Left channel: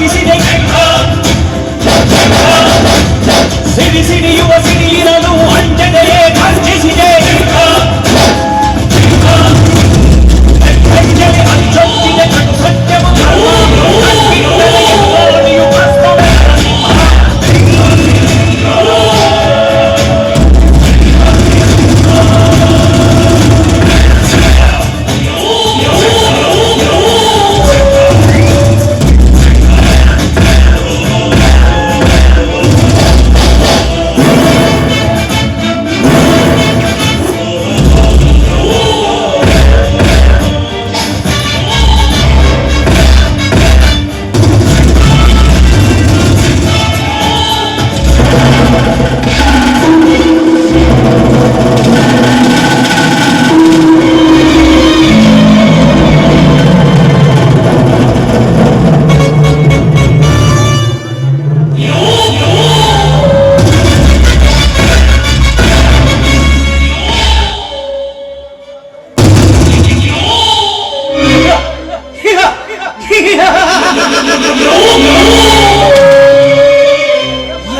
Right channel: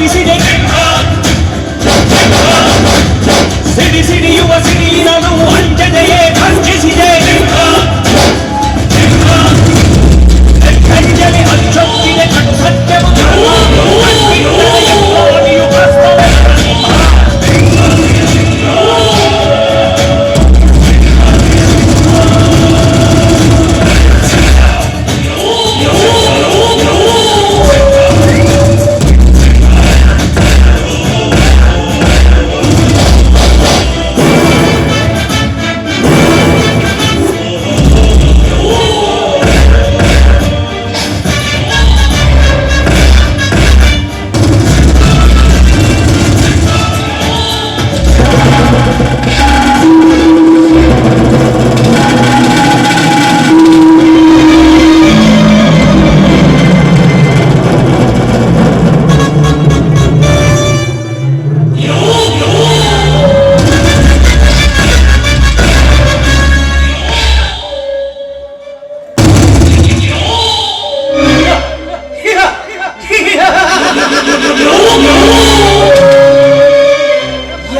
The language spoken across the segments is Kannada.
ಸಾಗಿಸಿದೆ ಸಿಡಿ ಸಿಡಿಯುವ ಸಿಡಿಯಿನನು ಅಂಜದೆಯೇ ಖರ್ಚಿಸಿದೆ ಅಂಜಲಿ ಅಚ್ಚೊತ್ತಿದೆ ಕಟು ಸತ್ಯವು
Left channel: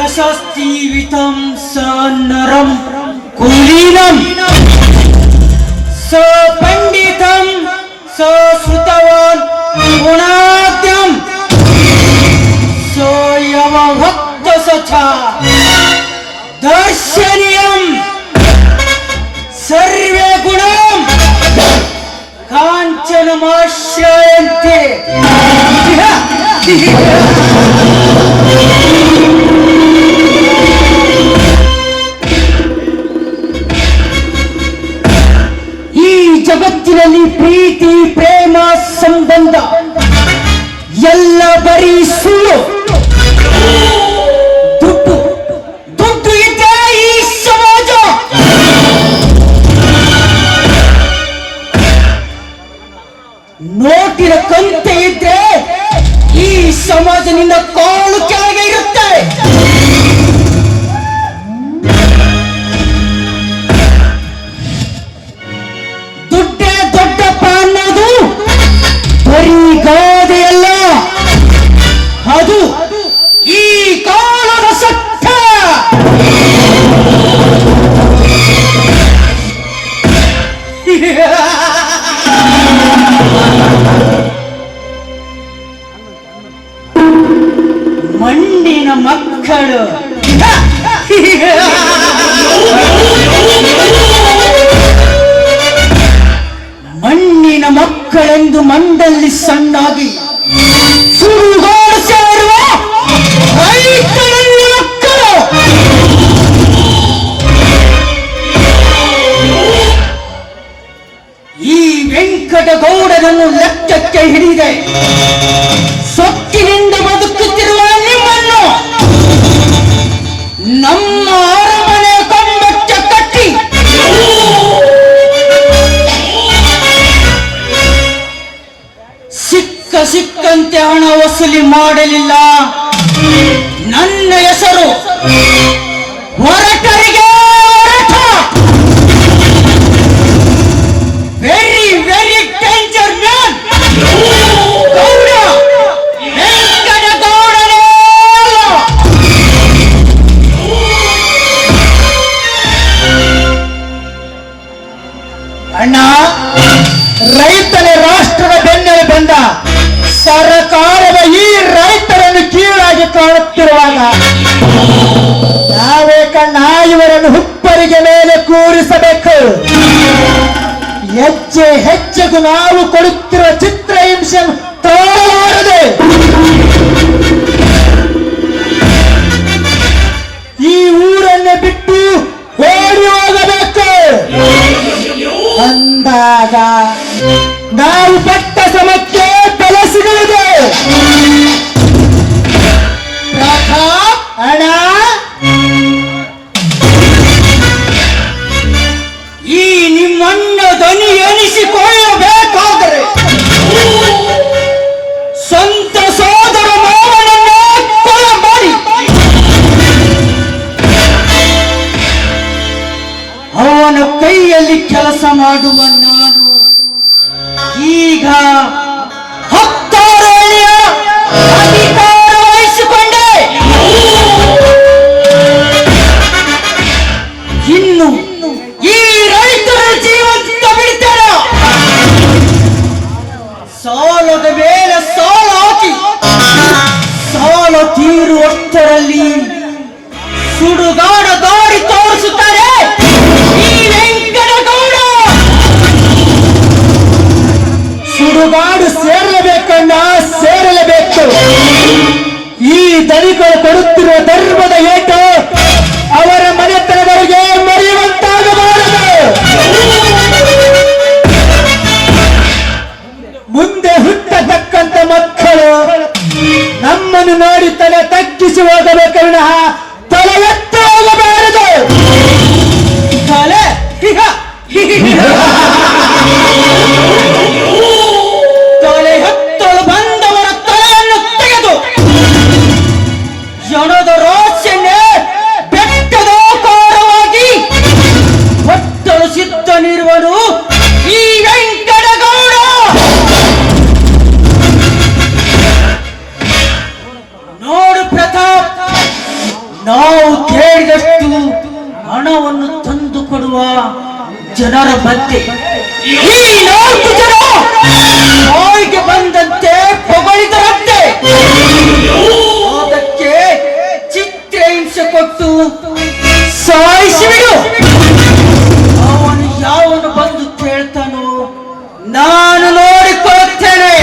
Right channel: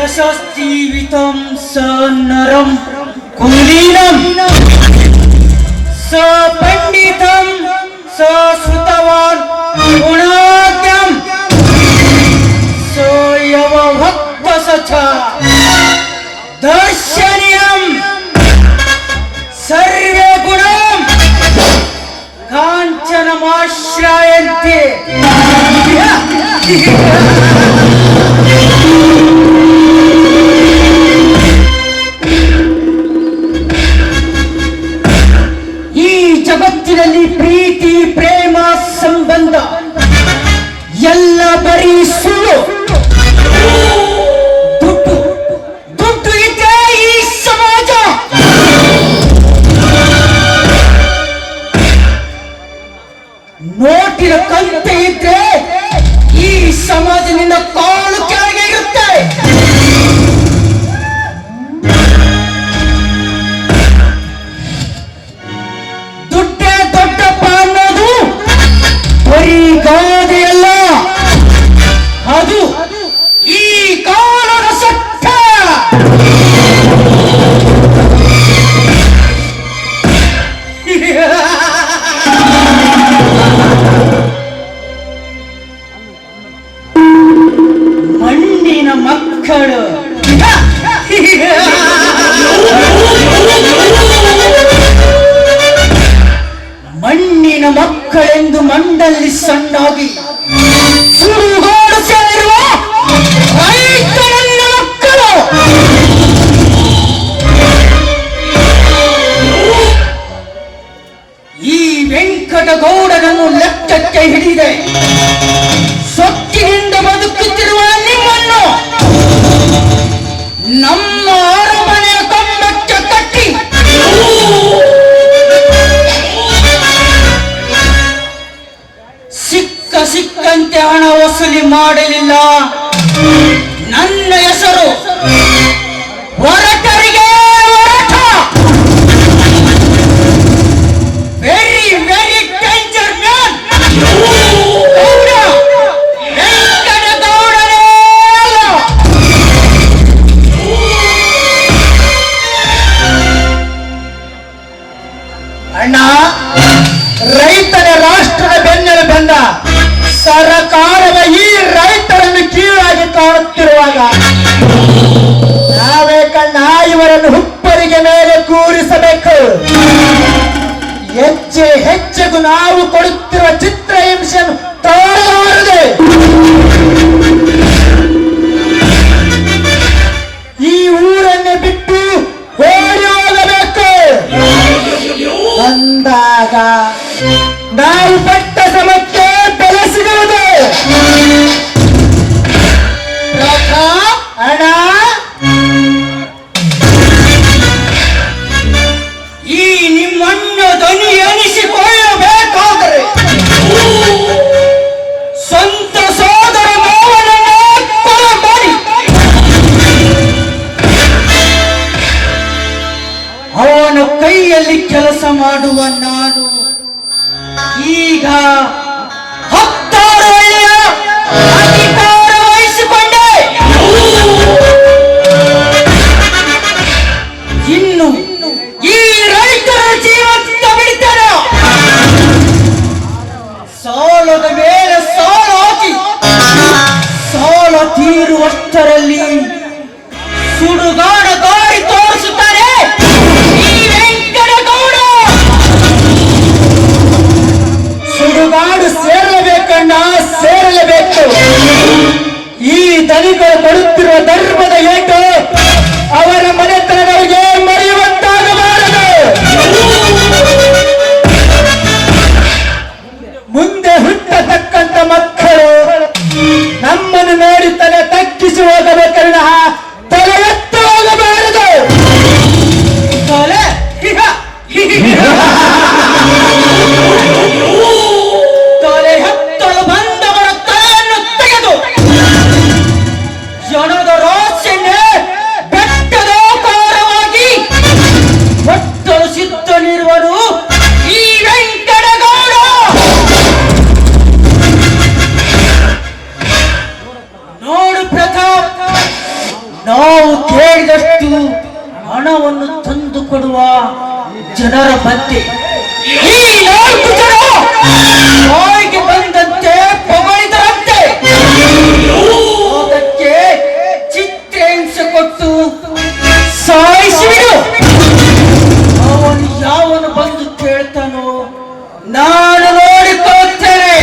यशस्तीवितं स नरं कुलीनं स पंडितं स श्रुतवान् गुणाद्यं स यवभक्त सचा दर्शनीयं सर्वे गुणं काञ्चनमाश्रयन्ते ಜಗತ್ತಿನಲ್ಲಿ ಪ್ರೀತಿ ಪ್ರೇಮ ಸಂಬಂಧ ಎಲ್ಲ ಬರೀ ಸುಳ್ಳು ದುಡ್ಡು ದುಡ್ಡು ಇದ್ರೆ ಈ ಸಮಾಜ ನೋಟಿನ ಕಂತೆ ಇದ್ರೆ ಈ ಸಮಾಜದಿಂದ ಕಾಲು ಕೆಳಗೆ ಇರುತ್ತೆ ಗಾದೆಯಲ್ಲ ಅದು ಈ ಕಾಲದ ಸತ್ಯ ಮಣ್ಣಿನ ಮಕ್ಕಳು ಮಣ್ಣಿನ ಮಕ್ಕಳೆಂದು ಮಂಡಲ್ಲಿ ಸಣ್ಣಾಗಿ ಸುಡುಗಾಡಿಸಿರುವ ರೈತರ ಮಕ್ಕಳು ಈ ವೆಂಕಟಗೌಡನನ್ನು ಲೆಕ್ಕಕ್ಕೆ ಹಿಡಿದೆ ಸೊಕ್ಕಿನಿಂದ ಬದುಕುತ್ತಿರುವ ನಿಮ್ಮನ್ನು ನಮ್ಮ ಅರಮನೆಯ ಕಂಬಕ್ಕೆ ಕಟ್ಟಿ ಸಿಕ್ಕಂತೆ ಹಣ ವಸೂಲಿ ಮಾಡಲಿಲ್ಲ ನನ್ನ ಹೆಸರು ಹೊರಟರಿಗೆ ಹೊರಟ ವೆರಿ ವೆರಿ ಡೇಂಜರ್ ಮ್ಯಾನ್ ಅಣ್ಣ ರೈತರ ರಾಷ್ಟ್ರದ ಬೆನ್ನೆಲು ಬಂದ ಸರ್ಕಾರದ ಈ ರೈತರನ್ನು ಕೀಳಾಗಿ ಕಾಣುತ್ತಿರುವಾಗ ಸಾಲದ ಮೇಲೆ ಸಾಲ ಹಾಕಿ ಸಾಲ ತೀರುವಷ್ಟರಲ್ಲಿ ಸುಡುಗಾಡ ದಾರಿ ತೋರಿಸುತ್ತಾರೆ ಈ ವೆಂಕಟಗೌಡ. ಸುಡುಗಾಡು ಸೇರಲೇಬೇಕಣ್ಣ, ಸೇರಲೇಬೇಕು. ಈ ದಲಿತರು ಕೊಡುತ್ತಿರುವ ಧರ್ಮದ ಏಟು ಅವರ ಮನೆತನದವರಿಗೆ ಮರೆಯುವಂತಾಗಬಾರದು. ಮುಂದೆ ಹುಟ್ಟತಕ್ಕಂತ ಮಕ್ಕಳು ನಮ್ಮನ್ನು ನೋಡಿ ತಲೆ ತಗ್ಗಿಸಿ ಹೋಗಬೇಕನ್ನ ತಲೆ ಎತ್ತಿ ಹೋಗಬಾರದು. ತಲೆ ತಲೆ ಎತ್ತಲು ಬಂದವರ ತಲೆಯನ್ನು ತೆಗೆದು ಜನದ ರೋಷನ್ನೇ ಬೆಟ್ಟದಾಕಾರವಾಗಿ ಹೊತ್ತಲು ಸಿದ್ಧನಿರುವನು ಈ ವೆಂಕಟಗೌಡ. ನೋಡು ಪ್ರತಾಪ್, ನಾವು ಕೇಳಿದಷ್ಟು ಹಣವನ್ನು ತಂದು ಕೊಡುವ ಜನರ ಮಧ್ಯೆ ಈ 4 ಜನ ಬಾಯಿಗೆ ಬಂದಂತೆ ಪ್ರಬಲಿತರಂತೆ ಅದಕ್ಕೆ ಚಿತ್ರಹಿಂಸೆ ಕೊಟ್ಟು ಸಾಯಿಸಿಬಿಡು. ಅವನು ಯಾವನು ಬಂದು ಕೇಳ್ತಾನೋ ನಾನು ನೋಡಿಕೊಳ್ಳುತ್ತೇನೆ.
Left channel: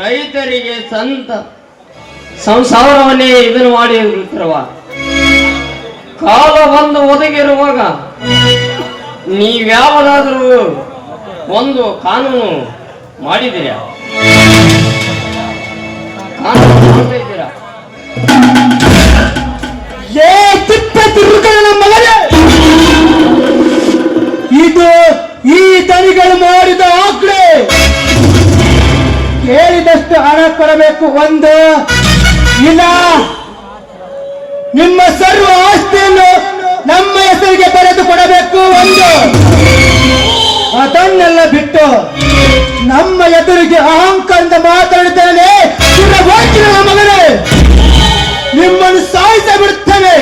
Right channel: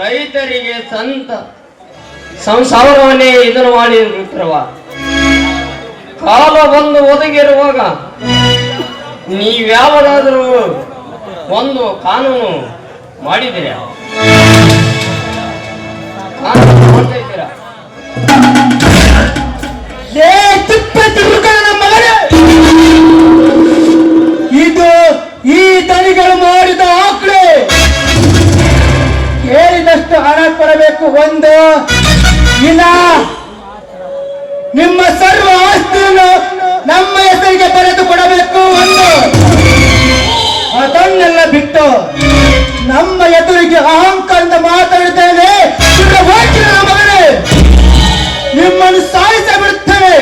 ರೈತರಿಗೆ ಸಂತ ಸಂಸಾರವನ್ನೇ ಇದನ್ನು ಮಾಡಿ ನಿಂತಿರುವ ಕಾಲ ಬಂದು ಒದಗಿರುವಾಗ ನೀವ್ಯಾವದಾದರೂ ಒಂದು ಕಾನೂನು ಮಾಡಿದ್ದೀರಾ? ಕಾನೂನು ಮಾಡ್ತಿದ್ದೀರಾ? ಇದು ಈ ದನಿಗಳು ಮಾಡಿದ ಆಕ್ರೆ ಕೇಳಿದಷ್ಟು ಹಣ ಕೊಡಬೇಕು. ಒಂದು ಇನ್ನ ನಿಮ್ಮ ಸರ್ವ ಆಸ್ತಿಯನ್ನು ನಮ್ಮ ಹೆಸರಿಗೆ ಬರೆದು ಕೊಡಬೇಕು. ಒಂದು ಅದನ್ನೆಲ್ಲ ಬಿಟ್ಟು ನಮ್ಮ ಎದುರಿಗೆ ಅಹಂಕಾರದ ಮಾತಾಡಿದ್ದೇನೆ ಮಗನೇ, ನಿಮ್ಮನ್ನು ಸಾಯಿಸ ಬಿಡುತ್ತೇನೆ.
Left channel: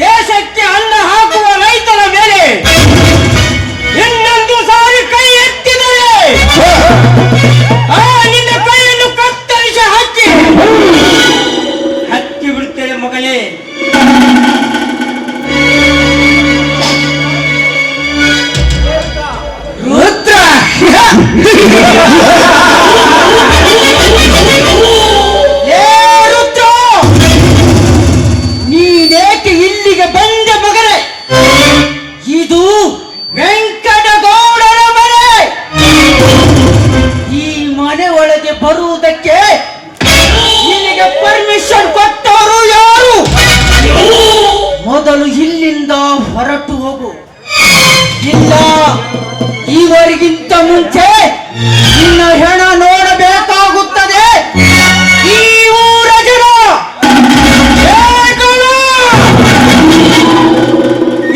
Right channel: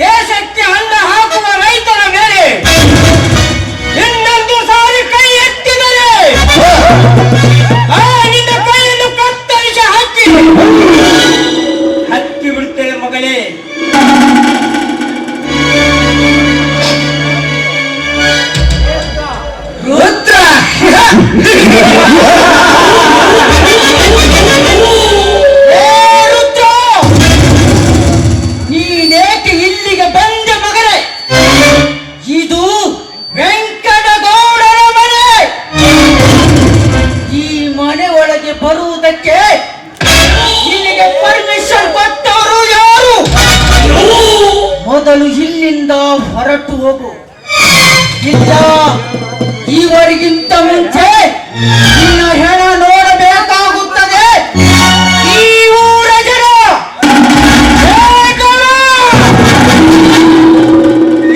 ದೇಶಕ್ಕೆ ಅನ್ನ ಹಾಕುವ ರೈತರ ಮೇಲೆ ಇನ್ನೊಂದು ಸಾರಿ ಕೈ ಎತ್ತಿದರೆ ನಿನ್ನ ಕೈಯನ್ನು ಕತ್ತರಿಸಿ ಹಾಕಿ ಬಿಡುತ್ತೇವೆ ಮಗಳೇ. ರುದ್ರ ನೀನೇಕೆ ಇಲ್ಲಿಗೆ ಬಂದ ಮಗನೇ? ಇದು ವೆಂಕಟಗೌಡನ ಮನೆ. ಈ ಮನೆ ಒಳಗೆ ಬರುವುದಕ್ಕೆ ನಿನಗೆ ಪರ್ಮಿಷನ್ ಕೊಟ್ಟವರು ಯಾರು? ಮೊದಲು ಇಲ್ಲಿಂದ ಹೊರಟು ಹೋಗು. ಇಲ್ಲ ಇವರಿಗಿಂತ ಮುಂಚೆ ನಿನ್ನ ಹೆಣ ನೋಡಬೇಕಾಗುತ್ತದೆ. ಈ ಊರ ಜನ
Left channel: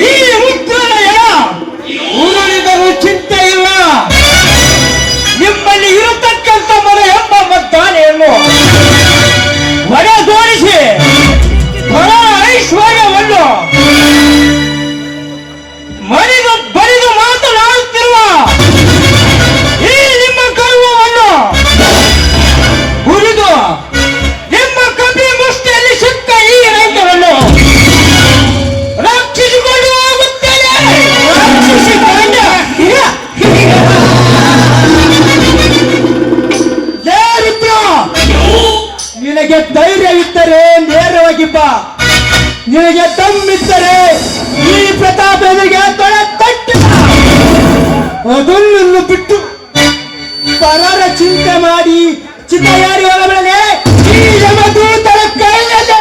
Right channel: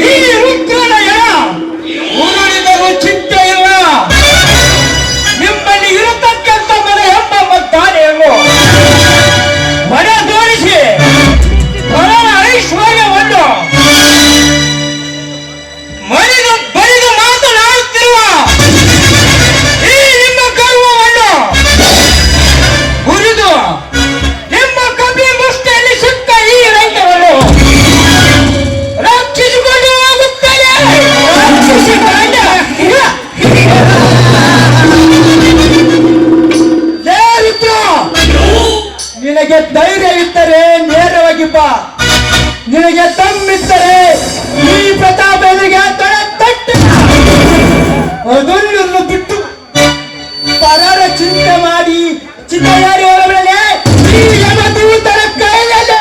ಈ ರುದ್ರನ ಹೆಣ ಊರಿಗೂ ಚಿಂತೆ ಇಲ್ಲ. ನಿಮ್ಮಲ್ಲಿ ಇರತಕ್ಕಂಥ ಮನೆ ಎಂಬ ಮದ್ದಾನೆಯನ್ನು ಹೊರಗೋಡಿಸಿ ಐಶ್ವರ್ಯವನ್ನು ಬರಿದು ಮಾತನಾಡುತ್ತಿರುವ ನಿನಗೆ ತಮ್ಮಿದ್ದರೆ ಈ ಪ್ರತಾಪನಿಗೆ ತೊಡೆ ತಟ್ಟಿ ಅದನ್ನು ಬಿಟ್ಟು ಪರರ ಚಿಂತೆ ಮಾಡಿ ಚಿತ್ತಗಾರಿ ಹೋಗಬೇಡ. ಈ ಯಮದೂತರ ಕೈಯಲ್ಲಿ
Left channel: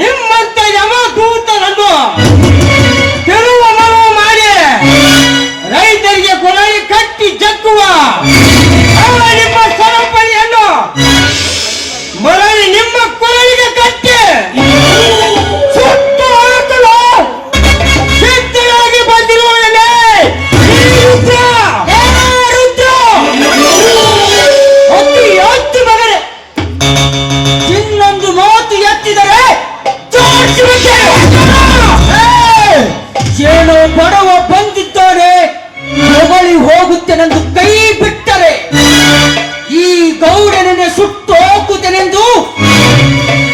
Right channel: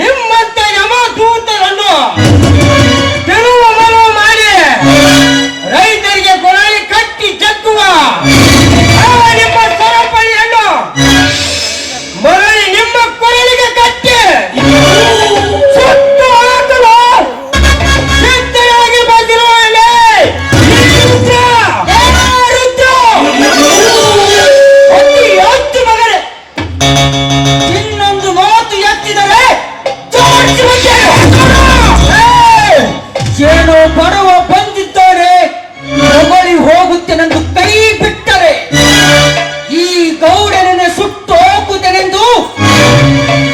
ನಿಮ್ಮಂತ ಯಮದೂತರನ್ನು ತೆಳುವ ಮನವ ಮಾಡಿ ರೈತರಿಗೆ ಕೊರಳಿ ಕಟ್ಟಿ ಜಕ್ಕುವ ನಿಮ್ಮ ಸರಪಳಿಯನ್ನು ಮರಳಿ ನಿಮ್ಮ ಕೊರಳಿಗೆ ಕಟ್ಟಿ ಸುಟ್ಟು ಹಾಕಲು ಸಿದ್ಧರಾಗಿ ಬಂದಿರುವವರೇ ರುದ್ರ ಅತಿ ಎತ್ತು ಮಗನೇ, ಇನ್ನೊಂದು ಮಾತು ಎತ್ತಿದರೆ ಏನೋ ಬಡವ ಬಂದಿದ್ದಾನೆ ಹೊಗಳಿ ಹೋಗುತ್ತೇನೆಂದು ಕೈ ಬಿಟ್ಟರೆ ಈ ಗೌಡನನ್ನೇ ಸುಟ್ಟು ಹೋಗುತ್ತೇನೆಂದು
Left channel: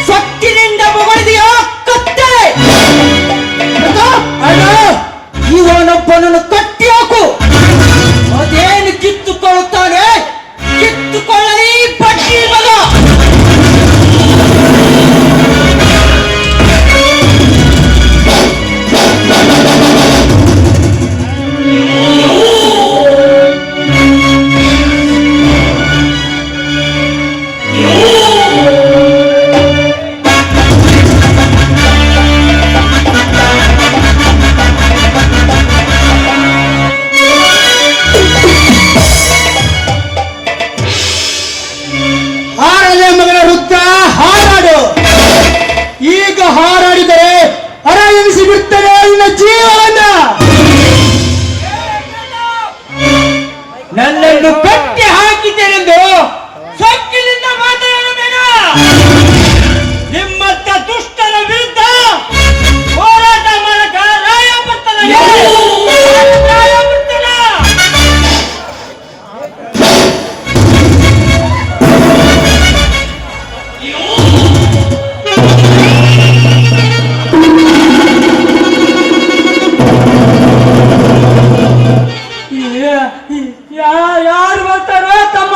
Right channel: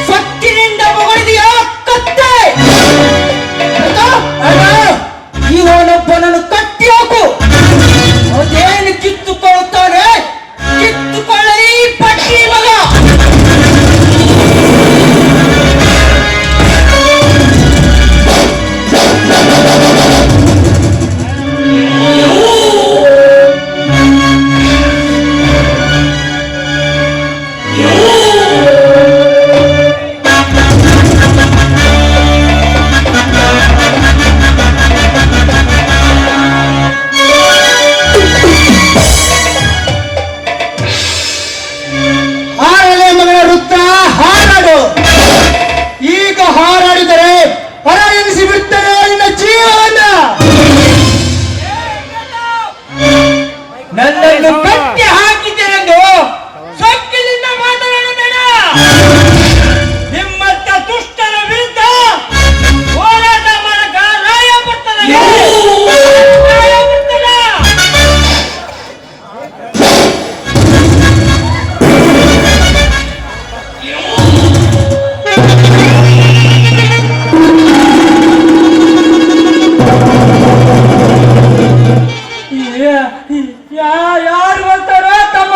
ಸೊಕ್ಕಿನಿಂದ ಹೊಗಳಿದೆಯಾ ಕತ್ತೆ? ಇವನೊಬ್ಬನನ್ನು ಕಟ್ಟಿ ಹೋಗು. ಅದೇನು ಕಿತ್ತುಕೊಳ್ಳುತ್ತಾನೆ ಕಿತ್ತುಕೊಳ್ಳಿ ಪಟ್ಟಿ ಮಗ. ಹಾರಲೇ ಮಗಳ ವೃತ್ತ ಹಾರಾಡು. ಈಗ ಹಾರಾಡಿದರೆ ಅರಳಿಸಿ ಬಿಡ್ತದೆ ನಿನ್ನ ಜೀವನ. ನನ್ನನ್ನು ಕಟ್ಟಿ ಹಾಕಿದ್ದೇನೆಂದು ಸೊಕ್ಕಿನಿಂದ ಮಾತನಾಡಬೇಡ. ನಿಮ್ಮಂತ ದುಷ್ಟರ ವಿರುದ್ಧ ಹೋರಾಟ ಮಾಡಕ ರಾಯಪುತ್ರನ ಯಾರು ಬರ್ತಾರೋ ತಮ್ಮ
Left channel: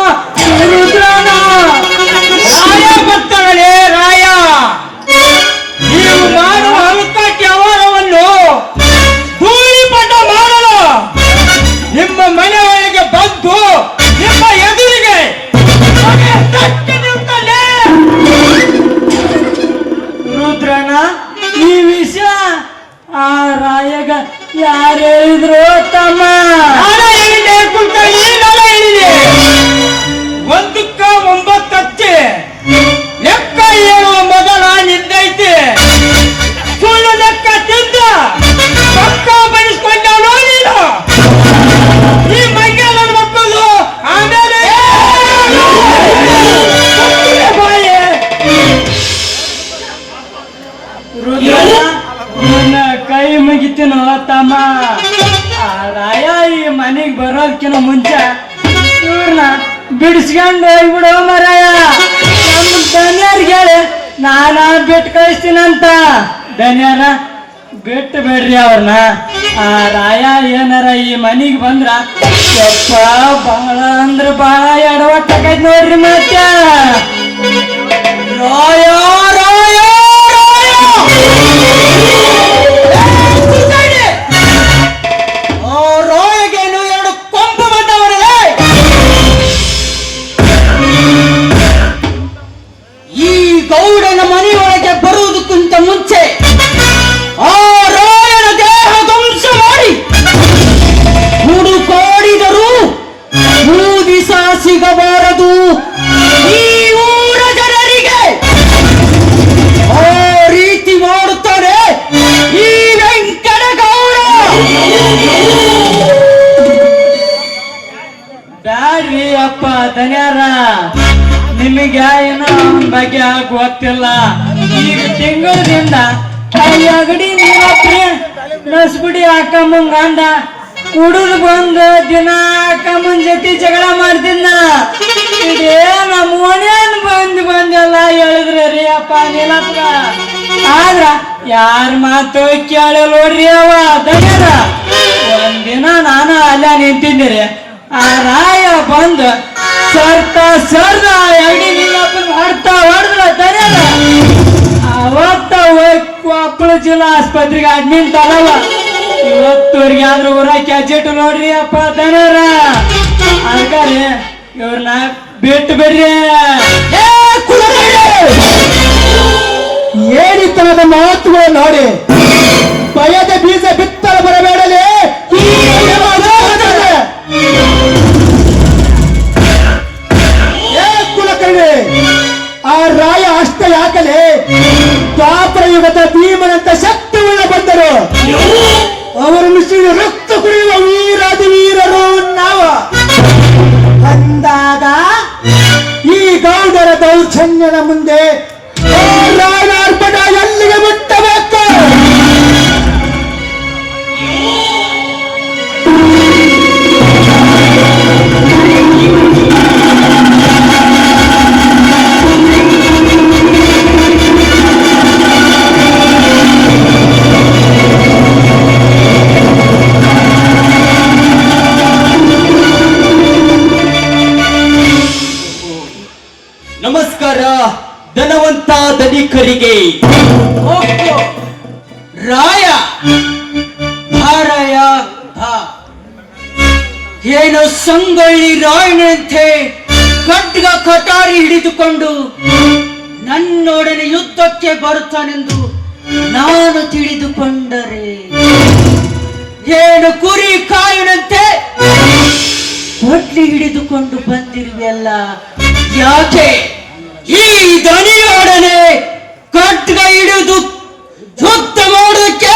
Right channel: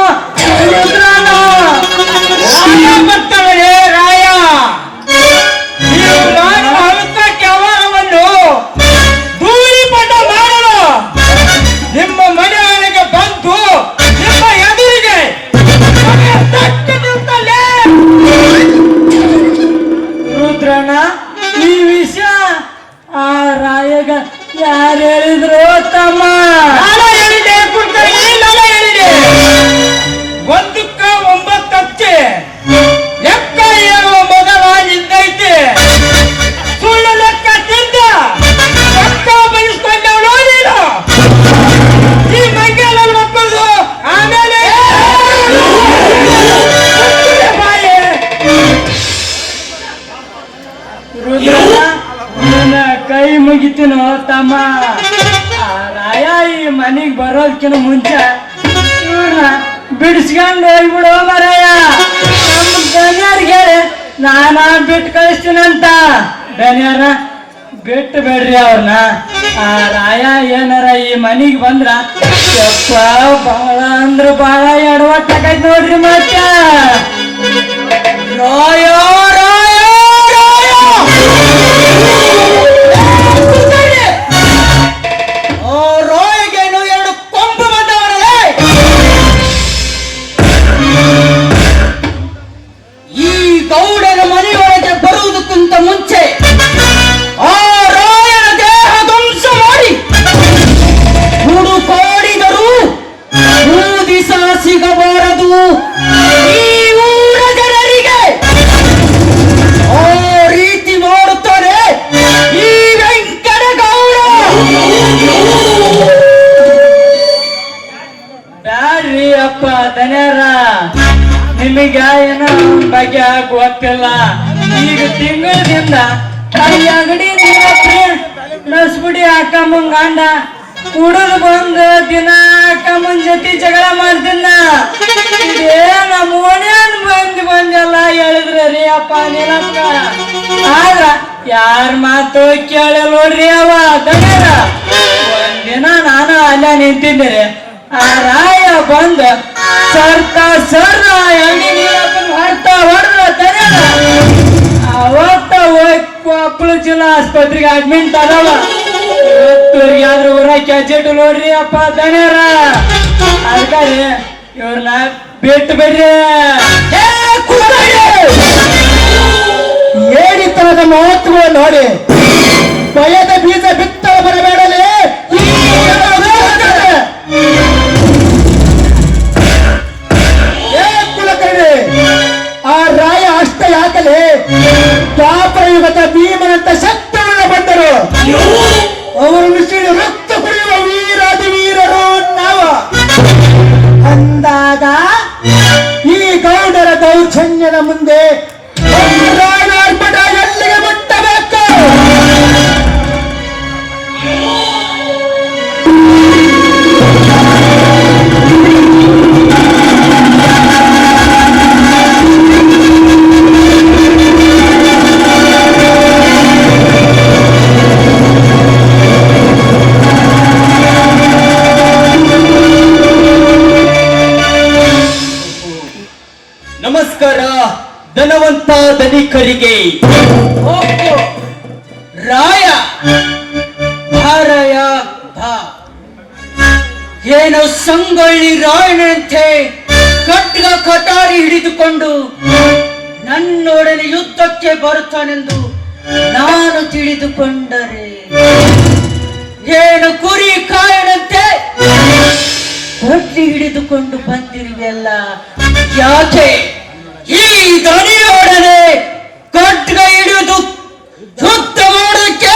ರಾಯ ಬರ್ತಾಳೆ. ರಾಯ ನೀವು ಮಾಡುವ ಅಲ್ಕ ಕೆಲವರವನ್ನು ಧೂಳಿಪಟ ಮಾಡಲು ನಿಮ್ಮ ಮನೆಯೊಳಗೆ ಬಂದು ನಿಮ್ಮ ಎದುರಿಗೆ ತಟ್ಟು ನಿಂತಲ್ಲೇ. ರುದ್ರಣ್ಣ, ಈ ವಿಷಯ ಆ ರಾಯಗ ಯಾರು ಹೇಳಿದ್ರು ತಮ್ಮ? ನಾನು ಹೇಳಿದೆ ಕುಲಕರ್ಣಿ, ನಾನು ಹೇಳಿದೆ. ಒಂದಕ್ಕ 9 ಹಚ್ಚಿ ಲೆಕ್ಕ ಹೇಳುವ ಮೊದಲ ನಿಂದೈತಿ. ಸುಳ್ಳು ಲೆಕ್ಕ ತಿಂದ ಪಕ್ಕ ಬಯಸ್ಕೊಂಡವನು ನೀನು. ಈ ಬಗ್ಗೆ ನನ್ನ ಮಕ್ಕಳು ಆಮೇಲೆ ಬಾಯಿ. ರುದ್ರಣ್ಣ, ನಿನ್ನ ಕೈ ಮುಗಿತೀನೋ ತಮ್ಮ. ಆ ರಾಯ ಈ ಮನೆಗೆ ಬರೋದಕ್ಕಿಂತ ಮುಂಚೆ ಇವ್ರನ್ನ ಬಿಡಿಸ್ಕೊಂಡು ಹೋಗ್ಬಿಡೋ ಮರಯ್ಯ. ನಮ್ಮ ದನಿಯರ್ಗೆ ನಾನ ಬಿಟ್ಟು ಕಳಿಸ್ತೀನಂತ. ದನಿಯರ ಬಿಟ್ಟು ಬಿಡ್ರಿ ಅವ್ರನ್ನ. ಆ ರಾಯ ಏನಾರ ಈ ಮನೆಗೆ ಬಂದ್ರ ಬಹಳ ಅಂದ್ರ ಬಹಳ ಎಡವಟ್ಟಾಗೈತ್ ನೋಡ್ರಿ. ಮತ್ತೆ ರಾಯ ರಾಯ ರಾಯಗೇನು 2 ಕೊಂಬು ಬಂದವರೇ. ಈ ಗೌಡನ ಮನೆಯೊಳಗೆ ಬರುವುದಕ್ಕಿಂತ ಮುಂಚೆ ಆ ರಾಯನ ದೇಹ ಧ್ವಂಸ ಮಾಡಿ ಹುಡುಕಾಡಿದರೂ ದಿವಸ ಸಿಗಬಾರದು ಈ ಊರ ಜನರಿಗೆ. ಆ ರೀತಿ ಮಾಡುತ್ತಾರೆ ಈ ವೆಂಕಟಗೌಡ. ಬ್ಯಾಡ್ರಿ ಅಪ್ಪ ದನಿಯರ, ನಿಮಗ ಏನ ಅವನ ಬಗ್ಗೆ ಗೊತ್ತಿಲ್ಲ. ಈಗ ತಿಂಗಳದಿಂದ ಈ ಅಂಗಡಿ ರಸಗುಡಿ ಹಾಕಂಬಂಗ್ ಗಂಡ ಹುಡುಗ ಬಂದು ದಿನ ಹಾಕಂಬನ್ ಜೊತೆ ಜಗಳ ಮಾಡ್ತಿದ್ದ. ಇದೇ ನಮ್ಮ ಓಣ್ಯಾನ್ ಬಂದೆಲ್ಲ ಹೇಳಿದ್ರೆ ರೀ ಅಪ್ಪ ನೀನಪ್ಪ. ಆದ್ರ ಯಾರ ಮಾತು ಕೇಳಿ ನೋಡ್ರಿ ಅವ ದನಿಯರ. ಒಂದಿನ ನಾನು ಅಲ್ಲೇ ನಿಂತಿದ್ದೀರಿ. ಆ ರಾಯ ಬಂದು ಸರ್ದ ಹೆಣ್ಣಿಗೆ ಮಾಡ್ತಾ ಹೊಡೆದ್ರ ಅವತ್ತ ಮಕ್ಕಳು ಜಿಲ್ಲಾ ಆಸ್ಪತ್ರೆಗೆ ಅಡ್ಮಿಟ್ ಅದವ. ಇವತ್ತವ್ರಿಗೆ ಆದ್ರೂ ಊರ ಕ್ಯಾಜೆಟ್ ನೋಡ್ರಿ ಅಪ್ಪ ದಣ್ಯಾರ. ಅದಕ್ಕೆ ಇವ್ರನ್ನ ಬಿಟ್ಟು ಬಿಡ್ರಿ. ಏನಿತ್ತರದ ಮಾತುಗಳು ನೋಡಿ ಭಯದ ಬೀಜ ಬಿತ್ತಲು ಬರಬೇಡಲೇ. ಕುಲಕರ್ಣಿ, ಆ ರಾಯ ಅಷ್ಟ ಯಾಕಲೇ ದ್ವಾಪರ ಯುಗದ ಭೀಮನಂತ ಶಕ್ತಿಯುಳ್ಳ ಬಂದರು. ಅವರು ಮುಸಿದ ರಕ್ತ ಕುಡಿಯುವ ವೀರಾದಿ ವೀರರು ನಾವು ಅಂದಾಗ ಈ ಗೌಡರ ದೌರ್ಜನ್ಯದ ಮುಂದೆ ರಾಯಣಾರ್ಪಟ ಎಲ್ಲಿಗೆ ಮುಟ್ಟಬೇಕು? ನಮಸ್ಕಾರ ಧನವಂತ ಧನಿಕರಿಗೆ. ರಾಯ ಧಾರಯ ಏನು ಸಂಗೊಳ್ಳಿ ರಾಯಣಂತೆ ಖಡ್ಗ ಕಟಾರಿ ಹಿಡಿದುಕೊಂಡು ನನ್ನೊಡನೆ ಯುದ್ಧಕ್ಕೆ ಬರುತ್ತಾನೆಂದು ನಾನು ತಿಳಿದುಕೊಂಡರೆ ಏನು ಕುರಿ ಕಾಯಣಂತೆ ಕೊಡ್ಲಿ ಹಿಡಿದುಕೊಂಡು ಬಂದಿರುವೆಲ್ಲ ಯಾಕೆ? ಈ ದನಿಯೊಡನೆ ಖಡ್ಗ ಹಿಡಿದು ಯುದ್ಧ ಮಾಡೋದಕ್ಕೆ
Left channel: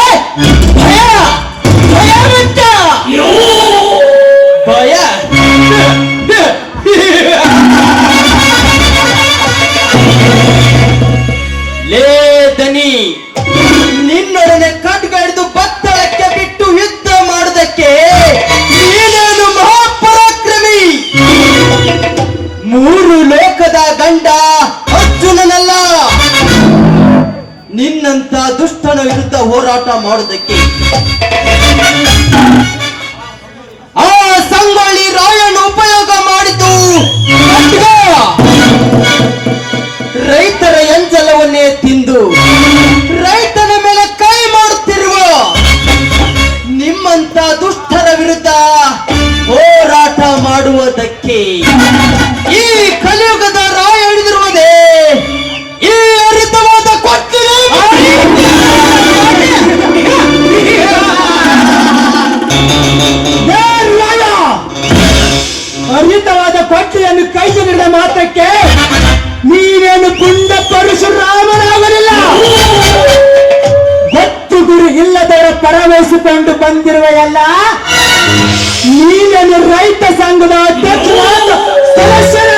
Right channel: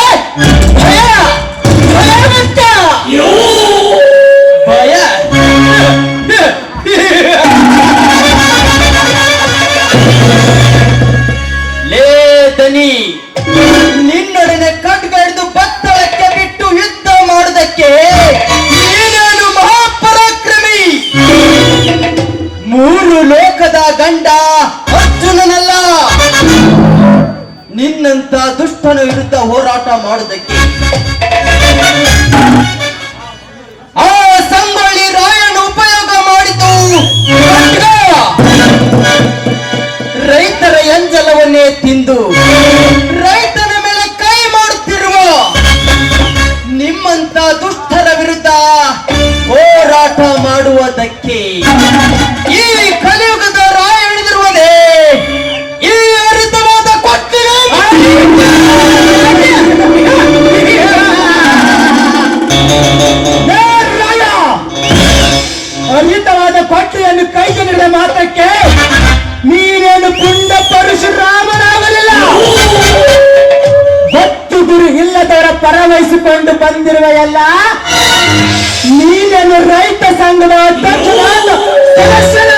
ಭಯ ಲೇ ದನಿ, ನಿನ್ನೊಡನೆ ಖಡ್ಗ ಹಿಡಿದು ಬತ್ತಳಕ್ಕೆ ಬಿಟ್ಟು ಯುದ್ಧ ಮಾಡೋದಕ್ಕೆ ನೀನೇನು ಮಹಾಪರಾಕ್ರಮಿ? ಮೂರು ಲೋಕದ ಗಂಡ ಅರ್ಜುನನಲ್ಲ. ನಿನ್ನಂತ ದುಷ್ಟನ ವಿರುದ್ಧ ಹೋರಾಟ ಮಾಡೋದಕ್ಕೆ ಆ ಸಂಗೊಳ್ಳಿ ರಾಯಣ್ಣ ಉಪಯೋಗ ಮಾಡಿದ್ದು ರೈತರ ಎಂಜಲವನ್ನೇ ತಿಂದು ರೈತನ ಮೇಲೆ ಕೈ ಮಾಡುತ್ತಿರುವ ನಿಮ್ಮಂತ ದುಷ್ಟರ ವಿರುದ್ಧ ಹೋರಾಟ ಮಾಡುವುದಕ್ಕೆ ಈ ಕಲಿಯುಗದ ರಾಯ ಹಿಡಿದಿರುವುದೇ ಈ ಹರಿತವಾದ ಕೊಟ್ಟಿಗೆ. ಹರಿತವಾದ ಕೊಟ್ಟಿಯನ್ನು ಕೈಗೆಲ್ಲಿದ ಮಾತ್ರಕ್ಕೆ ನೀನೇನು ಪುಂಡ ಪರಶುರಾಮನಾಗಲಿಲ್ಲ. ಭಕ್ತಿ ಗುರು ಇಲ್ಲದವರ ಪರವಹಿಸಿಕೊಂಡು ಬಂದಿರುವ ಎಲ್ಲ ನೀನೇನು ರೈತ ಸಂಘದ ಅಧ್ಯಕ್ಷನಾದ ಸದಸ್ಯನ.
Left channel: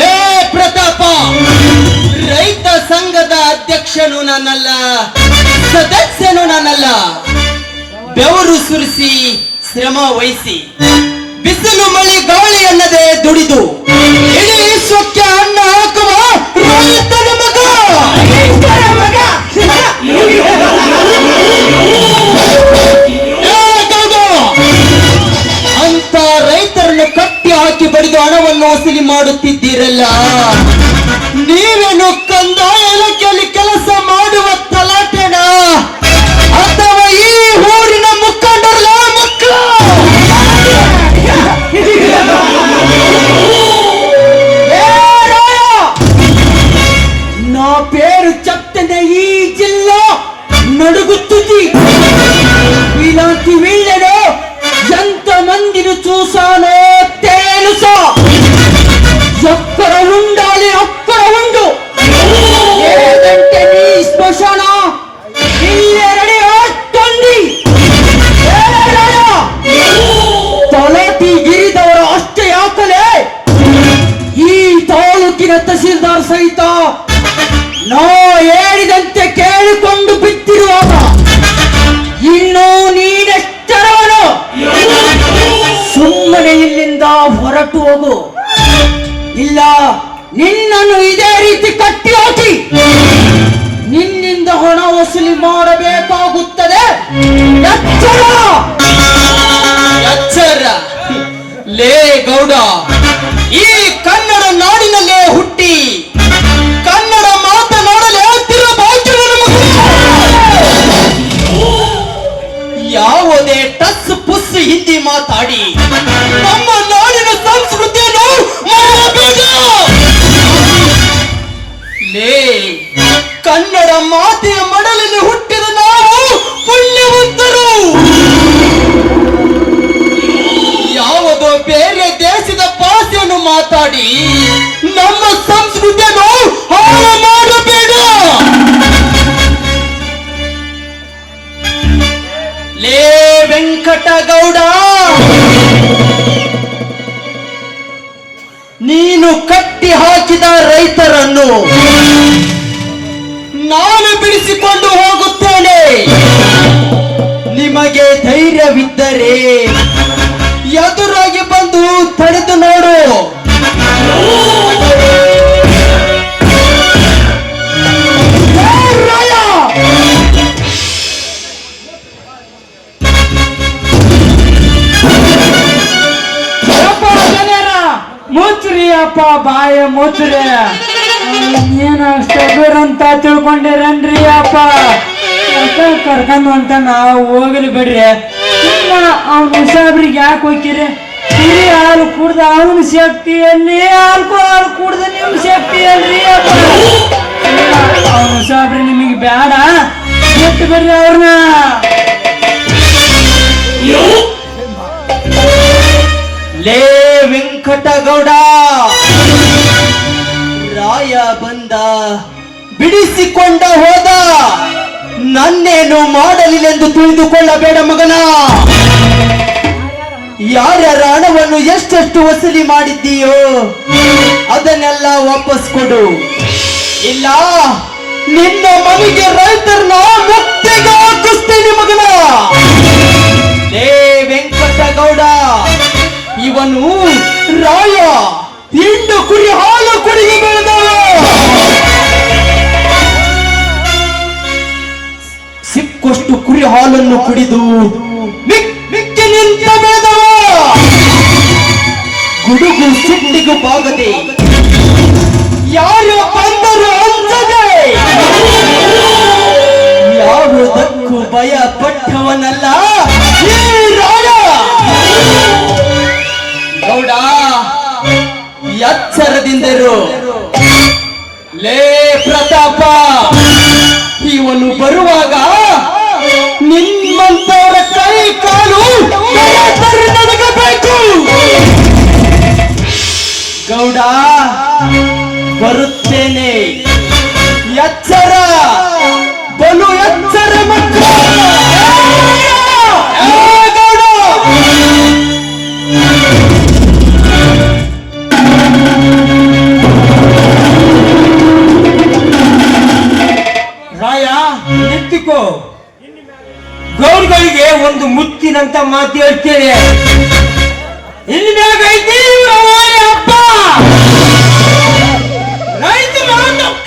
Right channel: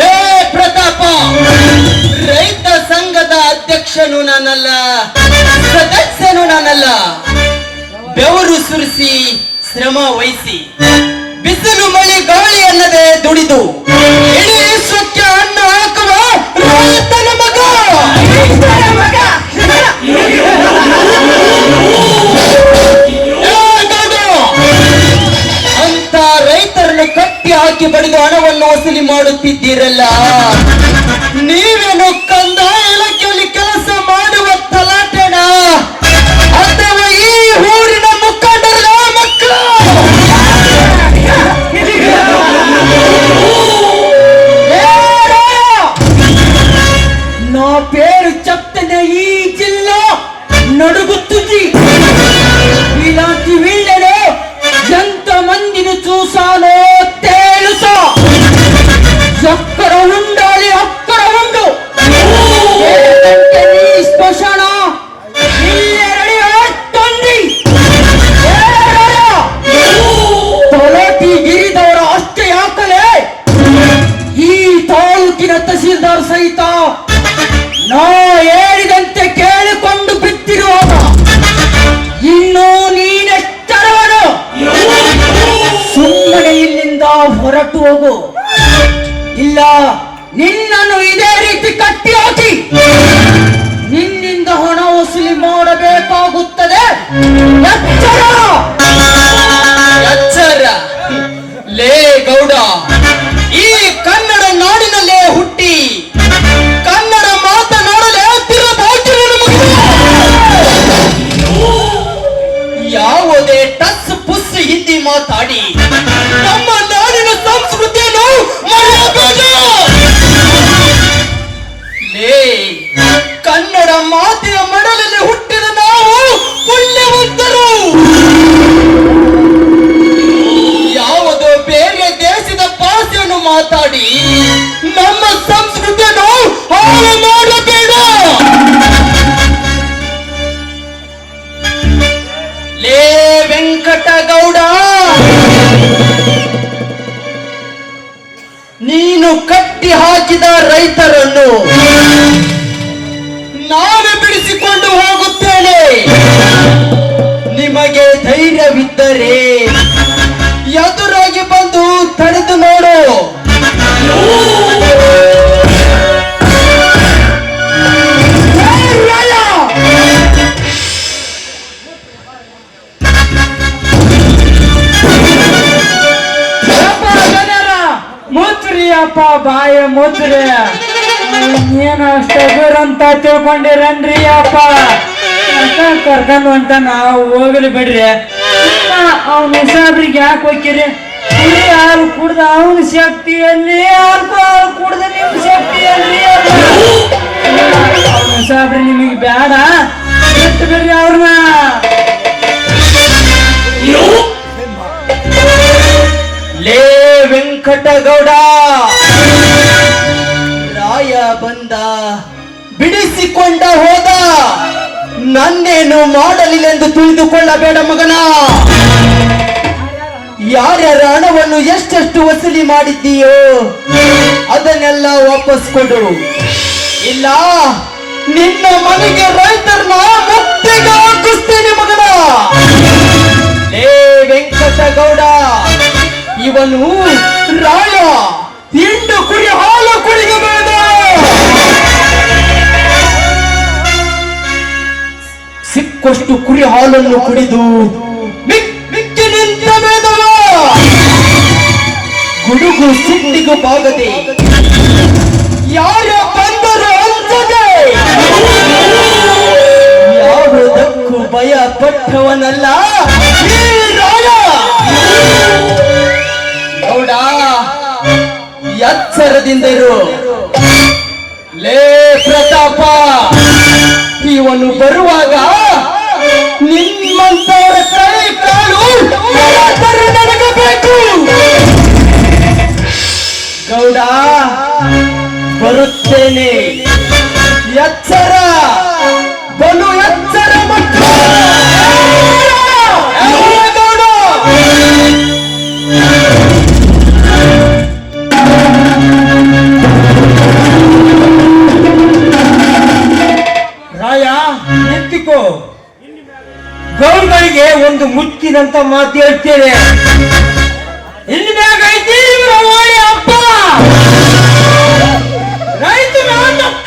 ಲೇ ಪ್ರತಾಪ, ರೈತ ಸಂಘದ ಅಧ್ಯಕ್ಷನು ನಾನಲ್ಲ, ಸದಸ್ಯನು ನಾನಲ್ಲ. ಬೆವರು ಸುರಿಸಿ ಶ್ರಮ ವಹಿಸಿ ಬಿಸಿಲು ಮಳೆ ಗಾಳಿ ಅನ್ನದೆ ದುಡಿದು ಇಡೀ ವಿಶ್ವಕ್ಕೆ ಅನ್ನ ಹಾಕುವ ರೈತನ ಮಗ. ಅಂತ ರೈತರನ್ನು ಕಟ್ಟಿ ಹಾಕಿ ಬಡಿದು ಹಣವನ್ನು ವಸೂಲಿ ಮಾಡುತ್ತಿದ್ದೀರಲ್ಲ, ನೀವೇನು ಕಂದಾಯ ಇಲಾಖೆಯಲ್ಲಿ ಕೆಲಸ ಮಾಡುವ ತಲಾಟೆನ ಅಥವಾ ಈ ಊರಿನ ಮುಖಂಡರ ಮಕ್ಕಳು? నా పేరు చెప్తేనే ఈ జిల్లా నడుగుతుంది. ఇలాంటి వీళ్ళను ఎంత మందిని చూసానో తెలుసా? ఎక్కడ ఉండాలి అక్కడ ఉండు. ఏదంటే నీ శ్మశాన ఇల్లే రెడీ అవుతుంది. తొలటి గిరిదವರ ಅಷ್ಟೇ ಯಾಕಲೇ ಈ ತಾಲೂಕಿನ ತಹಸೀಲ್ದಾರ್ ಸಹಿತ ನಾ ಹೇಳಿದಂತೆ ಕೇಳಿಕೊಂಡು ಬಿತ್ತಿರುವಾಗ ಇನ್ನು ನೀನೆಚ್ಚರವನು. ಸುಮ್ಮನೆ ಇಲ್ಲಿಂದ ಹೊರಟು ಹೋಗು, ಇಲ್ಲ ನಿನ್ನನ್ನು ಇದೇ ರೀತಿ ಕಟ್ಟಿ ಹಾಕಿ ನಿನ್ನಿಂದ ಹಣ ವಸೂಲಿ ಮಾಡಬೇಕಾಗುತ್ತದೆ. ಎಚ್ಚರ! ಎಚ್ಚರ ನೀನು ಕಟ್ಟಿ ಹಾಕಿದ ರೈತರನ್ನು ನಾನು ಬಿಡಿಸಿಕೊಂಡು ಹೋಗುತ್ತೇನೆ. ನಿಮಗೆ ಧೈರ್ಯವಿದ್ದರೆ ಎದುರಾಗಿ ಬಂದು ತಡೆದು ನೋಡು. ಮುಚ್ಚ್ರಿ ಅಪ್ಪ ಬಾಯ ಮುಚ್ಚ್ರಿ. ಏನ ಅಂತ ತಿಳ್ಕೊಂಡಿರನ್ರಿ ಅಪ್ಪ. ಕರ್ಕೊಂಡ್ ಅಂತ ನಾವು ಹೋಗಲಿ ಬಿಡ್ರಿ. ಅವ್ನ ಸಾಬ್ರಿಗೆ ಯಾಕೆ ಹೋಗ್ತೀರಿ? ಕುಡಿ ಹಾಲು ಕುಡ್ದ ಅವನ ಶಕ್ತಿಯಲ್ಲಿ, ಆಲ್ಕೋಹಾಲ್ ಕುಡ್ದ ನಿಮ್ ಶಕ್ತಿಯಲ್ಲಿ. ಅವ್ನ ಸಾಬ್ರಿ ನಿಮಗೆ ಬೇಡ, ಬಿಟ್ಟು ಬಿಡ್ರಿ ಅವ್ರನ್ನ. ಲೇ ವೆಂಕಟಗೌಡ, ರಾಯ ಬಂದ ಬಿಡಿಸಿಕೊಂಡ ಹೋದ, ನನ್ನೇನು ಮಾಡಲಿല്ലെಂದು ತಿಳಿದುಕೊಳ್ಳಬೇಡ ಮಗನ. ಯಾರ್ಯಾರ ಹಣವನ್ನು ಎಷ್ಟೆಷ್ಟು ವಸೂಲಿ ಮಾಡಿದ್ದೀಯೋ ಅದನ್ನೆಲ್ಲ ವಾಪಸ್ ಕೊಡು. ಇಲ್ಲ ನಿನ್ನ ಮನೆಗೆ ರೈತರನ್ನ ಮುತ್ತಿಗೆ ಹಾಕಿಸ್ತೇನೆ ಮಗನ. ಲೇ ವೆಂಕಟಗೌಡ, ಇವನು ರಾಯ ತಿಂಡು ಕುರಿ ಹಾಲು ಕುಡಿದು ಬೆಳೆದ. ಸಿಕ್ಕಷ್ಟು ಕುರಿ ಹಾಲನ್ನು ಕುಡಿದು ಮಿಕ್ಕಿನಿಂದ ಬೆಳೆದವ. ಗುಡುಗು ಸಿಟ್ಟಿಗೂ ಬಾಗದೆ, ಯಾರು ಬಂದರು ಅಂಜದೆ, ಯಾವುದಕ್ಕೂ ಭಯ ಪಟ್ಟವನಲ್ಲ ಈ ರಾಯ. ಗೌಡ, ಎಚ್ಚರದಿಂದರು. ಲೇ ಪ್ರತಾಪ, ಇವನು ಬರುವಾಗ ನಿಮ್ಮಂತವರ ಕೈ ಕಾಲು ನೆನಗಬೇಕು. ಗೌಡ, ಬರುತ್ತೇನೆ. ಎಚ್ಚರ, ಬಲು ಎಚ್ಚರ ಮಕ್ಕಳು. ಗೌಡ, ರಾಯ ಎತ್ತಿಕೋ. ಗೌಡ್ಗಳಿಗೆ ಒಂದು ಮುತ್ತಿನಂತ ಮಾತು ಹೇಳ್ತೇನೆ. ಇಲ್ಲಿ ಮ್ಯಾಗ ಐತಿ ಇವ್ರ ಓಣಿ ಅಪ್ಪ. ರೈತರು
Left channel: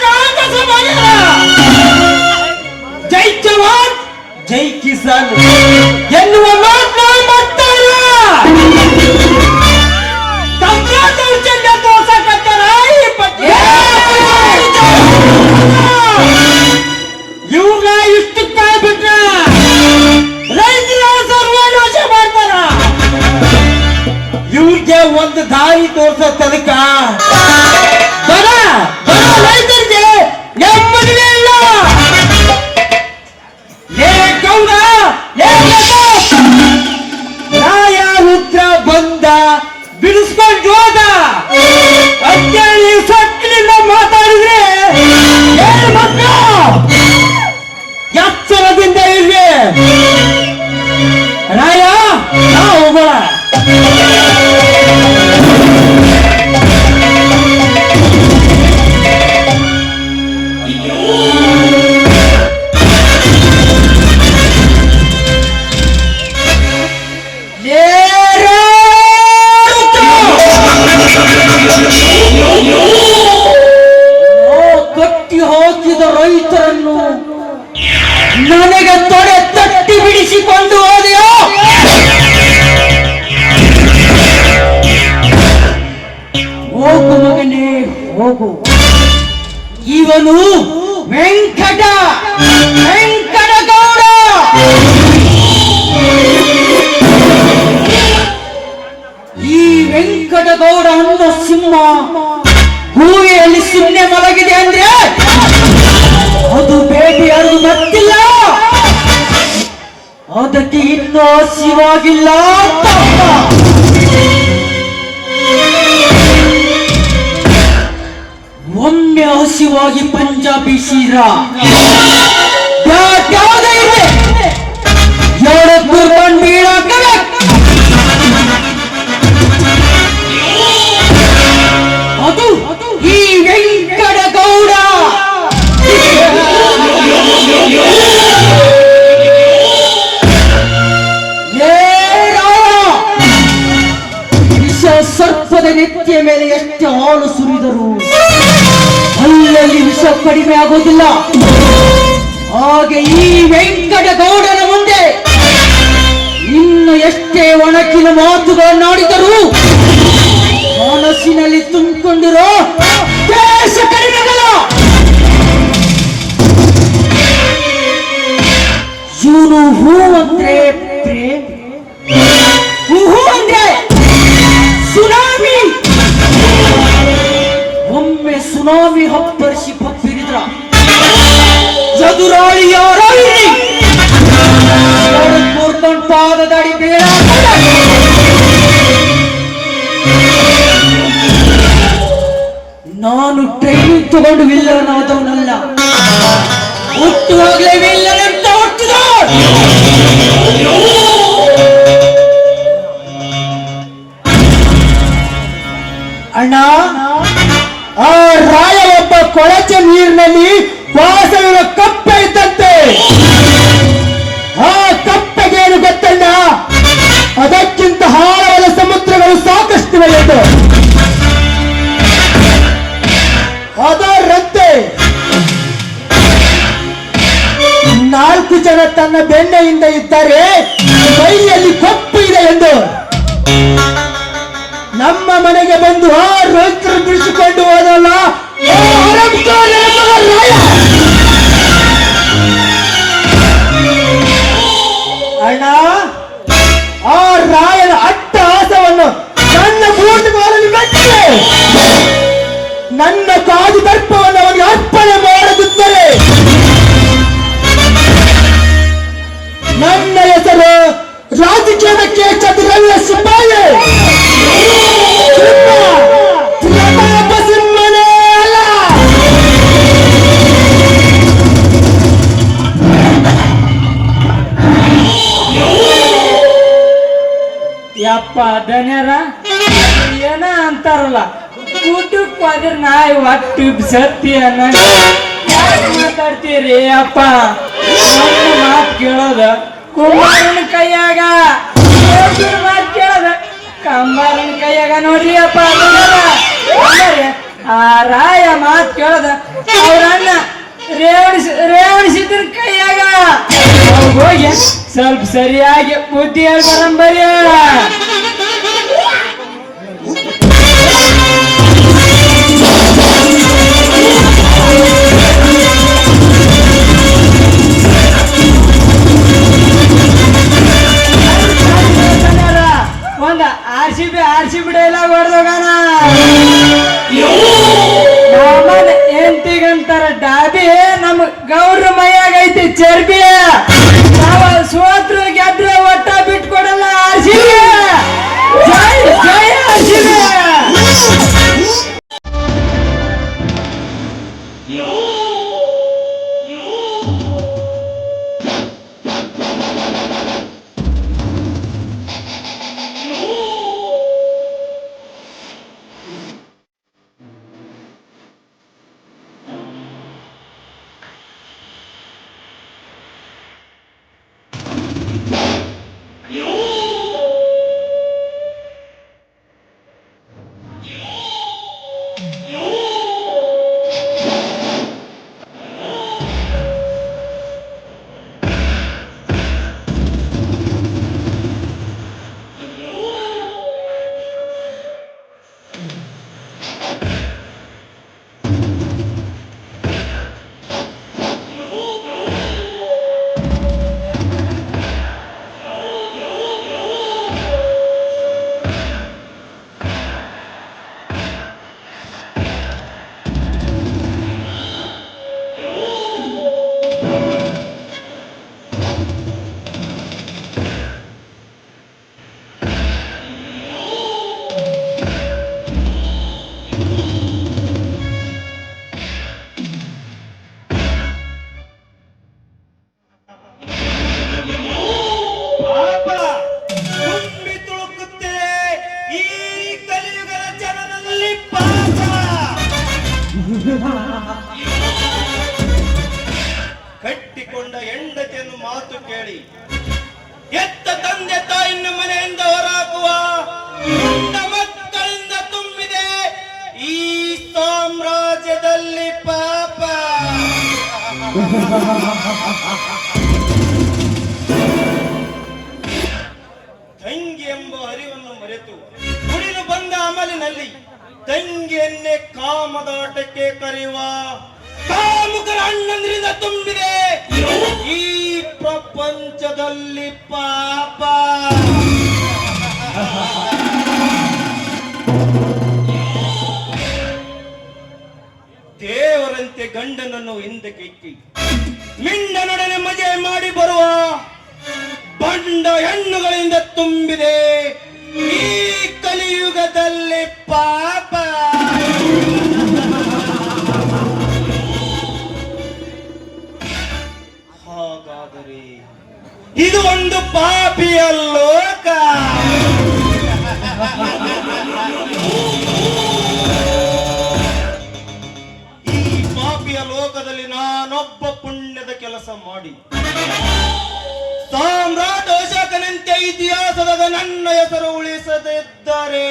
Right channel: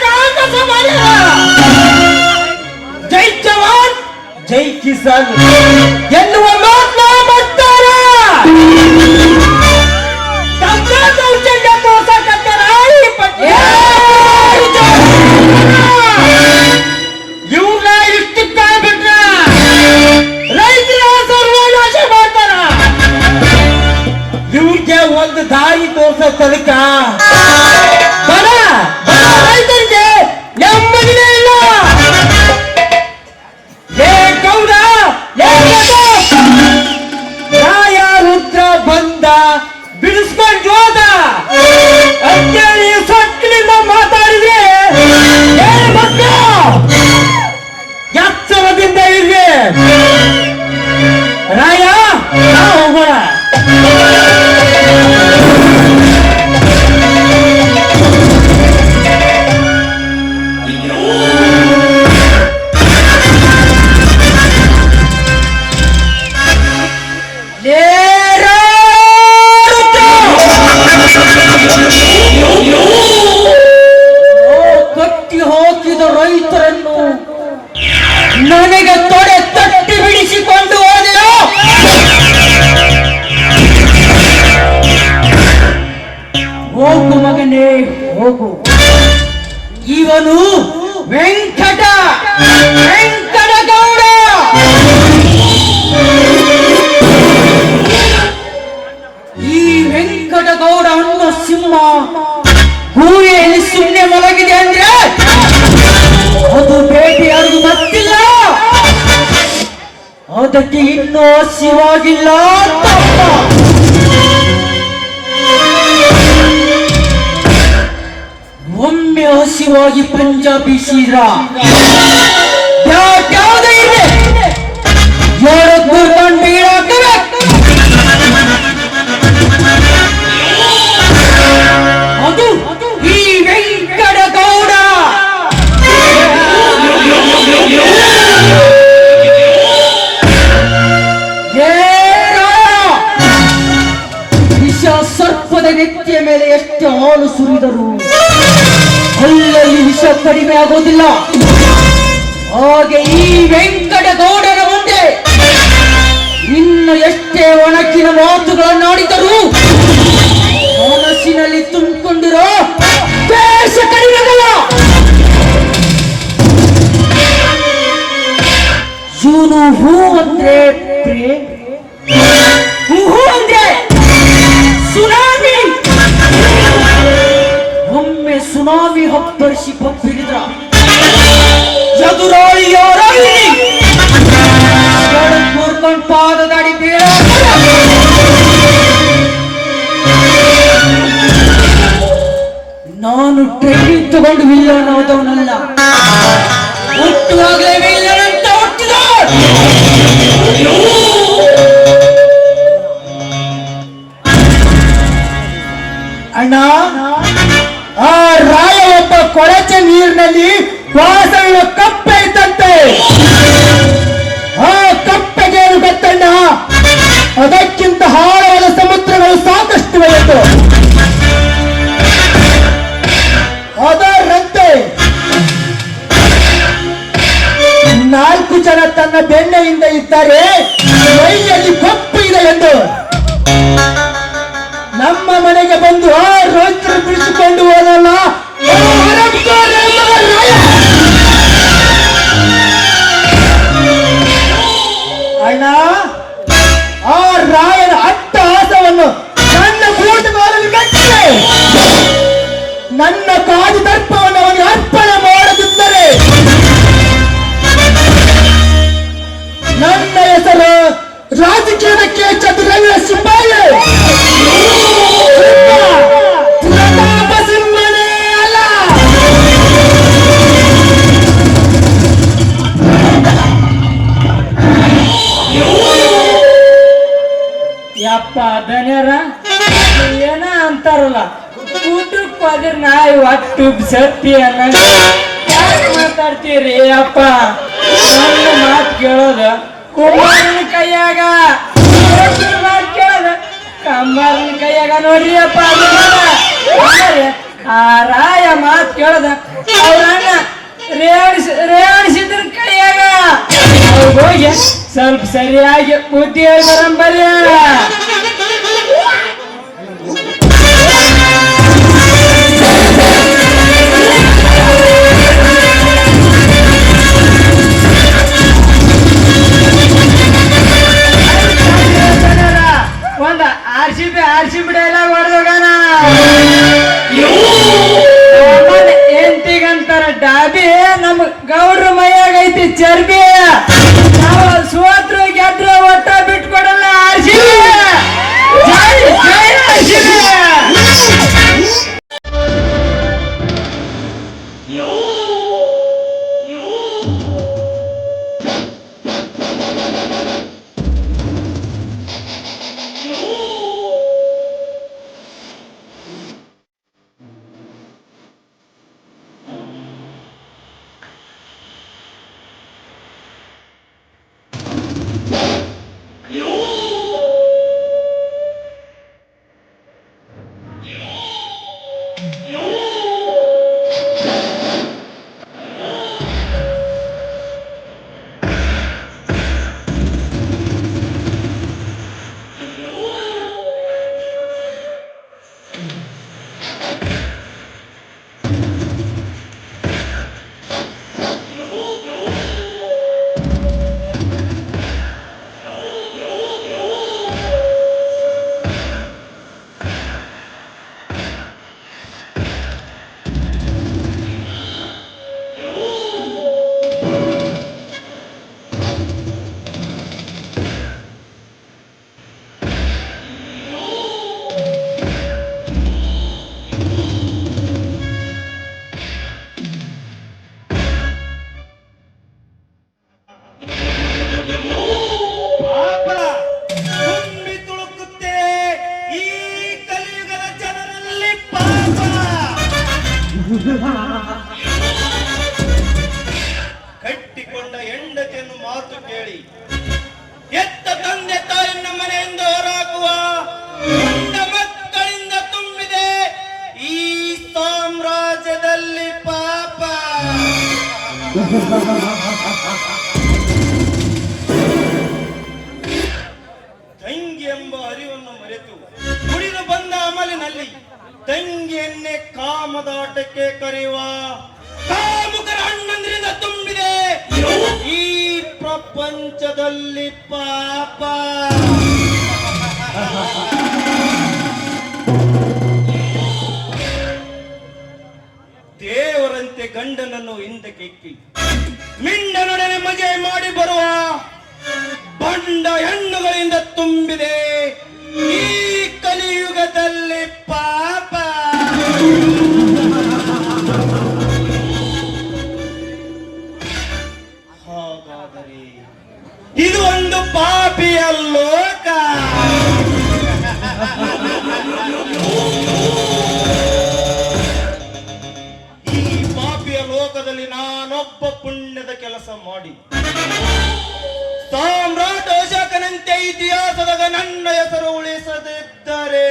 ಕಾಂಗ್ರೆಸ್ ಮಾಡಿಲ್ಲ. ಜೈ ಜವಾನ್ ಜೈ ಕಿಸಾನ್ ಎನ್ನುವ ಮಾತನ್ನ ಮಾಡ್ತಾರ. ದೌರ್ಜನ್ಯ ತೋರ್ಸಕತ್ತಾರ ಈ ಬಗ್ಗೆ. ಇವ್ರನ್ನ ಇಷ್ಟಕ್ಕಾಗಿ ಬಿಟ್ರ ರೈತರ ಸರ್ವನಾಶ ಮಾಡ್ತಾರ. ಇವ್ರಿಗೆ ಒಂದು ದಾರಿ ತೋರ್ಸೋದಕ್ಕ ರೈತರಿಗೆ ನೆಮ್ಮದಿನೇ ಇಲ್ಲ. ಏ ಗೌಡ, ರಾಯ ರುದ್ರ ಬಂದ ಬಿಡಿಸ್ಕೊಂಡು ಹೋದ ಅಂತೇಳಿ ಸೊಟ್ಟಿನಿಂದ ಮಾತಾಡಿದ್ರೆ ಎಚ್ಚರದಿಂದ ಇರ್ಲಿ. ರಾಯ, ಹೋಗೋಣ. ಕಟ್ಟಿ ಹಾಕಿದ ರೈತರನ್ನು ನನಗೆ ತೊಡೆ ತಟ್ಟಿ ಬಿಡಿಸಿಕೊಂಡು ಹೋದೆಯೋ? ಹೋಗು ಮಗನೇ, ಹೋಗು. ಇವನು ವೆಂಕಟಗೌಡ. ಈ ವೆಂಕಟಗೌಡ ಅನ್ನೋ ಸಿಂಹ ಭೂಮಿಯಲ್ಲಿ ಸುಮ್ಮನೆ ಮಲಗಿದೆ ಅಂದ್ರೆ ಅದು ಬೇಟೆಯಾಡಿ ಮತ್ತಿಲ್ಲ, ಅದಕ್ಕೆ ಇನ್ನೂ ಹಸಿವಾಗಿಲ್ಲ. ಒಮ್ಮೆ ಹಸಿವಾಗಿ ಪಂಜಾಬಿ ಸೀರಾ ಯಾವುದೇ ಇದೆ ಜೋರದ್ದು ತಂದು ನೆತ್ತಿಯ ಮೇಲೆ ಎಷ್ಟು ಹಾಲು ಸುರಿದರು ಅಲ್ಲಲ್ಲಿ ವಿಷ ಕಡಿಮೆ ಆಗುವುದಿಲ್ಲ. ಹಾಗೆ ಈ ವೆಂಕಟಗೌಡನ ಮುಂದೆ ಇನ್ನು ಎಷ್ಟೇ ಒಣಕಿನ ಮಾತುಗಳನ್ನಾಡಿದರೂ ಮನಸ್ಸಿನಲ್ಲಿ ತುಂಬಿಕೊಂಡಿರೋ ದೇಶ ಕಡಿಮೆ ಆಗಲ್ಲ. ಇವನು ಹೂ ಅಂದ್ರೆ ಪ್ರೇಮ, ಹೂ ಅಂದ್ರೆ ಸುನಾಮಿ. ಒಮ್ಮೆ ಸುನಾಮಿ ಹಬ್ಬರಿಸಿ ಬಬ್ಬಿರಿದ್ರ ಎದುರಾಳಿ ಯಾರಲ್ಲಿ ಕೂರ್ಕೊಂಡು ಪಾದದಡಿ ಬೀಳ. ನಾನು ಟ್ರೈನಿಂಗ್ ತಗೊಂಡು ವಿಲ್ಲನಾದವನಲ್ಲ, ಹುಟ್ಟುವಾಗಲೇ ವಿಲ್ಲನಂತ ಹುಟ್ಟಿದ. ಅಣ್ಣ, ಆ ರಾಯ ಒಬ್ಬ ಕೊಳಚೆ ನೀರಿನಲ್ಲಿ ವಾಸವಿನ ಕಪ್ಪೆ ಇದ್ದಂತೆ. ಆ ಕಪ್ಪೆಗೇನು ಗೊತ್ತಣ್ಣ, ಅದಕ್ಕಿಂತ ಆಳವಾದ ಸಮುದ್ರಗಳು ಸಾಕಷ್ಟು ಬೆಳೆದು ಅದರಂತೆ 4 ಜನ ತನ್ನ ಬೆನ್ನೆಯಿಂದ ಇದ್ದರೆ ಕೈಯಲ್ಲಿ ಕಪ್ಪು ಇದೆ ಎಂದು ನಮ್ಮ ಮನೆಗೆ ಬಂದು ಆ ರಂತ್ರ ಬಿಡಿಸಿಕೊಂಡು ಹೋದಲ್ಲ. ಅಣ್ಣ, ಆ ರಾಯನ ಅಟ್ಟಹಾಸವನ್ನು ನನ್ನ ಬೂಟುಗಾಲಲ್ಲಿ ಮೆಟ್ಟಿದೆ. ನನ್ನ ಕಾದು ದರ್ಪವನ್ನು ಅವನಿಗೆ ಅರ್ಪಣೆ ಮಾಡದಿದ್ದರೆ ನನ್ನ ಹೆಸರು ರಾಜಕೀಯಕ್ಕೆ ಚತುರಂಗ ಸಿಪಾಯಿ ಪ್ರತಾಪ ಸಿಂಹನೇ ಅಲ್ಲ. ಯಪ್ಪ ಧನ್ಯರ ಏನ ಅಂತಾರಲ್ಲ, ಊಟಕ್ಕೆ ಹೋದ್ರೆ ನಾಯಿ ಒಟ್ಟು ಸತ್ಯ ಯಾಕೆ ಮಾತಾಡ್ತೀರಿ ಅಪ್ಪ? ಮಾತು ಕೇಳೋದ ಕುಮಾರನ ಕೈಯಾಗ, ಮಾತು ಕೇಳೋದ ಕಮ್ಮನ ಕೈಯಾಗ. ನೋಡ್ರಿ ಅಪ್ಪ, ಆ ರಾಯ ಮಾತು ಕೇಳೋದ ಅವ್ರಣ್ಣ ರೇವಣಿಸಿದ್ರ ಕೈಯಾಗ. ಹೋಗಿ ಸ್ವಲ್ಪ ಸರಿಯಾಗಿ ಬುದ್ಧಿ ಹೇಳ್ಬರಂಬರಿ. ಒಂದ ಆರ್ಸಿ ಬಿಡಲ್ಲ ಹೊಡೆದೋಗಾನ. ಎಂಟಿಗಂತಾರ ಡಾಬಿ, ನಮ್ ಗೌರ ಮೈಯಾಗ ಐತಿ ಚರ್ಬಿ. ಸೋತ್ರು ಗೆದ್ರು ಒಟ್ಟ ಬಿಟ್ಕೊಡಲ್ಲ ಆರ್ಸಿಬಿ. ಜೈ ಜೈ ಆರ್ಸಿಬಿ. ಕಟ್ಟಿಕೊಂಡ ಹೆಂಡತಿಯನ್ನು ಮಾತು ಕೇಳಿ ಎತ್ತ ತಂದೆ ತಾಯಿಯನ್ನು ಮನೆಯಿಂದ ಹೊರಹಾಕುವ ಮಕ್ಕಳಿಂದ ತುಂಬ ತಂಗಿ ಎಂಬ ಅರಿವನ್ನು ಮರೆತು ಕುಡಿದು ಬಂದ ಅಮಲಿನಲ್ಲಿ ತಂಗಿಯನ್ನೇ ಕಾಮದಾಟಕ್ಕೆ ಕರೆಯುವ ಕಾಮುಕರ ಅಣ್ಣಂದ್ರಿಂದ ತುಂಬಿದೆ ಈ ಪ್ರಪಂಚದಲ್ಲಿ ಪಾಪ. ದೇವರಂತೆ ಗಂಡನನ್ನು ಹಿಂದಕ್ಕೆ ಇಕ್ಕಿ ಮಿಂಡನೊಡನೆ ಮದುವೆ ಮಾಡಿ ಬರುವ ಬಂಡ ಹೆಣ್ಣುಗಳಿಂದ ತುಂಬಿದೆ ಈ ಕಲಿಯುಗದಲ್ಲಿ ಪಾಪ. ಹಾಗಾದರೆ ಇದು ಒಂದು ಪಾಪಿಯ ಲೋಕ. ಈ ಪಾಪಿಯ ಲೋಕದಲ್ಲಿ ನಾನೊಬ್ಬ ಪುಣ್ಯದ ಕೆಲಸ ಮಾಡಿ ಸಾಮ್ರಾಟ್ ಅಶೋಕನಂತೆ ಇತಿಹಾಸದ ನನ್ನ ಹೆಸರು ಉಳಿಸದಿದ್ದರೆ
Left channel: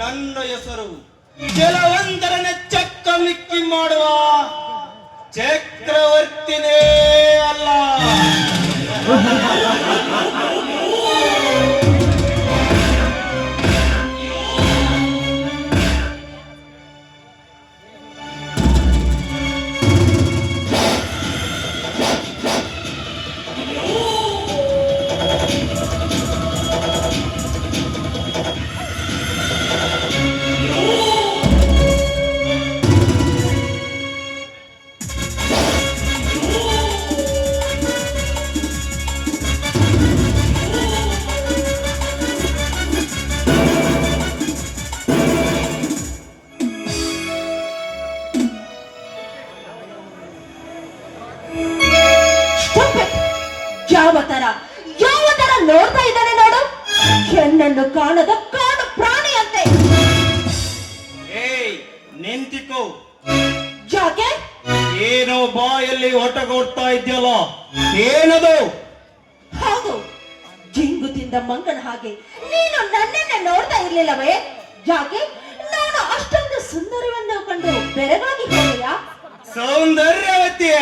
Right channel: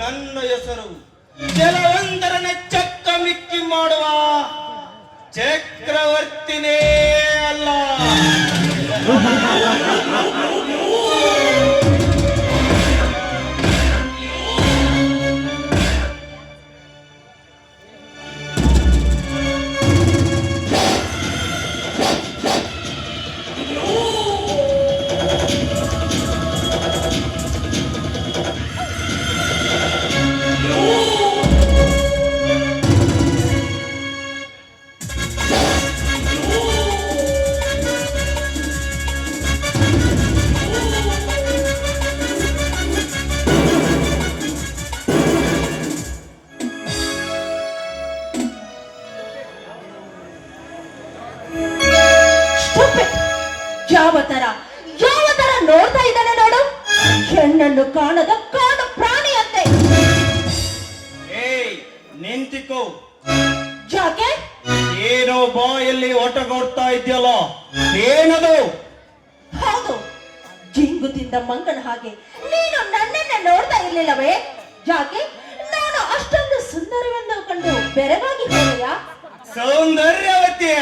ನನ್ನ ಹೆಸರು ಕೆಲವೊಂದರನ್ನ ಚಕ್ಕ ಮಿಕ್ಕಿ ಮಾಡುವ ಚಕ್ರವರ್ತಿನೇ ಅಲ್ಲ. ಯಾವ ತರ ನೋಡ್ತಾ ಇದ್ದಾನೆ ನೋಡು, ಹೆಣ್ಣನ್ನು ಕಾಣದ ಕಾಣು ಪ್ರಾಣಿಯಂತೆ. ಏಯ್ ನಿಂತಿಕೋ. ಯಾಕೆ? ಏನೋ ಬಾಯಲ್ಲಿ ಒಟಗೊಡ್ತಾ ಇದೆಯಲ್ಲ, ಏನದು? ಹೌದು, ಜಿಂಗು ತಿಂದ ಮಂಗನ ಹಾಗೆ ನೀನು ನನ್ನನ್ನೇ ನೋಡ್ತಾ ಇರ್ಲಿಲ್ಲವೇ? ಯಾಕೆ? ನಾನು ಅಷ್ಟೊಂದು ಸುಂದರವನ್ನು ಕಂಡು ಬೆರಗಾಗಿ ಹೋಗಿಲ್ಲ. ಸೌಂದರ್ಯವತಿಯ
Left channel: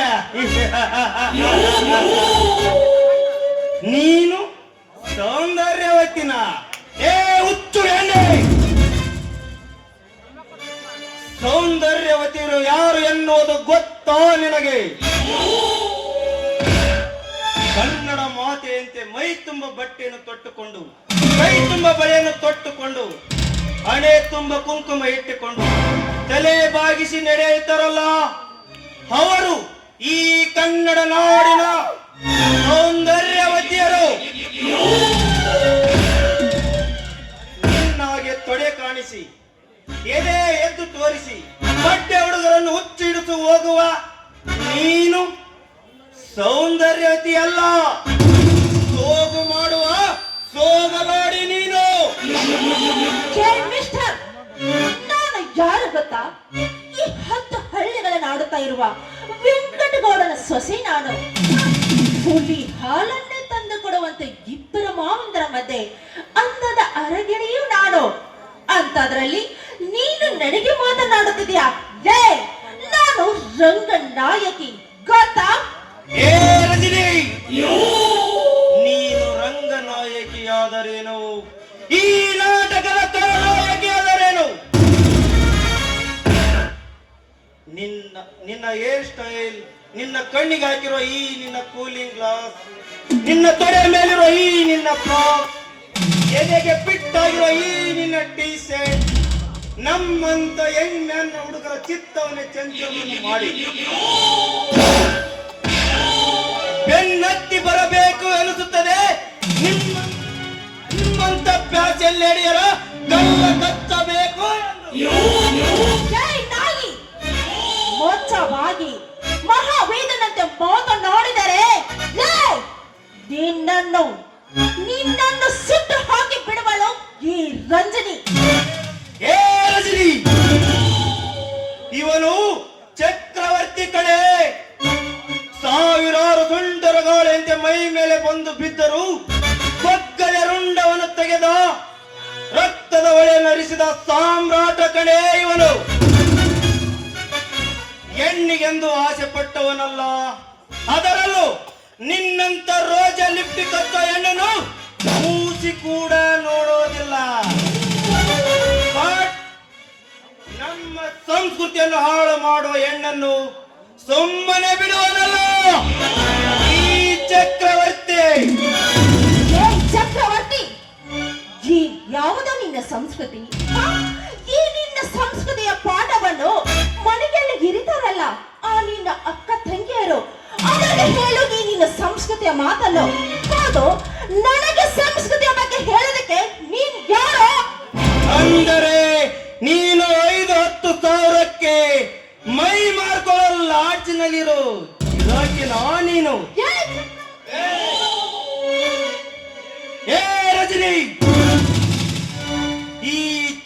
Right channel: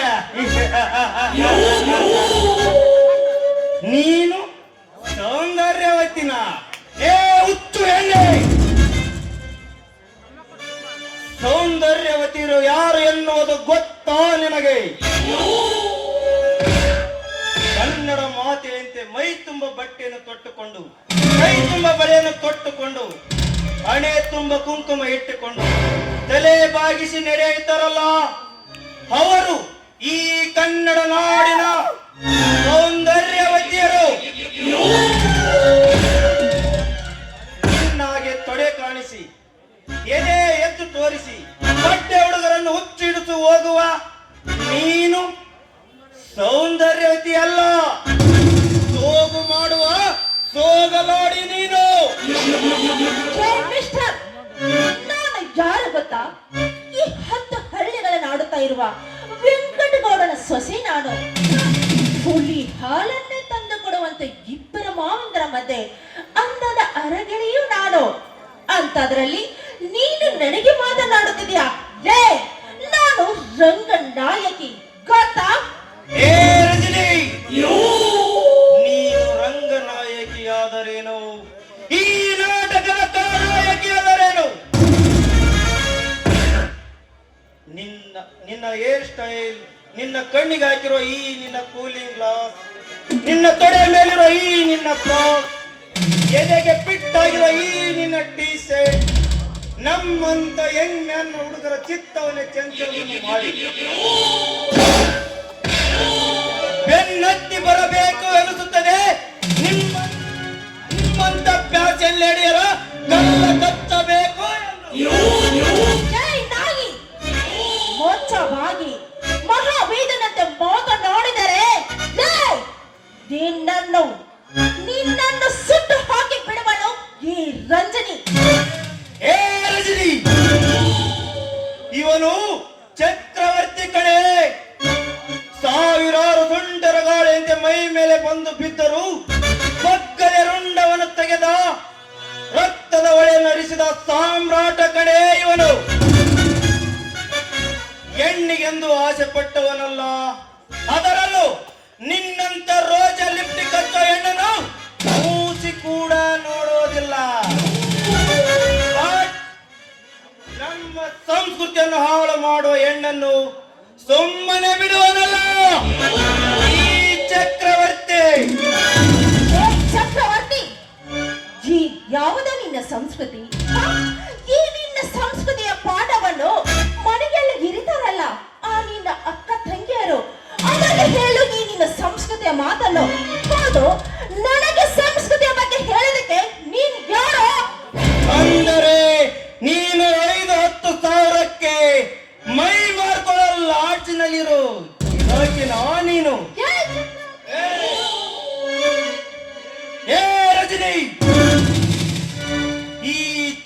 ನೀನು ಸೌಂದರ್ಯವತಿನ? ಏ ಹುಚ್ಚು ಎಣ್ಣೆ! ಸೌಂದರ್ಯವತಿಯರು ಯಾರು ಎನ್ನುವುದು ಗೊತ್ತೋ ನಿನಗೆ? ಕನ್ನಡ ಮಾತೆಯಂತೆ ಮೈ ತುಂಬ ಬಟ್ಟೆಯನ್ನು ತೊಟ್ಟುಕೊಂಡು, ಕೈ ತುಂಬ ಬಳೆಯನ್ನು ತೊಟ್ಟುಕೊಂಡು, ಹಣೆ ತುಂಬ ಕುಂಕುಮ ಇಟ್ಟುಕೊಂಡು ತಲೆ ಬಾಗಿಸಿ ನಡೆಯುತ್ತಾರಲ್ಲ, ಅವರು ಈ ಕನ್ನಡ ನಾಡಿನ ಸೌಂದರ್ಯವತಿಯರು. ನಿನ್ನಾಗೆ ತೊಡೆ ಕಾಣಿಸಿ, ಎದೆ ಎದ್ದು ತೋರಿಸಿ, ಬಟ್ಟೆ ಹುಡುಗರನ್ನು ಹುಚ್ಚಿಡಿದು ಹೋಗುವ ನೀನು ಸೌಂದರ್ಯವತಿ ಅಲ್ಲ, ಸೋಗು ಮಾಡುವ ಸೋಗವಾಡಿ ನೀನು. ಮಿಸ್ಟರ್, ನಾನು ಯಾರು ಗೊತ್ತಾ? ಈ 10 ಹಳ್ಳಿಗಳನ್ನು ಆಡುತ್ತಾ ಇರುವ ವೆಂಕಟಗೌಡನ ಸೊಸೆ ನಾನು. ಹುಲಿ ಹಾಲನ್ನೇ ತಂದು ಕೊಡುವಂತೆ ಇಬ್ಬರ ಮಾವಂದರ ಮಧ್ಯೆ ಅಂದದ ಅರಗಿಣಿಯೂ ನಾನು. ಅಂತದ್ರಲ್ಲಿ ನೀನು ನನಗೆ ಮಾತನಾಡುತ್ತಿದ್ಯಾ? ನಾನು ರಂಗನಾಯಕಿ ಗೊತ್ತಾ? ಏ ರಜನಿ, ನೀನು ರಂಗನಾಯಕಿಯಾದರೇನು, ಈ ನಾಟಕದ ನಾಯಕಿಯಾದರೇನು? ನಿನ್ನ ಹೇರ್ ಸ್ಟೈಲ್, ನಿನ್ನ ಕಣ್ಣಿಗೆ ಹಾಕಿರೋ ಈ ನಿನ್ನ ಕೂಲಿಂಗ್ ಗ್ಲಾಸ್, ನಿನ್ನ ತೊಡೆ ಮೇಲಿರೋ ಈ ನಿನ್ನ ಫ್ರಾಕ್, ಎದೆಗೆ ಫಿಟ್ ಆಗಿರೋ ಈ ನಿನ್ನ ಟೀ ಶರ್ಟ್ ನಮ್ಮಂತ ಯಂಗ್ ಮ್ಯಾನ್ ಹುಡುಗರ ಚಿತ್ತವನ್ನೇ ಚಂಚಲ ಮಾಡಿ ಬೆನ್ನತ್ತಿ ಬರಬೇಕು ಎನಿಸುತ್ತದೆ. ನಿಮ್ಮಂತ ಪ್ಯಾಚಲ್ಲಿ ನಡೆಯರ ಕಲ್ಲ ಕಚ್ಚಬೇಕು. ಮೋಚವಾಗಿ ಮಹಾವೇದನಂತೆ ಮಾತನಾಡಿದರೆ ನಿನ್ನನ್ನು ಸುಟ್ಟು ಹಾಕಿ ಬಿಡುವಳು ಈ ರಂಜನಿ. ಏ ರಜನಿ, ಇವನು ಚಕ್ರವರ್ತಿ ಕಡೆ. ಸಾವಿರಾರು ಸುಂದರ ಗಾಳಿಯಂತೆ ಮೈ ಮೇಲೆ ಬಂದು ಬಿದ್ದರು ಬಗ್ಗಲೆ ರುಂಡವನ್ನು ತೆಗೆದ ರಕ್ತದ ಹೊಳೆಯನ್ನು ಹರಿಸಿದ ಸಾಮ್ರಾಟ ಕಡೆ ಇವನು. ಆಸೆ ಪಟ್ಟವನಲ್ಲ. ಅದರಲ್ಲೂ ನಿನ್ನಂತ ರೋಜ ಲಿಪ್ಟಿಕ್ ಹಚ್ಚೋ ಹೆಣ್ಣನ್ನು ಮೂಸಿ ಕೂಡ ನೋಡೋದಿಲ್ಲ. ಬಟ್ ನಮ್ಮ ಸಂಸ್ಕೃತಿಯನ್ನು ಹಾಳು ಮಾಡುವ ಹೆಣ್ಣನ್ನು ಸುಮ್ಮನೆ ಬಿಡುವುದಲ್ಲ ಈ ಚಕ್ರವರ್ತಿ. ಚಕ್ರವರ್ತಿ, ಈ ಯಾವುದ ನಿನ್ನ ಸಂಸ್ಕೃತಿ? ಈ ನಿನ್ನ ಸಂಸ್ಕೃತಿಯ ಪಾಠವನ್ನು ಮನೆಯಲ್ಲಿ ಇರಿತಾರಲ್ಲ ಆ ನಿನ್ನ ಅಕ್ಕ ತಂಗಿಯರು, ಅವರಿಗೆ ಹೇಳು ಈ ನಿನ್ನ ಸಂಸ್ಕೃತಿಯ ಮಾತನ್ನು. ಹೌದು, ನನಗೆ ಸಂಸ್ಕೃತಿಯ ಬಗ್ಗೆ ಹೇಳೋದಕ್ಕೆ ನೀನ್ ಯಾರು? ಅಂದರೆ ನೀನು 5-10 ಸಾವಿರಕ್ಕೆ ಮೈ ಮಾರ್ಕೊಳ್ಳೋ ಲಾಡ್ಜಿನಲ್ಲಿರೋ ನೀನು. ಏ ರಜನಿ, ಈ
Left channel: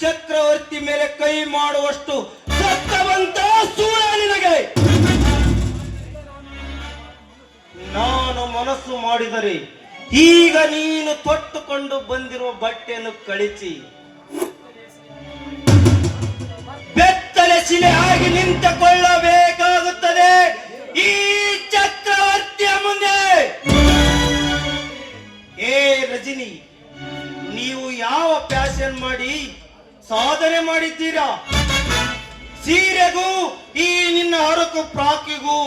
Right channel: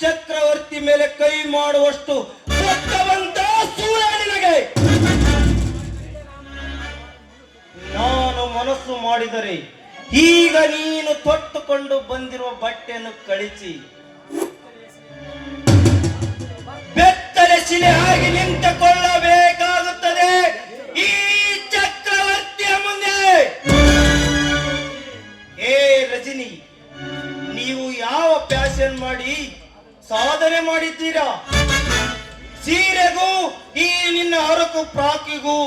ಚಕ್ರವರ್ತಿ ಮೇಲೆ ಕೈ ಮಾಡುವಷ್ಟು ಸತ್ತವಂತ ಸೂಳ ನಿನಗೆ. ನಾನು ಮನಸ್ಸು ಮಾಡಿದರೆ ಈಗ ನೀನು ತೊಟ್ಟುಕೊಂಡು ಬಂದಿರುವ ಬಟ್ಟೆಯನ್ನು ಕಳಿಸಿ ಬೆತ್ತಲೆ ಶಿಲೆ ಆಗಿ ನಿಂತುಕೊಳ್ಳಬೇಕಾಗುತ್ತದೆ ಈ ಚಕ್ರವರ್ತಿಯ ಮುಂದೆ. ಏ ರಜನಿ, ನೀವು ಯಾವ ಪ್ಯಾಷನ್ ಮಾಡಿ ಸಾಧನೆ ಮಾಡಿದ್ದೀರಾ? ಸೀರೆಗೂ ಈ ನಿನ್ನ ಹರಕು ಪ್ರಾಕಿಗೂ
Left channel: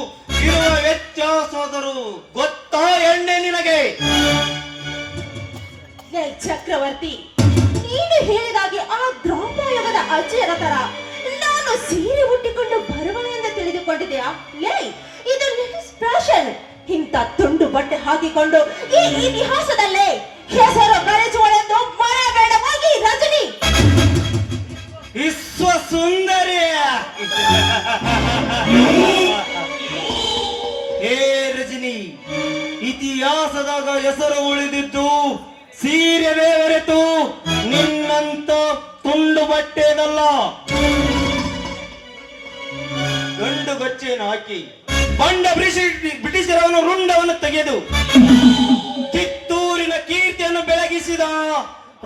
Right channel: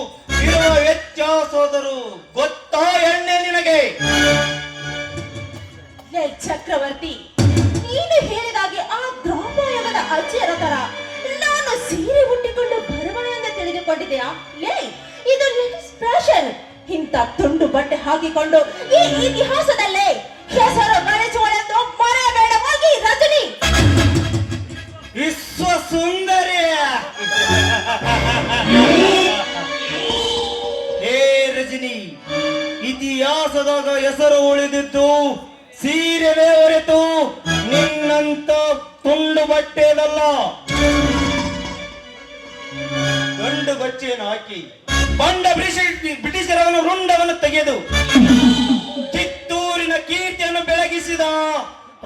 ಇರುವ ವ್ಯತ್ಯಾಸವಾದರೂ ಗೊತ್ತಾ ಎಣ್ಣೆ ನಿನಗೆ? ಏ ಚಕ್ರವರ್ತಿ, ನೀನು ಹೇಳಿದಾಗೆ ಆ ದ್ರೌಪದಿಯರ ಅಜ್ಜಿಯರ ತರ ನಾನು ಸೀರೆ ಉಟ್ಟಿಕೊಂಡು ಬರುವನೆ ಎಂದು ತಿಳಿದುಕೊಂಡಿದೆಯಾ? ಏಯ್, ಇದು ನಿನ್ನ ಫ್ಯಾಷನ್. ಇಂಥ ತುಂಡು ಬಟ್ಟೆ ಹಾಕಿಕೊಂಡು ಈ ಇತಿಹಾಸದಲ್ಲೇ ಹೆಸರು ಗಳಿಸುವಳೆಂದು ಮರೆಯಬೇಡ ಹೋಗಿ ರಜನಿ. ವಿಶ್ವ ಸುಂದರಿ. ಹೇ ರಜನಿ, ಇತಿಹಾಸದಾಗ ಹೆಸರು ಉಳಿದಿದ್ದು ಸೀರೆವೇ ಹೊರತು ನಿನ್ನಂತ ತುಂಡು ಬಟ್ಟೆದಲ್ಲ. ಗಂಡು ಗಚ್ಚೆಯನ್ನು ಹಾಕಿ ಬಂಡ ಬ್ರಿಟಿಷರವನು ರುಂಡವನ್ನು ತೆಗೆದು ಕಿತ್ತೂರಿನ ಕೀರ್ತಿಯನ್ನು ಬೆಳಗಿಸಿದ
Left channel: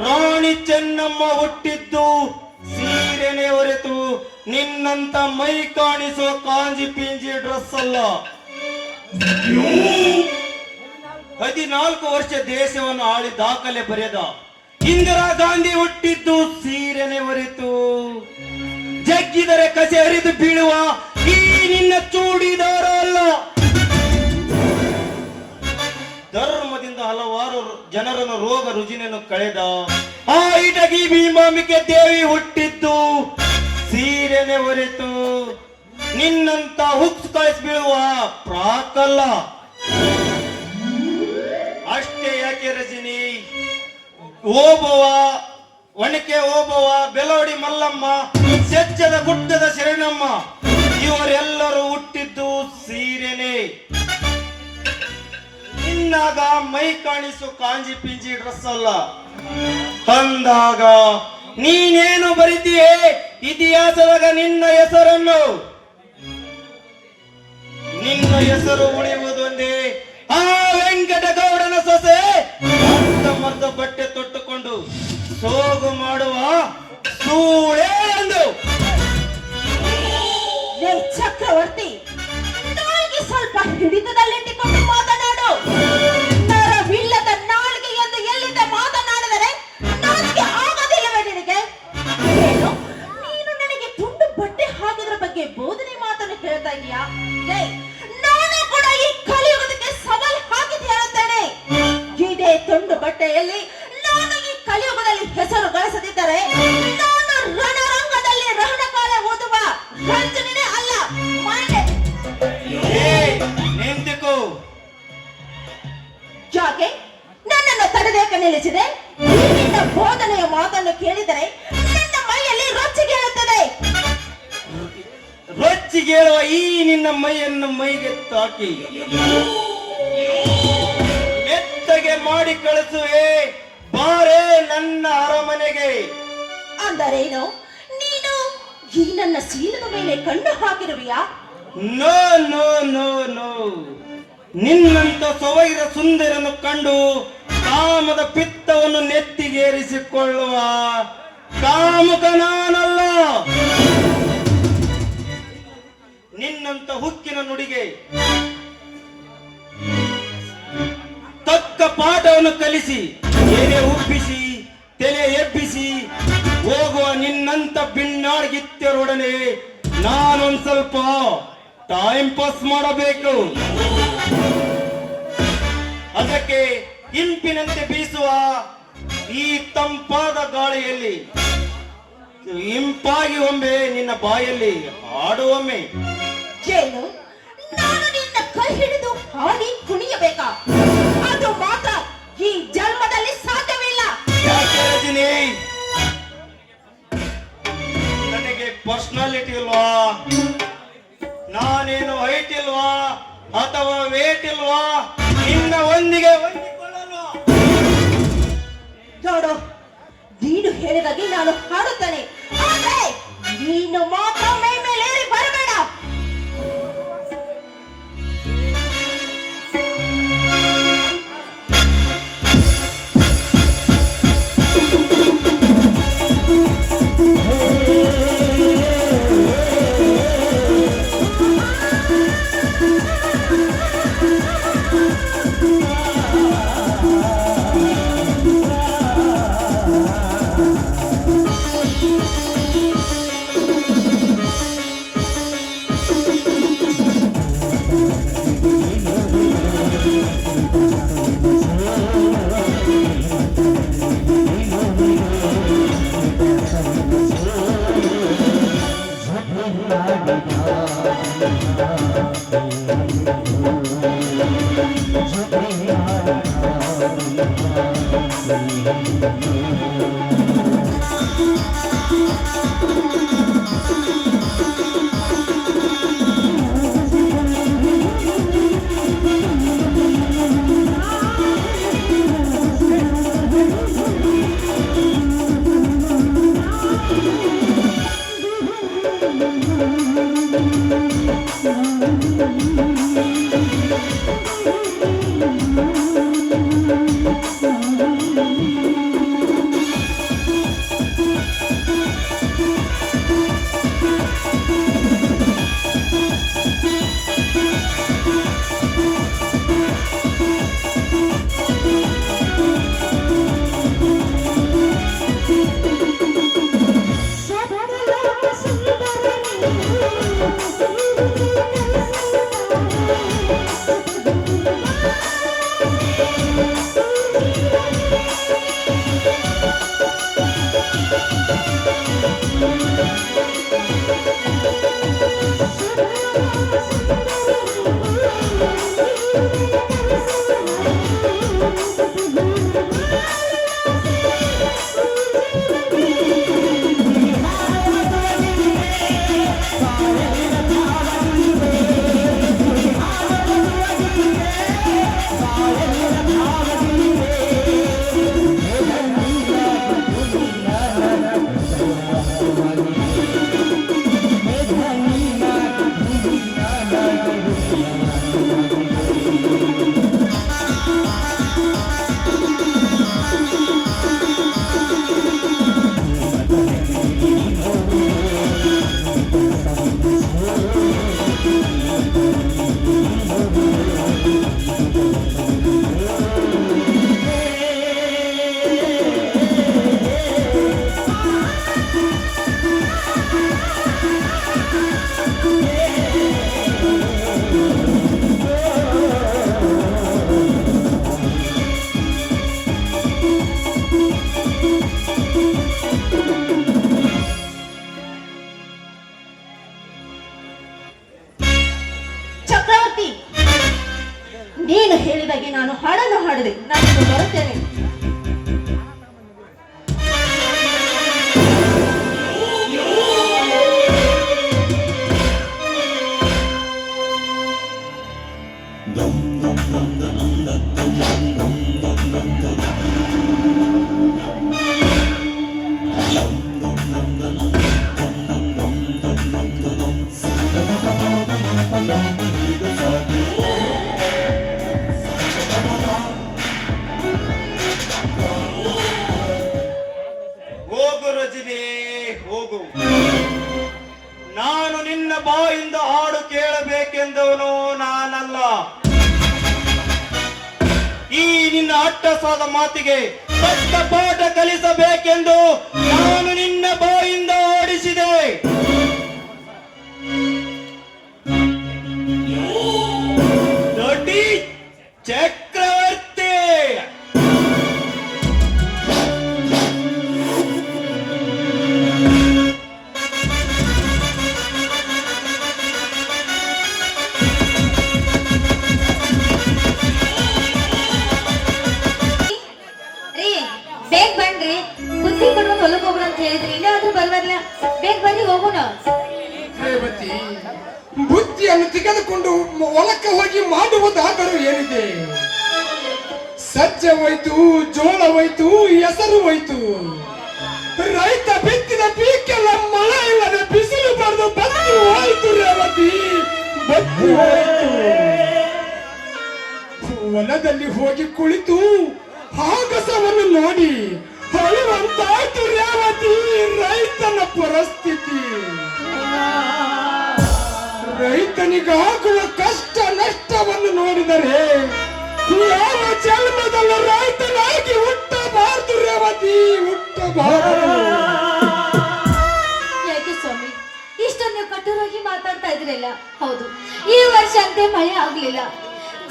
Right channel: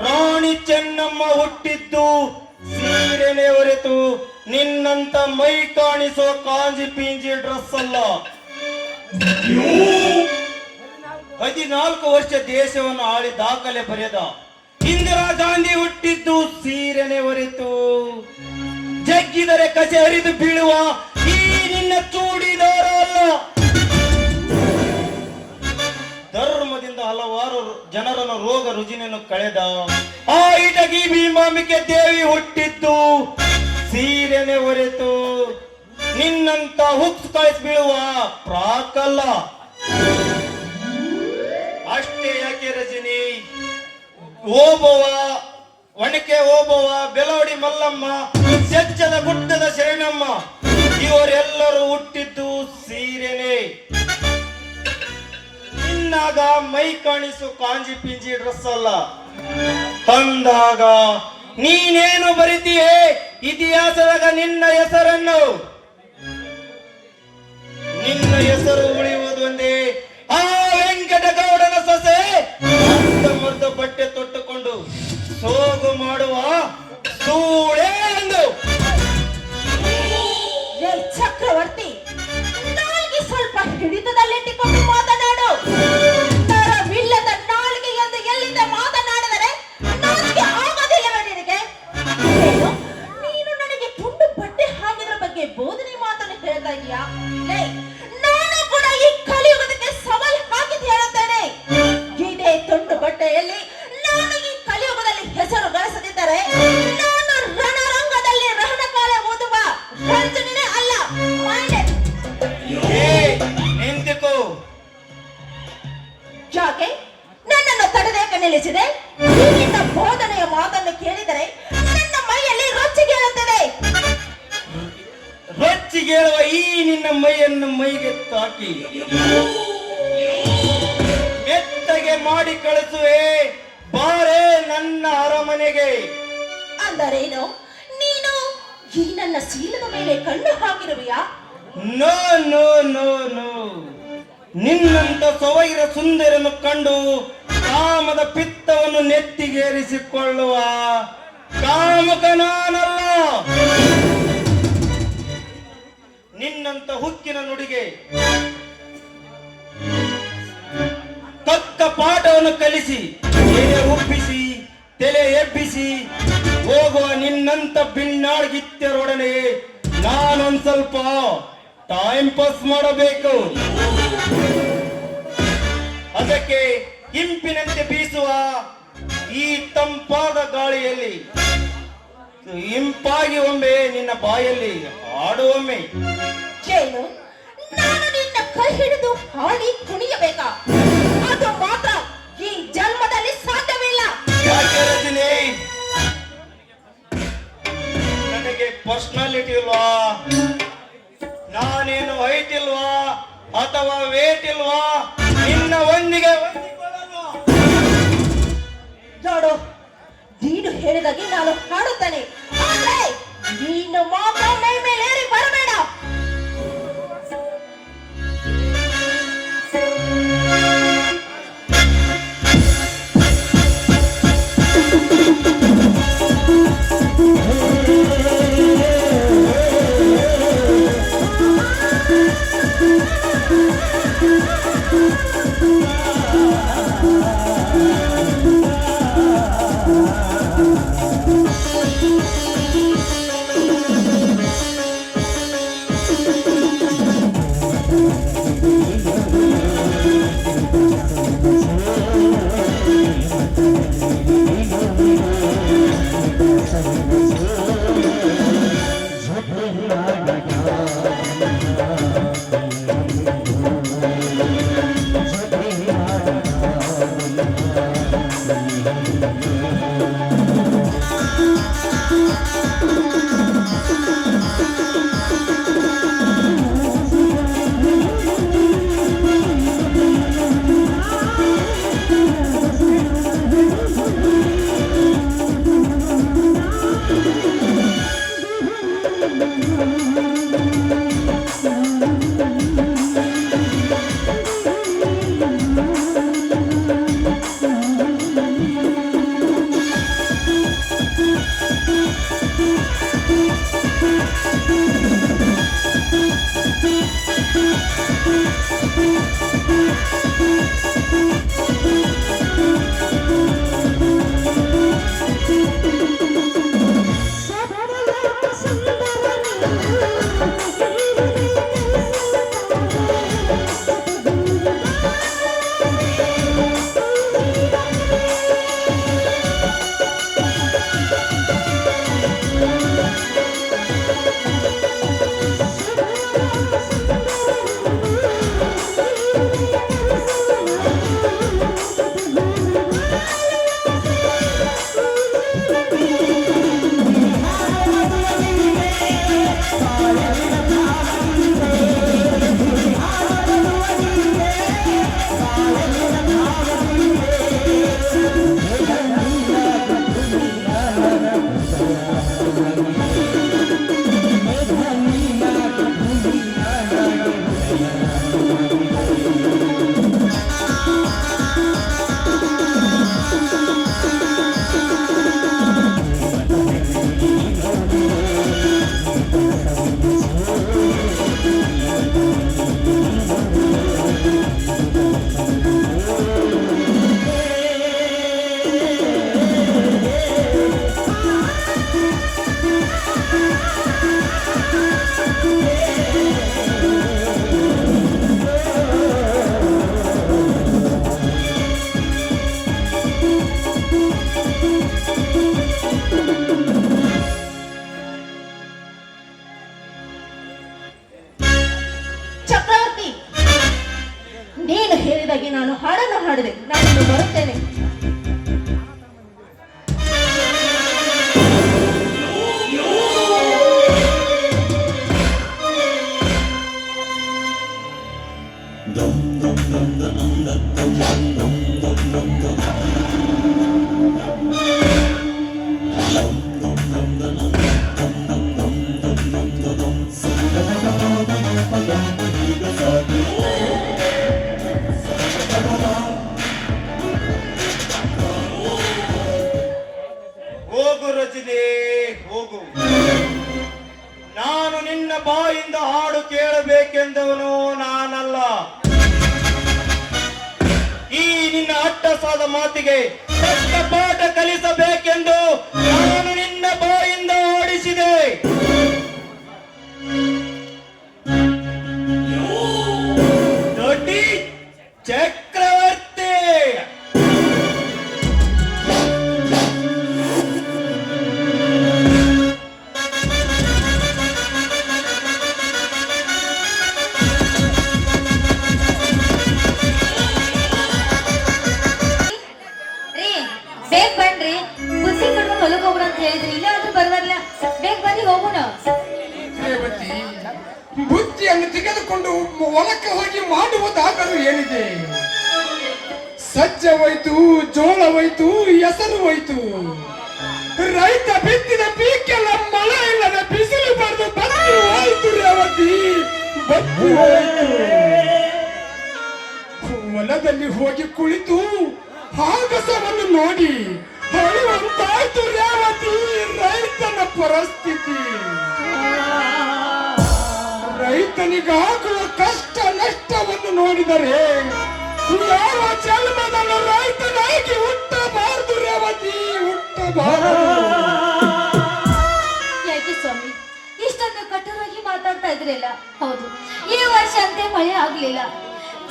ರಾಣಿ ಚೆನ್ನಮ್ಮ ಹುಟ್ಟಿದ್ದು ಸೀರೆನೆ ಹೊರತು ನಿನ್ನಂತ ಮೈ ಕಾಣಿಸುವ ಕಾಂಜಿ ಪಿಂಜಿ ಡ್ರೆಸ್ ಅಲ್ಲ. 14 ವರ್ಷ ದೇಶವನ್ನು ಆಳಿ ದಾಖಲೆ ಬರೆದ ಇಂದಿರಾ ಗಾಂಧಿ ಹುಟ್ಟಿದ್ದು ಸೀರೆನೆ ಹೊರತು ಜಗ್ಗಿದರೆ ಕಸೆ ಹರಿದು ಬೀಳುವ ಈ ನಿನ್ನ ಚೂಡಿದಾರ ಅಲ್ಲ. ಧರ್ಮದಿಂದ ಹಲವಾರು ಜನರನ್ನು ರೋಗ ರುಜಿನನ್ನು ಕಳೆದ ಆ ಇಟಗಿ ಭೀಮಾಂಬಿಕೆ ದೇವಿ ಹುಟ್ಟಿದ್ದು ಸೀರೆನೆ ಹೊರತು ನಿನ್ನಂತ ಹುಕ್ಸ್ ಕಳಿಸಿ ಬೀಳುವ ಪ್ರಾಕಲ್ಲ. ಅಷ್ಟೇ ಯಾಕೆ ರಜನಿ, ಓಬವ್ವ, ಒಣಕೆ ಓಬವ್ವ, ಬೆಲೋಡಿ ಮಲ್ಲಮ್ಮ, ಸೆಜ್ಜದ ಗುಡ್ಡದ ಶರಣಮ್ಮ ಇವರೆಲ್ಲರೂ ಹುಟ್ಟಿದ್ದು ಸೀರೆನೆ. ನಿನ್ನಾಗ ಮೈ ಕಾಣಿಸು ಕಾಂಜಿ ಪಿಂಜಿ ಡ್ರೆಸ್ ಅಲ್ಲ. ತಂದಾಗ ನೀನೇನು ಬರಿತೀಯೇ ಇತಿಹಾಸದಾಗ ನಿನ್ನ ಹೆಸರನ್ನು? ನಿನ್ನ ಹೆಸರು ಉಳಿಯುವುದೊಂದೇ ಆ ವೆಂಕಟಗೌಡನ ಸೊಸೆ ಅರ್ಧಮರ್ಧ ಬಟ್ಟೆ ತೊಟ್ಟುಕೊಂಡು ಸೋಗು ಮಾಡುವ ಸೂಳೆ ಎಂದು. ಏ ಚಕ್ರವರ್ತಿ, ನಾಯಿಗೆ ಸ್ವಲ್ಪ ಹಿಡಿತದಲ್ಲಿಟ್ಟುಕೊಂಡು ಮಾತನಾಡು. ನರವಿಲ್ಲದ ನಾಲಿಗೆ ಎಂದು ಎಲ್ಲಿಂದ ಮಾತನಾಡಿದರೆ ನಾಲಿಗೆ ಆಗೋದಿಲ್ಲವೇ ನಿನಗೆ? ಏನು, ನೀನು ನನಗೆ ತುಂಡು ಬಟ್ಟೆ ಹಾಕಿದ್ರ ಬಗ್ಗೆ ಬೋಧನೆ ಮಾತನ್ನು ಹೇಳ್ತಾ ಇದೀಯಾ? ನಾನು ಕೂಡ ಈ ಕಲಿಯುಗದಕ್ಕೆ ಸವಾಲ್ ಹಾಕಿ ಹೇಳುತ್ತೇನೆ. ಇದೇ ತುಂಡು ಬಟ್ಟೆಯಲ್ಲಿ ನಾನು ಈ ಕಲಿಯುಗದಲ್ಲಿ ಹೆಸರು ಗಳಿಸದಿದ್ದರೆ ನಾನು ರಣರಂಗದಲ್ಲಿ ರಣಕಾಲ ಓದುವ ರಂಜನೆ ಅಲ್ಲ. ಮಾಡೆ ನಿಂತುಕೋ. ಯಾಕೆ ನನ್ನನ್ನು ತಡೆದೇಕೆ ನಿಲ್ಲಿಸಿದೆ? ನಿನ್ನ ಬೋಧನೆಯ ಮಾತನ್ನು ಕೇಳಿದರೆ ನನ್ನ ಮೈಯಲ್ಲಿ ರೊಚ್ಚಿಗೇಳುತ್ತದೆ. ರೊಚ್ಚಿಗೇಳುವ ಈ ನಿನ್ನ ಮೈಯನ್ನು ಮೈಗೆ ತಾಕಿ ಮೆತ್ತಗೆ ಮಾಡಿ ಕಳಿಸುವೆ ಬಾರೇ ನನ್ನ ಅರಮನೆಗೆ. ಅಂದರೇನು, ನೀನು ಈ ನನ್ನ ಶೀಲದ ಮೇಲೆ ಕಣ್ಣು ಹಾಕಿರುವೆಯಾ? ನೋ ನೋ ನೋ ನೋ, ನಿನ್ನಂತ ಸವೈರ ಸುಂದರನ್ನು ಕಂಡು ಕಾಮದ ಪಿತ್ತವನ್ನು ನೆತ್ತಿಗೇರಿಸಿಕೊಳ್ಳುವ ಕಾಮುಕ ನಾನಲ್ಲ. ನಿನ್ನಂತ ಹುಕ್ಕಿನ ನುಡಿಗೆ ತಕ್ಕ ಪಾಠವನ್ನು ಕಲಿಸಿ ಎಲೆ ಉಬ್ಬಿಸಿ ತಲೆ ಎಬ್ಬಿಸಿ ಹೋಗುವ ನಿನ್ನಂತ ಬಿನ್ನಾಡ್ಗಿತ್ತರೊಡನೆ ನಾನೊಂದ್ ಸ್ವಲ್ಪ ಟೈಮ್ ಪಾಸ್ ಮಾಡಬೇಕು. ಅದಕ್ಕೆ ಇಂಪಿನಂತೆ ಬೀಸುವ ಈ ತಂಪಾದ ಗಾಳಿಯಲ್ಲಿ ಇಂಪಾಗಿ ಒಮ್ಮೆ ನಿನ್ನ ಬಾಯಲ್ಲಿ ಹಾಡುವೊಮ್ಮೆ. ಏನು ನಾನು ನಿನ್ನ ಕೈ ಹಿಡಿದು ಹಾಡಿ ಕುಣಿಯಬೇಕಾ? ಅದು ಮಾತ್ರ ಈ ಜನ್ಮದಲ್ಲಿ ಸಾಧ್ಯವಿಲ್ಲ. ಯಾಕೆ ರಜನಿ, ನನಗೆ ಪರ್ಸನಾಲಿಟಿ ಇಲ್ವಾ? ನಾನೇನು ಹೈಟ್ ಇಲ್ವಾ ಅಥವಾ ವೇಟ್ ಇಲ್ವಾ? ನಿನ್ನ ಒಂದಿಗೆ ಹೊಂದಿಕೊಳ್ಳಲ್ವಾ? ನೋಡು, ನೀನು ಹೇಳಿದಾಗೆ ನಾನು ಹಾಡುತ್ತೇನೆ, ಆದರೆ ನೀನು ಮಾತ್ರ ಮೈ ಮೇಲೇರಿ ಬರಬೇಡ. ಹೊತ್ತಿಗೆ ತಕ್ಕ ಪಾಠ ಕಲಿಸಬೇಕೆಂದು ನಾನು ನಿನ್ನ ಬಾಯಿಂದ ಓಡಿಸಿದೆ. ದೊಡ್ಡಿ ಚಕ್ರವರ್ತಿ ರೀ ಬೇಗ ಬನ್ರಿ, ಬುದ್ಧಿ ಕೊಡು ಹೊಲಕ್ಕೆ ಹೋಗೋಣ ಅಂತ ಹೇಳಿದ್ರಿ, ಇನ್ನಾದ್ರೂ ಬರಲ್ಲ. ಬೇಗ ಬನ್ನಿ ಹೋಗೋಣ. ರೇವತಿ, ಬುದ್ಧಿಯನ್ನು ತೆಗೆದುಕೊಂಡು ಹೊಲಕ್ಕೆ ಹೋಗಿ ಮಾಡುವುದಾದರೂ ಏನಿದೆ? ಸಜ್ಜೆ ಹೋಯ್ತು, ಜೋಳ ಹೋಯ್ತು, ಹೆಸರು ಹೋಯ್ತು. ರೈತ ಬಿತ್ತಿದ ಪೀಕೆಲ್ಲ ಮಳೆ ಇಲ್ಲದೆ ಬಿಸಿಲು ಬರೆದು ಬತ್ತಿ ಹೋಯ್ತು ರೇವತಿ, ಬತ್ತಿ ಹೋಯ್ತು. ಹೊಲದಲ್ಲಿ ಹೋಗಿ ಕುಳಿತು ಆಗಸವನ್ನು ನೋಡಿ ಅಳುವಂತಾಯ್ತು ರೇವತಿ. ರೈತನ ಪರಿಸ್ಥಿತಿ, ರೈತನಿಗಾಗುವ ಕಷ್ಟ ನಷ್ಟವನ್ನು ನೋಡಿದರೆ ಯಾವ ಜನ್ಮದಲ್ಲೂ ರೈತನಾಗಿ ಹುಟ್ಟಬಾರದು ರೇವತಿ, ಹುಟ್ಟಬಾರದು. ಯಾಕೆ ಸ್ವಾಮಿ ಇಷ್ಟೊಂದು ಕಠೋರವಾಗಿ ಮಾತಾಡ್ತಾ ಇದ್ರಲ್ಲ? ಹೌದು, ಈ ವರ್ಷ ಅಂತೆ ಮಳೆ ಆಗ್ಲಿಲ್ಲ,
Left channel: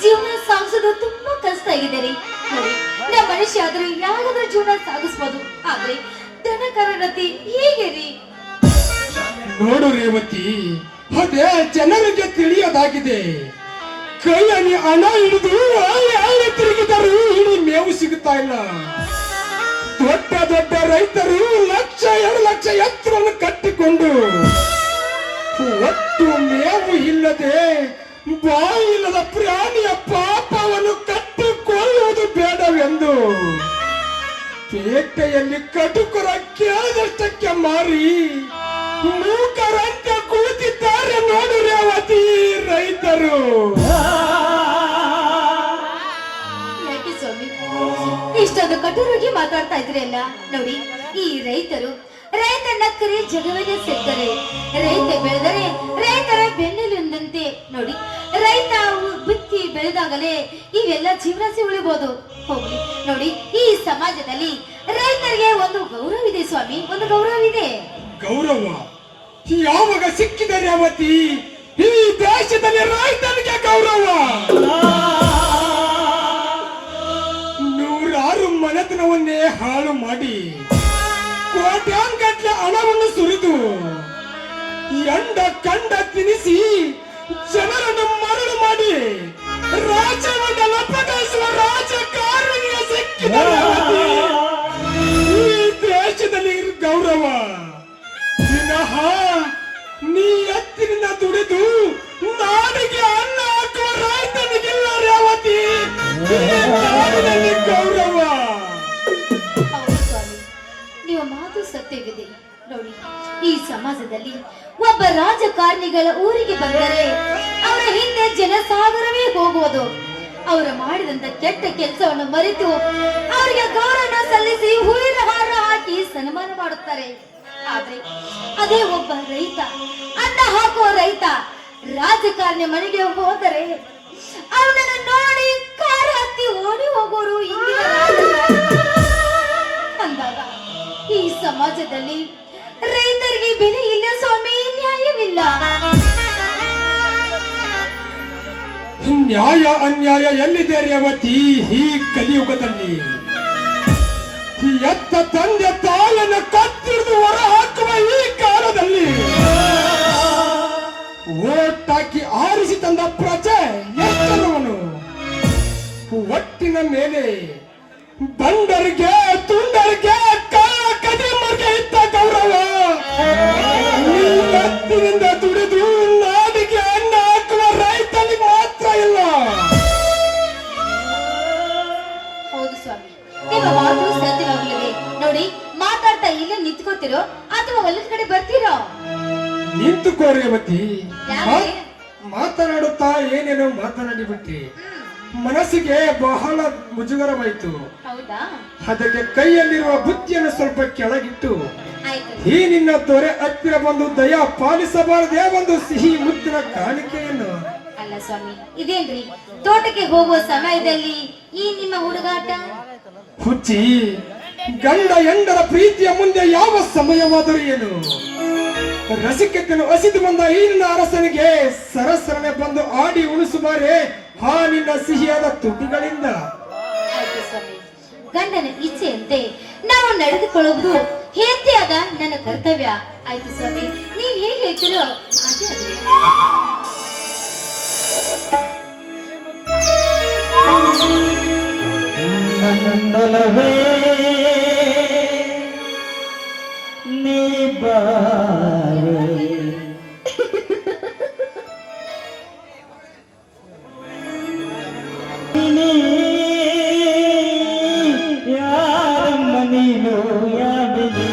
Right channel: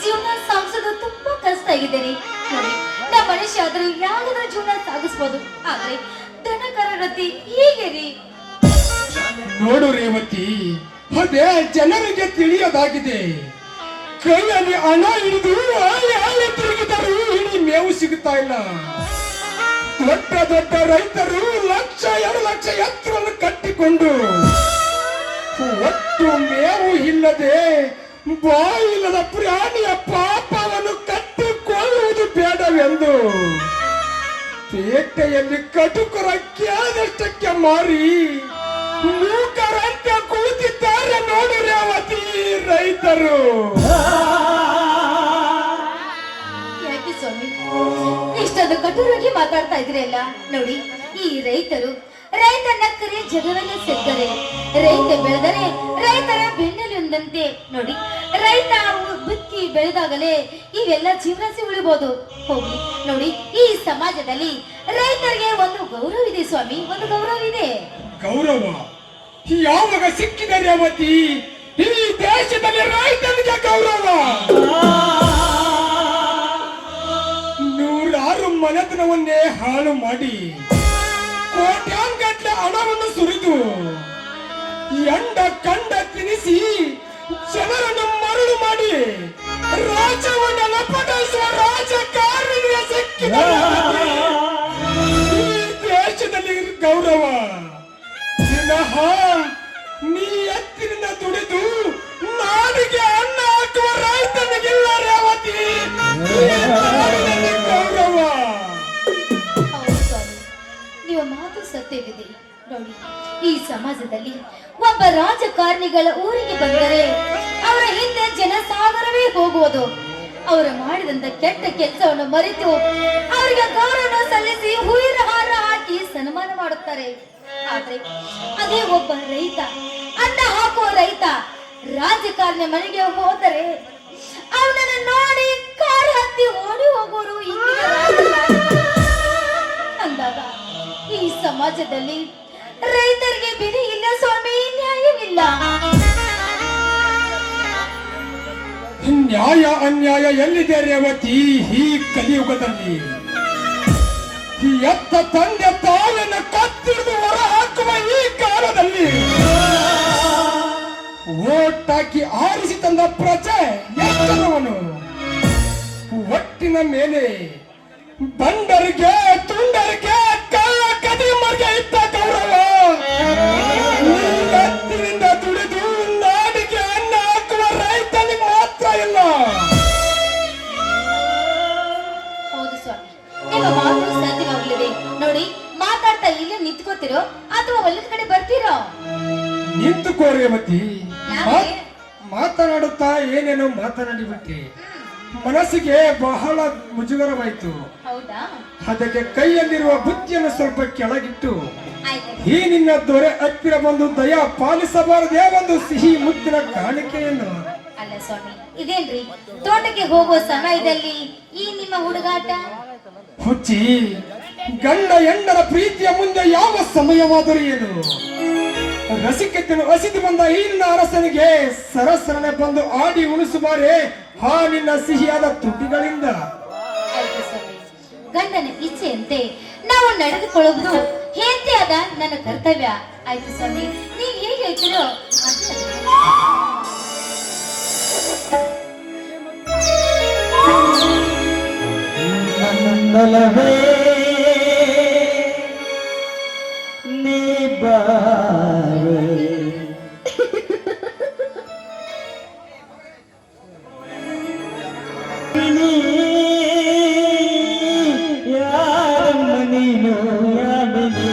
ಜೀವನ ಸಾಗಿಸೋದು ತುಂಬಾ ಕಷ್ಟ ಆಗಿದೆ ರೀ. ನೋಡಿ, ನಮ್ಮ ಮನುಷ್ಯ ಆದ್ರೂ ಯಾರಾದ್ರೂ ಜೀವನ ಸಾಗಿಸ್ಬೋದು, ಆದ್ರೆ ದನ ಕರಗತಿ ಹೀಗೆ ರೀ. ನೋಡು ರೇವತಿ, ಅದೇ ಜನರಿಗೆ ತಿಳಿಯೋದಾಗಿದೆ. ಕೈಯಲ್ಲಿ ಹಣ ಹಿಡಿದು ಆಳಿ ತಿರುಗಿದರೂ ಇಡೀ ಮೇವು ಸಿಗುತ್ತಾ ಇಲ್ಲ. ದೊಡ್ಡ ದೊಡ್ಡ ರೈತರು 1,00,000 2 ಲಕ್ಷ ಎತ್ತರನ್ನು ಕಟ್ಟಿಕೊಂಡು ಒಟ್ಟು ಮೇವು ಇಲ್ಲದೆ ಬಾಯಿಲ್ಲದ ಪ್ರಾಣಿಯ ಪಾಪವನ್ನು ಕಟ್ಟಿಕೊಳ್ಳುವುದು ಬೇಡವೆಂದು ಪೇಟೆಯಲ್ಲಿ ಕಟುಕರ ಕೇಳದಷ್ಟಕ್ಕೆ ಮಾರಿ ಮೂಕರಂತೆ ಕುಳಿತಿದ್ದಾರೆ ನೋಡು ರೇವತಿ ರೈತರು. ಯಾಕೆ ಸ್ವಾಮಿ ಇಷ್ಟೊಂದು ಕಠೋರವಾಗಿ ಮಾತಾಡ್ತಾ ಇದ್ರಲ್ಲ? ನೋಡಿ, ಈ ರೈತರು ರೈತನ ಕರೆ ಜಗವನ್ನೇ ಸೆತ್ತರೆ, ರೈತ ಬೆಳೆದರೆ ರೈತರ ಬೆನ್ನೆಲುಬಂತೆ. ನೋಡಿ, ರೈತ ಬಿತ್ತಿ ಬೆಳೆದಾಗಲೇ ಇವೆಲ್ಲ ಜೀವನ ಉಳಿಬಹುದು. ಹೋಗ್ಲಿ ನೋಡಿ, ಈ ಸಮಾಜದಲ್ಲಿ ರೈತರಿಗೆ ಒಂದು ಗೌರವವಿದೆ ಸ್ವಾಮಿ, ಒಂದು ಗೌರವವಿದೆ. ಗೌರವ ಯಾವಾಗ ಸಿಕ್ಕಿದೆ ರೇವತಿ? ಈ ದೇಶದಲ್ಲಿ ರೈತನಿಗೆ ಗೌರವ. 100 ಮನೆತನವನ್ನೇ ಹಾಳು ಮಾಡಿ ಕೋಟ್ಯಾಂಗಟ್ಟಲೆ ಹಣವನ್ನು ಸುರಿದು ಎಂಡ ಕಂಡ ತಿನಿಸಿ ಜನರನ್ನು ಮರಳು ಮಾಡಿ ರಾಜ್ಯವನ್ನು ಲಪಟಿಸುವ ರಾಜಕಾರಣಿಗೆ ಸಿಕ್ಕಿದೆ ರೇವತಿ. ಈ ದೇಶದಲ್ಲಿ ಗೌರವ ದಿನಹ ನೀ ಎತ್ತಿನಿಂದ ದುಡಿದು ನಾಡಿಗೆ ಅನ್ನ ಹಾಕುವ ರೈತನಿಗಿಲ್ಲ ರೇವತಿ ಗೌರವ. ಹೌದು ಸ್ವಾಮಿ, ನಿಮ್ಮ ಮಾತು ಸತ್ಯವಿದೆ. ನೋಡಿ, ಈ ಸಮಾಜದಲ್ಲಿ ಒಬ್ಬ ರಾಜಕಾರಣಿಗಳ ಊರಿಗೆ ಬಂದರೆ ಅವರ ಹಿಂದೆ ಜನಸಾಗರವೇ ಹೋಗುವುದು. ಅವರು ಮಾಡಿದಂತ ಕೆಟ್ಟ ಕೆಲಸವನ್ನು ಮರೆತು ಅವರಿಗೆ ಗೌರವ ಸಲ್ಲಿಸಿ ಹೂವಿನ ಹಾರ ಹಾಕಿ ಸನ್ಮಾನ ಮಾಡುತ್ತಾರೆ. ಆದ್ರೆ ಅದೇ ಒಬ್ಬ ರೈತ, ಅನ್ನ ಹಾಕುವ ರೈತ ರಾಜಕಾರಣಿ ಮನೆಗೆ ಹೋದರೆ ಅವನನ್ನು ನೋಡಿ ಕಾರು ಹತ್ತಿ ಓಡಿ ಹೋಗೋರು ಅಂದಾಗ ಈ ಸಮಾಜದಲ್ಲಿ ರೈತರಿಗೆ ಬೆಲೆ ಇಲ್ಲ ಸ್ವಾಮಿ, ನ್ಯಾಯವಿಲ್ಲ. ನ್ಯಾಯ ಅನ್ಯಾಯ ಎಲ್ಲಿದೆ ರೇವತಿ ಈ ಕಲಿಯುಗದಲ್ಲಿ? ಎತ್ತ ತಂದೆ ತಾಳನ್ನು ಕತ್ತಿರಿದು ಹೊರ ಹಾಕುವ ಈ ಕಾಲದಲ್ಲಿ ಓಟ್ ಹಾಕಿ ಆರಿಸಿ ತಂದ ಪ್ರಜೆ ಎಷ್ಟರವನು? ಒಟ್ಟಿನ ಮೇಲೆ ಬಂಡರಿಗೆ ತುಂಡರಿಗೆ ಕಳ್ಳ ಕದಿಮರಿಗೆ ಇದ್ದ ಗೌರವ ಎತ್ತಿನಿಂದ ದುಡಿದು ನಾಡಿಗೆ ಅನ್ನ ಹಾಕುವ ರೈತನಿಗೆ ಮಾತ್ರ ಇಲ್ಲ. ಹೌದು ಸ್ವಾಮಿ, ನಿಮ್ಮ ಮಾತು ಸತ್ಯವಾಗಲಿದೆ. ನೋಡಿ, ಮಾತಾಡ್ತಾ ಇಲ್ಲ ನಿಂತ್ಕೋತಿರೋ ಅಥವಾ ಹೊಲದ ಕಡೆ ಬರ್ತೀರೋ? ನಿಂತುಕೋ ರೇವತಿ. ಯಾಕೆ? ಮಾತನಾಡುತ್ತಾ ಏನೇನೋ ಮಾತನಾಡಿಬಿಟ್ಟಿ. ಮನಸ್ಸಿಗೆ ಬಹಳ ಮುಜುಗರವಾಯಿತು. ಹೌದಾ? ಅದಕ್ಕೆ ಕೈಯಲ್ಲಿರುವ ಬುದ್ಧಿಯನ್ನು ಸ್ವಲ್ಪ ಕೆಳಗಿಟ್ಟು ಆಯ್ತು. ಈ ನಿನ್ನ ದೊರೆ ಹತ್ತಿರ ಬಂದು ದಯಾ ಪಾಲಿಸಬಾರದೇ ಒಂದು ಸಿಹಿ ಮುತ್ತಿನ ಕಾಣಿಕೆಯನ್ನು. ಅಲ್ಲ ಸ್ವಾಮಿ, ಇದೇನ್ರಿ ತೋಟಕ್ಕೆ ಹೋಗುವ ಸಮಯದಲ್ಲಿ ಈ ನಿಮ್ಮ ಹುಡುಗಾಟ? ಹುಚ್ಚಿ, ಗಂಡ ಹೆಂಡರ ಪ್ರೀತಿಯ ಮುಂದೆ ಯಾವ ಸಮಯವಾದರೂ ಏನು? ರಸಿಕತೆಯನ್ನು ಹಸಿದು ಬಂದ ಈ ನಿನ್ನ ಅರಸನಿಗೆ ಸರಸರನೆ ಬಂದು ಆಡಿ ಉಳಿಸುವಾರೆ ಆ ನಿನ್ನ ಸಿಹಿಯಾದ ತುಟಿಗಳಿಂದ. ಆಯ್ತು ಸ್ವಾಮಿ, ಗಂಡನ ಇಚ್ಛೆಯಂತೆ ನಾವು ನಡೆದುಕೊಳ್ಳುವುದು ಹೆಂಡತಿಯಾದ ನನ್ನ ಕರ್ತವ್ಯ. ಆಯ್ತು ಸ್ವಾಮಿ, ನೀವ್ ಹೇಗೆ ಹೇಳ್ತೀರೋ ಹಾಗೆ ನಂದಲವೇ ನೀ ಬಾರೆ ಯಾರಮ್ಮ ನೀನು ಯಾರಿನಿ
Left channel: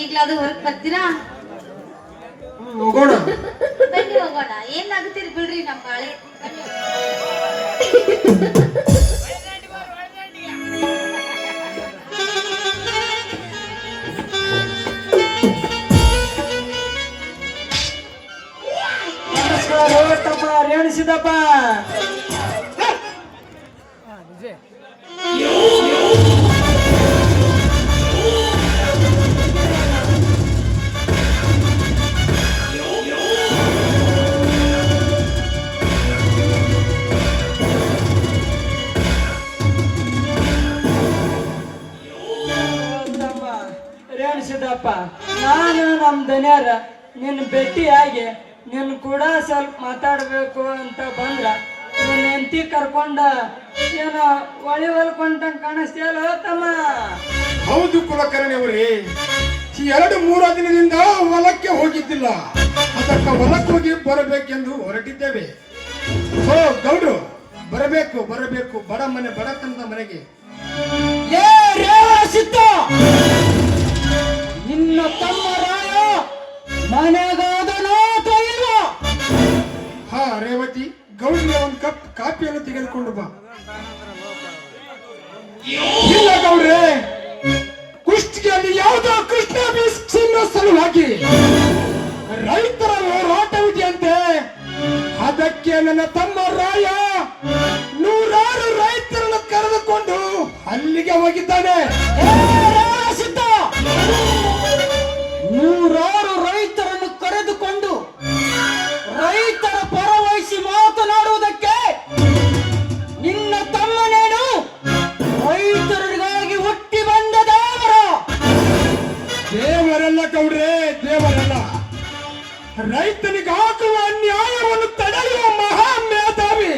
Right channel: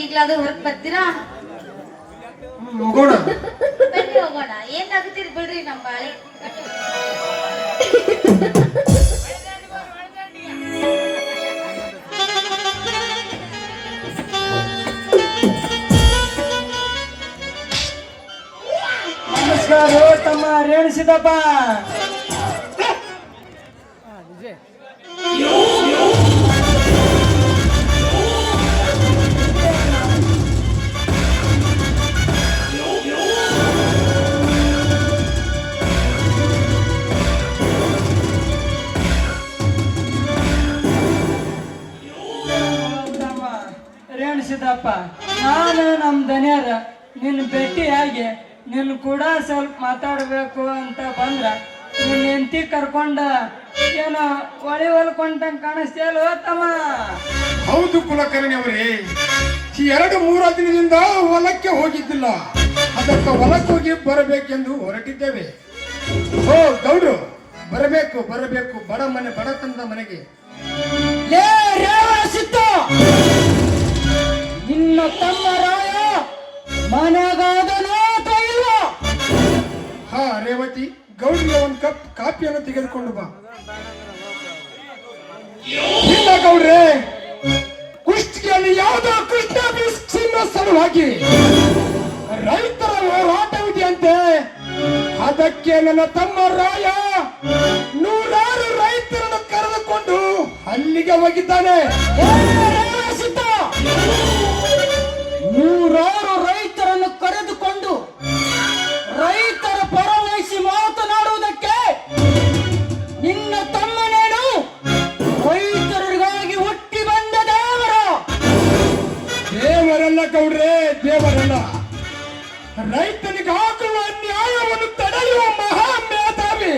ಈಗ್ಲಾದ್ರೂ ಹೊರಗ್ ಬರ್ತೀರಾ? ಹೋಗೋಣ. ಬನ್ನಿ ಹೋಗೋಣ. ಏನಾಗುತ್ತೀರಿ ಬಿಡ್ರಿ ನಮ್ಮ ಬಾಳೆ. ನಮಸ್ಕಾರ ತಮ್ಮ ರೇಣಿಸಿದಪ್ಪ. ಅತಿಥಿಯಾಗಿ ನಿನ್ ಕೂಡ ಸ್ವಲ್ಪ ಮಾತಾಡ್ಬೇಕು ಅಂತ ಬಂದ್ರ ನಿನ್ ಹೆಂಡತಿ ಕರ್ಕೊಂಡ ಏನೋ ಒಳಿ ಹೊಲ್ಕೊಂಡಂಗ್ ಕಾಣಿಸ್ತೇಲೋ ತಮ್ಮ. ಹೌದು ಕುಲಕರ್ಣಿಯವರೇ, ಈ 2-3 ದಿನದಿಂದ ಹೊಲಕ್ಕೆ ಹೋಗಿದ್ದಿಲ್ಲ. ಅದಕ್ಕೆ ಹೊಲಕ್ಕೆ ಹೋಗಿ ಬರಬೇಕೆಂದು ಹೊರಟಿದ್ದೇವೆ. ಓ ಗೌಡ್ರು, ಬರಬೇಕು ಬರಬೇಕು, ಬಡ ಮನೆ ಬಡತನದ ಮನೆಗೆ. ಲೇ ರೇವಣ ನಿನ್ನ ತಮ್ಮ ರಾಯ ಮನೆಗಾದನೋ ಅಥವಾ ಇಲ್ವೋ? ಹಾ ರೇವತಿ, ಗೌಡ್ರಿಗೆ ಒಂದು ಕಪ್ ಕಾಫಿಯನ್ನು ತೆಗೆದುಕೊಂಡು ಬಾ. ಇಲ್ಲ ಗೌಡ್ರೆ, ಕುಷ್ಟಿಗೆಯನ್ನು ಯಾವುದೋ ಕೃಷ್ಣ ಬೀಸಿನ ಸಲುವಾಗಿ ರೈತರ ಹೋರಾಟವಿದೆಯಂತೆ. ಅದಕ್ಕೆ ನನ್ನ ತಮ್ಮ ರಾಯ 100 ರೈತರನ್ನು ಕರೆದುಕೊಂಡು ಅಲ್ಲಿಗೆ ಹೋಗಿದ್ದಾನೆ. 100 ರೈತರನ್ನು ಕರೆದುಕೊಂಡು ರೈತರ ಪರವಹಿಸಿ ಮಾತನಾಡುವುದಕ್ಕೆ ನಿನ್ನ ತಮ್ಮನೇನು ರೈತರಿಗಾಗಿ ಹುಟ್ಟಿ ಬಂದ ದೇವರ? ದೇವರಲ್ಲ ಗೌಡ್ರೆ, ದೇವರಲ್ಲ. ರೈತನಿಗೆ ಹಾಕುವ ಅನ್ಯಾಯವನ್ನು ತಡೆಯುವ ಮಹಾ ಮೇಧಾವಿ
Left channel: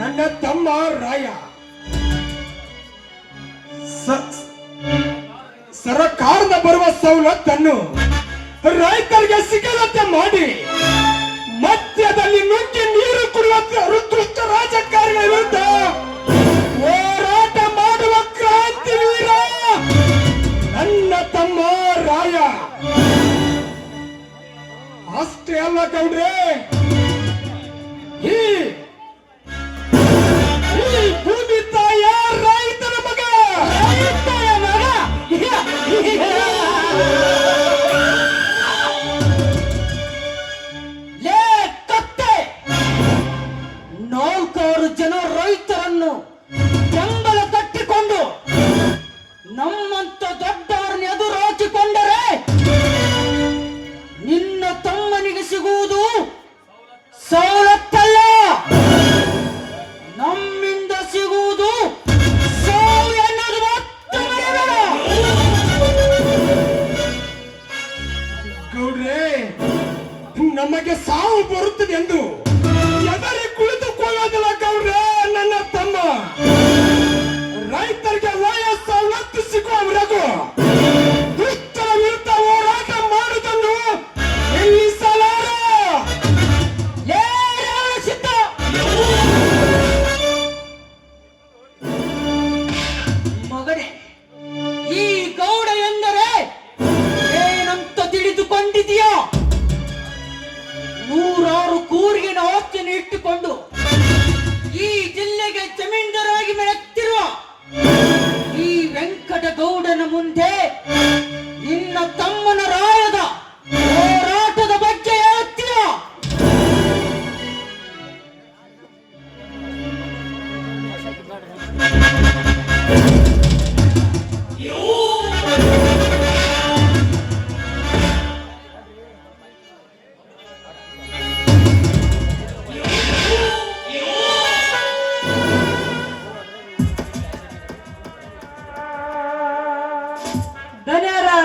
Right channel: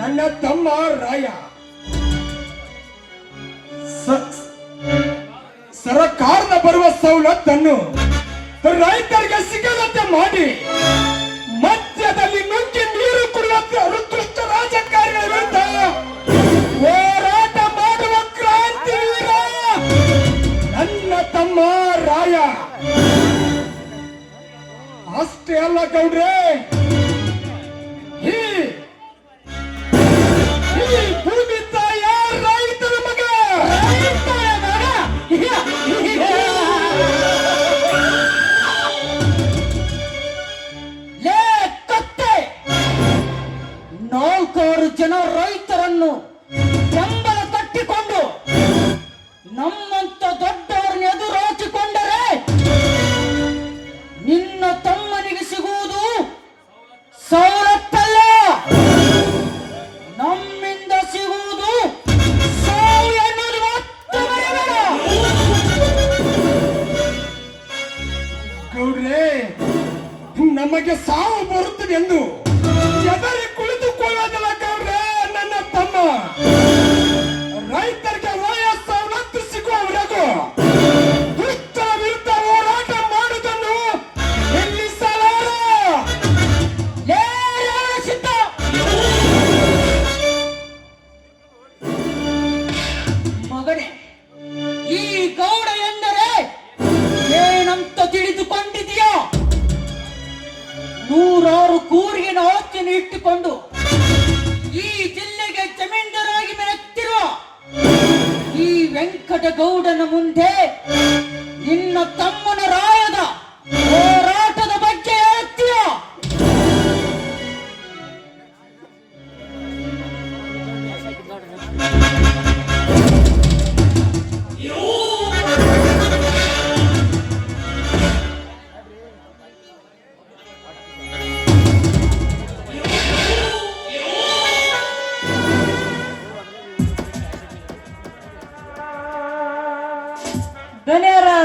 ನನ್ನ ತಮ್ಮ ರಾಯ. ಸರ್ಕಾರದ ಬರುವ ಸವಲತ್ತನ್ನು ರೈತರಿಗೆ ಸಿಗದಂತೆ ಮಾಡಿ ಮಧ್ಯದಲ್ಲಿ ನುಗ್ಗಿ ನೀರು ಕುಡಿಯುವ ದುಷ್ಟ ರಾಜಕಾರಣಿಗಳ ವಿರುದ್ಧ ಹೋರಾಟ ಮಾಡುವ ಕ್ರಾಂತಿ ವೀರ ನನ್ನ ತಮ್ಮ ರಾಯ. ಅಷ್ಟೇ ಅಲ್ಲ ಗೌಡ್ರೆ, ಈ ಭೂಮಿ ತಾಯ ರೈತರ ಮಗ. ಲೇ ಕತ್ತೆ, 4 ಜನ ರೈತರನ್ನು ಬೆಂಬಲ ಕಟ್ಟಿಕೊಂಡು ನಮ್ಮಂತ ದೊಡ್ಡವರನ್ನು ಎದುರಾಚಿಕೊಂಡರೆ ನಿನ್ನ ತಮ್ಮನಿಗೆ ಸಿಗುವುದು ಸವಲತ್ತಲ್ಲ, ನಮ್ಮಿಂದ ಸಿಗುವುದು ಸಾವು ಎನ್ನುವುದು ಮಾತ್ರ ಮರೆಯಬೇಡ. ಗೌಡ್ರೆ, ನಮಗೆ ಸಾವು ಬರುತ್ತದೆ ಎಂದು ಎದರೆ ಕುಳಿತುಕೊಳ್ಳೋದಿಲ್ಲ ಗೌಡ್ರೆ. ನನ್ನ ತಮ್ಮ ರೈತರಿಗೆ ವಯಸ್ಸು ಸಿಗುವವರೆಗೂ ದುಷ್ಟರ ವಿರುದ್ಧ ಹೋರಾಟ ಮಾಡುವುದನ್ನು ನಿಲ್ಲಿಸಲಾರ. ಲೇ ರಾಸಿತ, ಮಗನೇ, ಈ ಗೌಡ ಎಂದರೆ ಏನಂತ ತಿಳಿದುಕೊಂಡಿದೆಯೋ? 100 ಕೂರಿಗೆ ಆಸ್ತಿಯನ್ನು ಇಟ್ಟುಕೊಂಡು ಈ ಜಿಲ್ಲೆಗೆ ಜಮೀನ್ದಾರಾಗಿ ಮೆರೆತಿರುವ ಈ ವೆಂಕಟಗೌಡನ ಮುಂದೆ ನಿನ್ನ ತಮ್ಮನ ರಾಯದ ಹೋರಾಟದ ಬಗ್ಗೆ ಹೇಳ್ತೀಯ?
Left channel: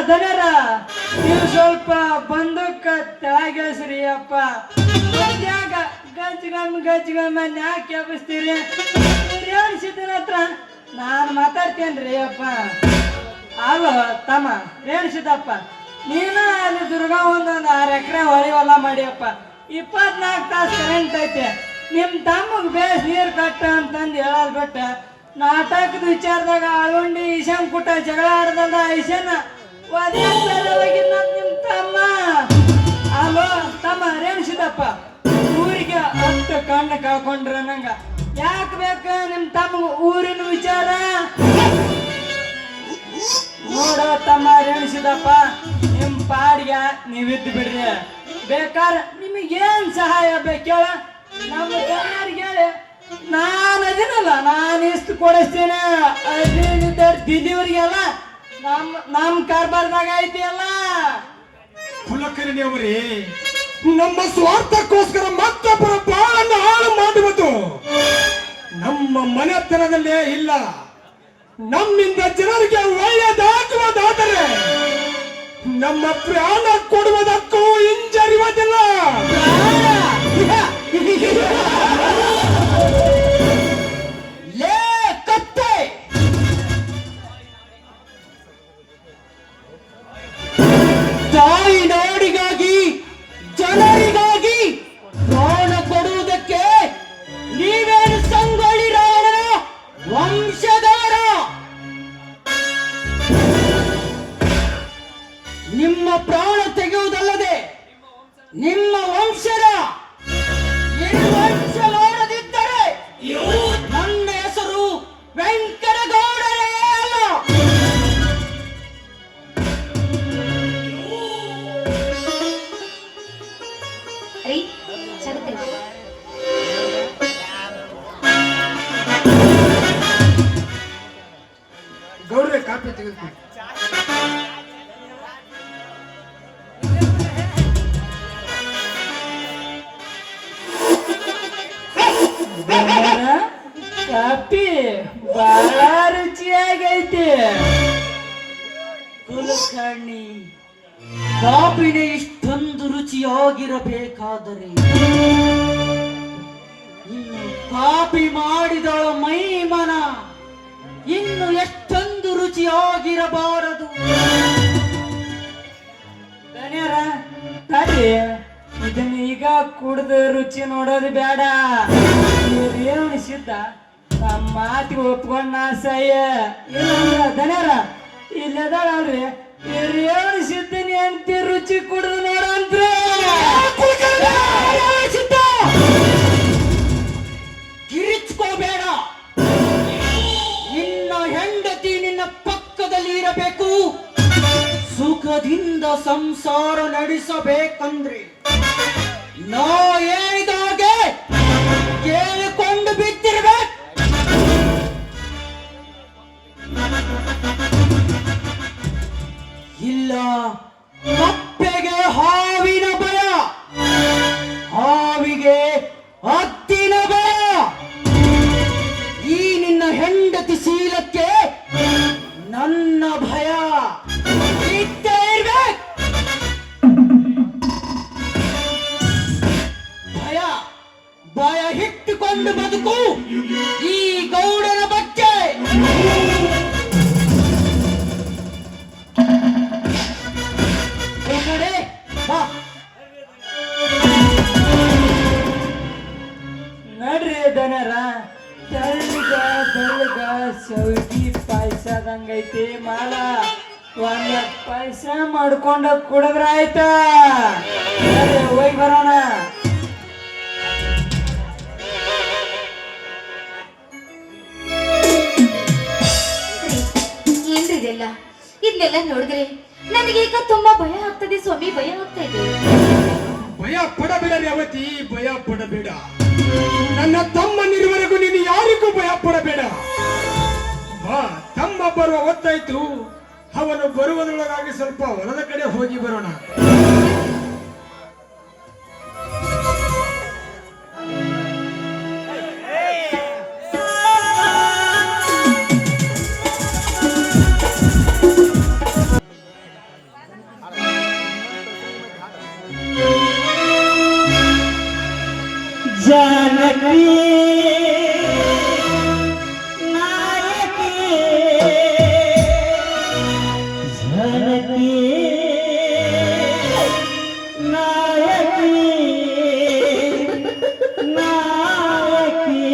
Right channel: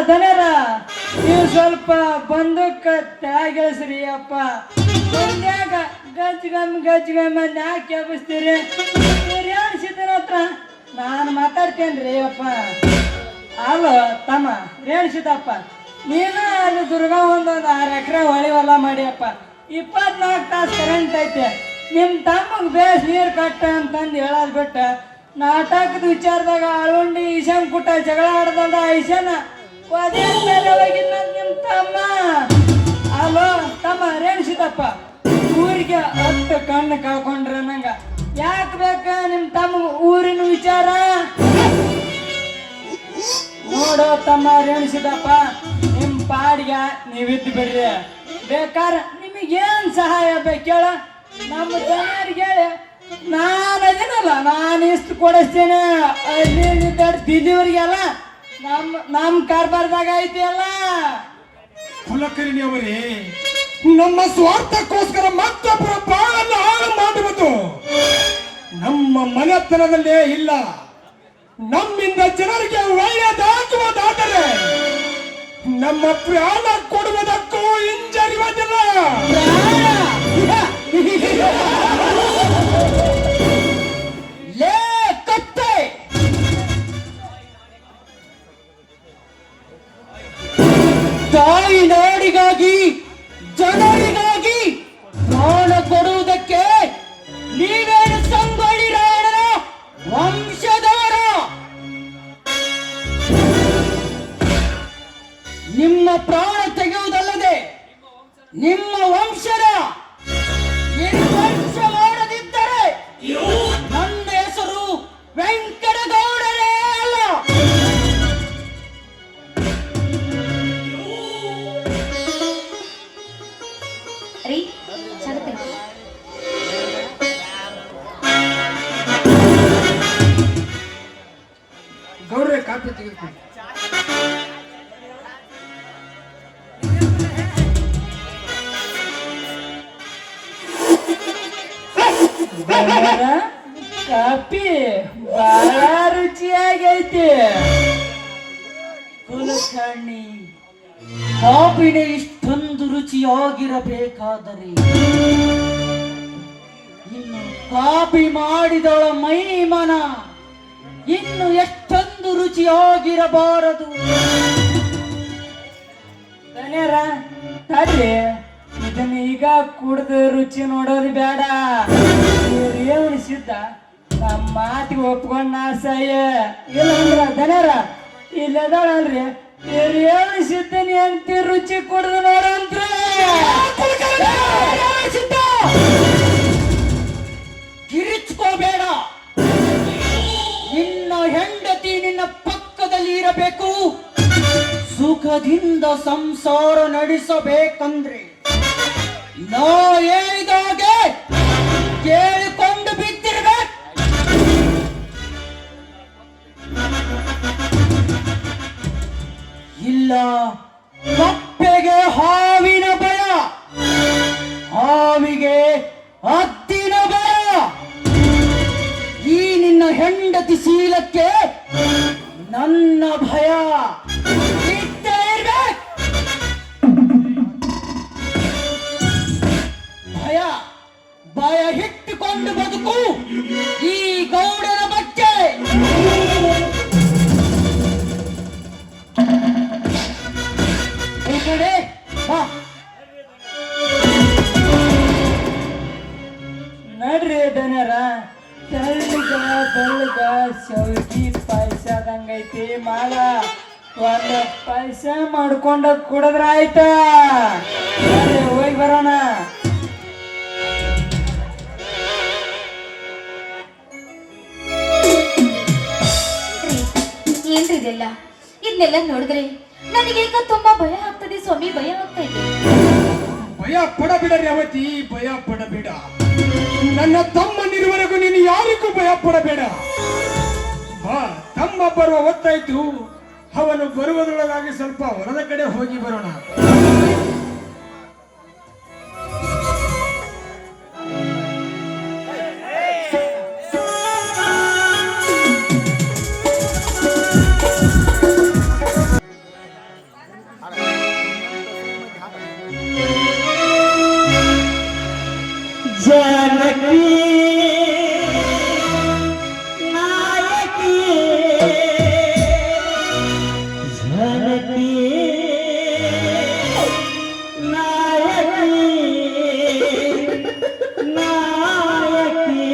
ಧನ್ಯರ ನೀವು ಸ್ವಲ್ಪ ಬಂದೂಕ ತೆಳಗಿಳಿಸ್ರಿ ಅಪ್ಪ. ಯಾಕ ಗಜ್ಗಮ್ಮ ಯಾಕೆ ಎಬ್ಬಿಸ್ತೀರಿ? ರೇಣಿಸಿದ್ದನ ಹತ್ರ ನಾನು ಮಾತಾಡ್ತೇನ್ರಿ ಅಪ್ಪ. ಅಲ್ವ ತಮ್ಮ ರೇಣಿಸಿದಪ್ಪ, ನೀನು ಅಲ್ಲಿ ದುರ್ಗ ಒಂದು 6 ಎಕರೆ ಹೊಳಿವಲ್ಲ ಮಾಡಿಯಪ್ಪ. 24 ತಾಸು ಕರೆಂಟ್ ಐತೆ. ನಿಮ್ ತಮ್ಮಗ್ ಬೇಸ್ ನೀರು ಕಟ್ಟ ಅಂತಂದು ಹೇಳೋದ್ ಬಿಟ್ಟ ನಾಟಕದ ವಿಚಾರದಾಗ ಅಳುಂಡಿ ಈಶಾನ್ ಕುಟ್ಟ ಜಗಳ ಆಡ್ದಂದ್ರ ಈಶಾನ ನಿಮ್ ತಮ್ಮ. ಅಲೋ ತಮ್ಮ ರೇಣಿಸಿದಪ್ಪ, ಊರಿಗೆ 10 ಕಣ್ಣು ಕಾಕೊಂಡ್ರ ನಂಗ ಯಾಕೆ ಬೇಕ ನಿಮ್ ತಮ್ಮ ಊರಿನ ವಿಚಾರ? ನೋಡೋ ತಮ್ಮ ರೇಣಿಸಿದಪ್ಪ, ನಿಮ್ ಪಾಡಿಗೆ ನೀವಿದ್ದು ಬಿಡ್ರಿ. ಬೇಕಾದ್ರೆ ನಿಮಗೇನ್ ಸಹಾಯ ಬೇಕೇಳ ನಮ್ಮ ಜನರಿಗೆ ಹೇಳಿ, ನಾನು ಅದೇನಲ್ಲ, ನಾನು ಎಷ್ಟು ಕೊಡಿಸ್ತೇನೆ. ದಿದಿಯವ್ರಿಗೆಲ್ಲ ನಮ್ ಕಾರ್ಬಾರ್ದಾಗ ಐತಿ ಅಲ್ಲ. ಕುಲಕರ್ಣಿಯವರೇ, ನಮ್ಮ ಸ್ವಾರ್ಥಕ್ಕೋಸ್ಕರ ಮತ್ತೊಬ್ಬರ ಬಾಳನ್ನು ಹಾಳು ಮಾಡುವುದು ನಮ್ಮ ಮನೆತನದಲ್ಲೇ ಇಲ್ಲ. ನಮ್ಮಿಂದ ಜನರಿಗೆ ಒಳ್ಳೆಯದಾಗುವುದಾದರೆ ನಮ್ಮ ಪ್ರಾಣ ಕೊಡುವುದಕ್ಕೂ ಕಾಫಿ ಬಹಳ ರುಚಿಯಾಗೈತಿ. ಕುಲಕರ್ಣಿ, ಕಾಫಿನೇ ಇಷ್ಟೊಂದು ರುಚಿಯಾಗಿರಬೇಕಾದರೆ ಇನ್ನು ಕಾಫಿ ಮಾಡಿದಳ ಮೈ ಮನ ಇನ್ನು ಎಷ್ಟೊಂದು ರುಚಿಯಾಗಿರಬಾರದು. ಧನ್ಯರ ತಡ್ರಿ, ಇದನ್ನ ಈಗ ಕುಡ್ದು ರುಚಿ ನೋಡೋದು ಬೇಡ. ರೇವಣಿ ಸಿದ್ಧ ನಮ್ಮ ಮಾತಿಗೆ ಒಪ್ಕೊಂಡ್ ನಾಸಾಯ ಇಲ್ಲ ಧನ್ಯರ ಇಲ್ಲದಳಲ್ರಿ ರೇವಣಿ ಸಿದ್ಧನಿ ಅಂತ ರುಚಿ ಕುಡ್ದು ನೋಡಂತ್ರಿ. ಕಿರಿಚ್ಕೋಬೇಡ. ನಿನ್ನ ಹೆಂಡತಿ ನಿನ್ನ ಪಕ್ಕದಲ್ಲಿ ಇರಬೇಕು. ಸುಖದಿಂದ ಸಂಸಾರ ನಡೆಸಬೇಕಂದ್ರೆ ನಾ ಹೇಳಿದಾಗೆ ಕೇಳಿಕೊಂಡು ಬಿದ್ದಿರ್ಬೇಕು. ಇಲ್ಲ ಕಪ್ಪೆಗೆ ಹಾವಿನ ಭಯ, ಹಾವಿಗೆ ಹದ್ದಿನ ಭಯ. ಈ ನಿನ್ನ ಹೆಂಡತಿ ಶೀಲಕ್ಕೆ ನನ್ನ ಭಯ ಇದ್ದೇ ಇರ್ಬೇಕು. ಭಯ ಭಯ ಇಟ್ಟುಕೊಂಡು ಬದುಕು ಈ ಗೌಡನ ಬಗ್ಗೆ. ಈ ಕಡೆ ಬಾ. ನಡ್ರಿ ದನರ, ತೆಳ್ಳಗ ಬೆಳ್ಳಗ ಸೌಗಿ ಪಾಯಸದಂಗೈತಿ ಮಾಲ. ಒಂದ ಪಾಯಸ ಮಾಡ್ಕೊಂಡ ಕುಡಿದ್ರ ಆಯ್ತಾ? ಹೋಗಿ ಬರೋಣ. ಏನ್ರಿ ಇದೆಲ್ಲ? ಇದನ್ನೆಲ್ಲ ನೋಡಿದ್ರೆ ನನಗೀಗ ತುಂಬಾ ಭಯ ಆಗ್ತದೆ ಸ್ವಾಮಿ, ಭಯ ಆಗ್ತಾ ಇದೆ. ಭಯ ಪಡಬೇಡ ರೇವತಿ, ಭಯ ಪಡಬೇಡ. ನನ್ನ ತಮ್ಮನಿರುವರೆಗೂ ನೀನು ಯಾರಿಗೂ ಭಯ ಪಡಬೇಡ. ಬಾ, ತಮ್ಮ ಬರುವ ಹೊತ್ತಾಯ್ತು. ಅವನು ಬರುವುದರೊಳಗಾಗಿ ಸ್ವಲ್ಪ ಹೊರದ ಕಡೆ ಹೋಗಿ ಬರೋಣ. जानकी नायकी, जानकी नायकी, नायकी.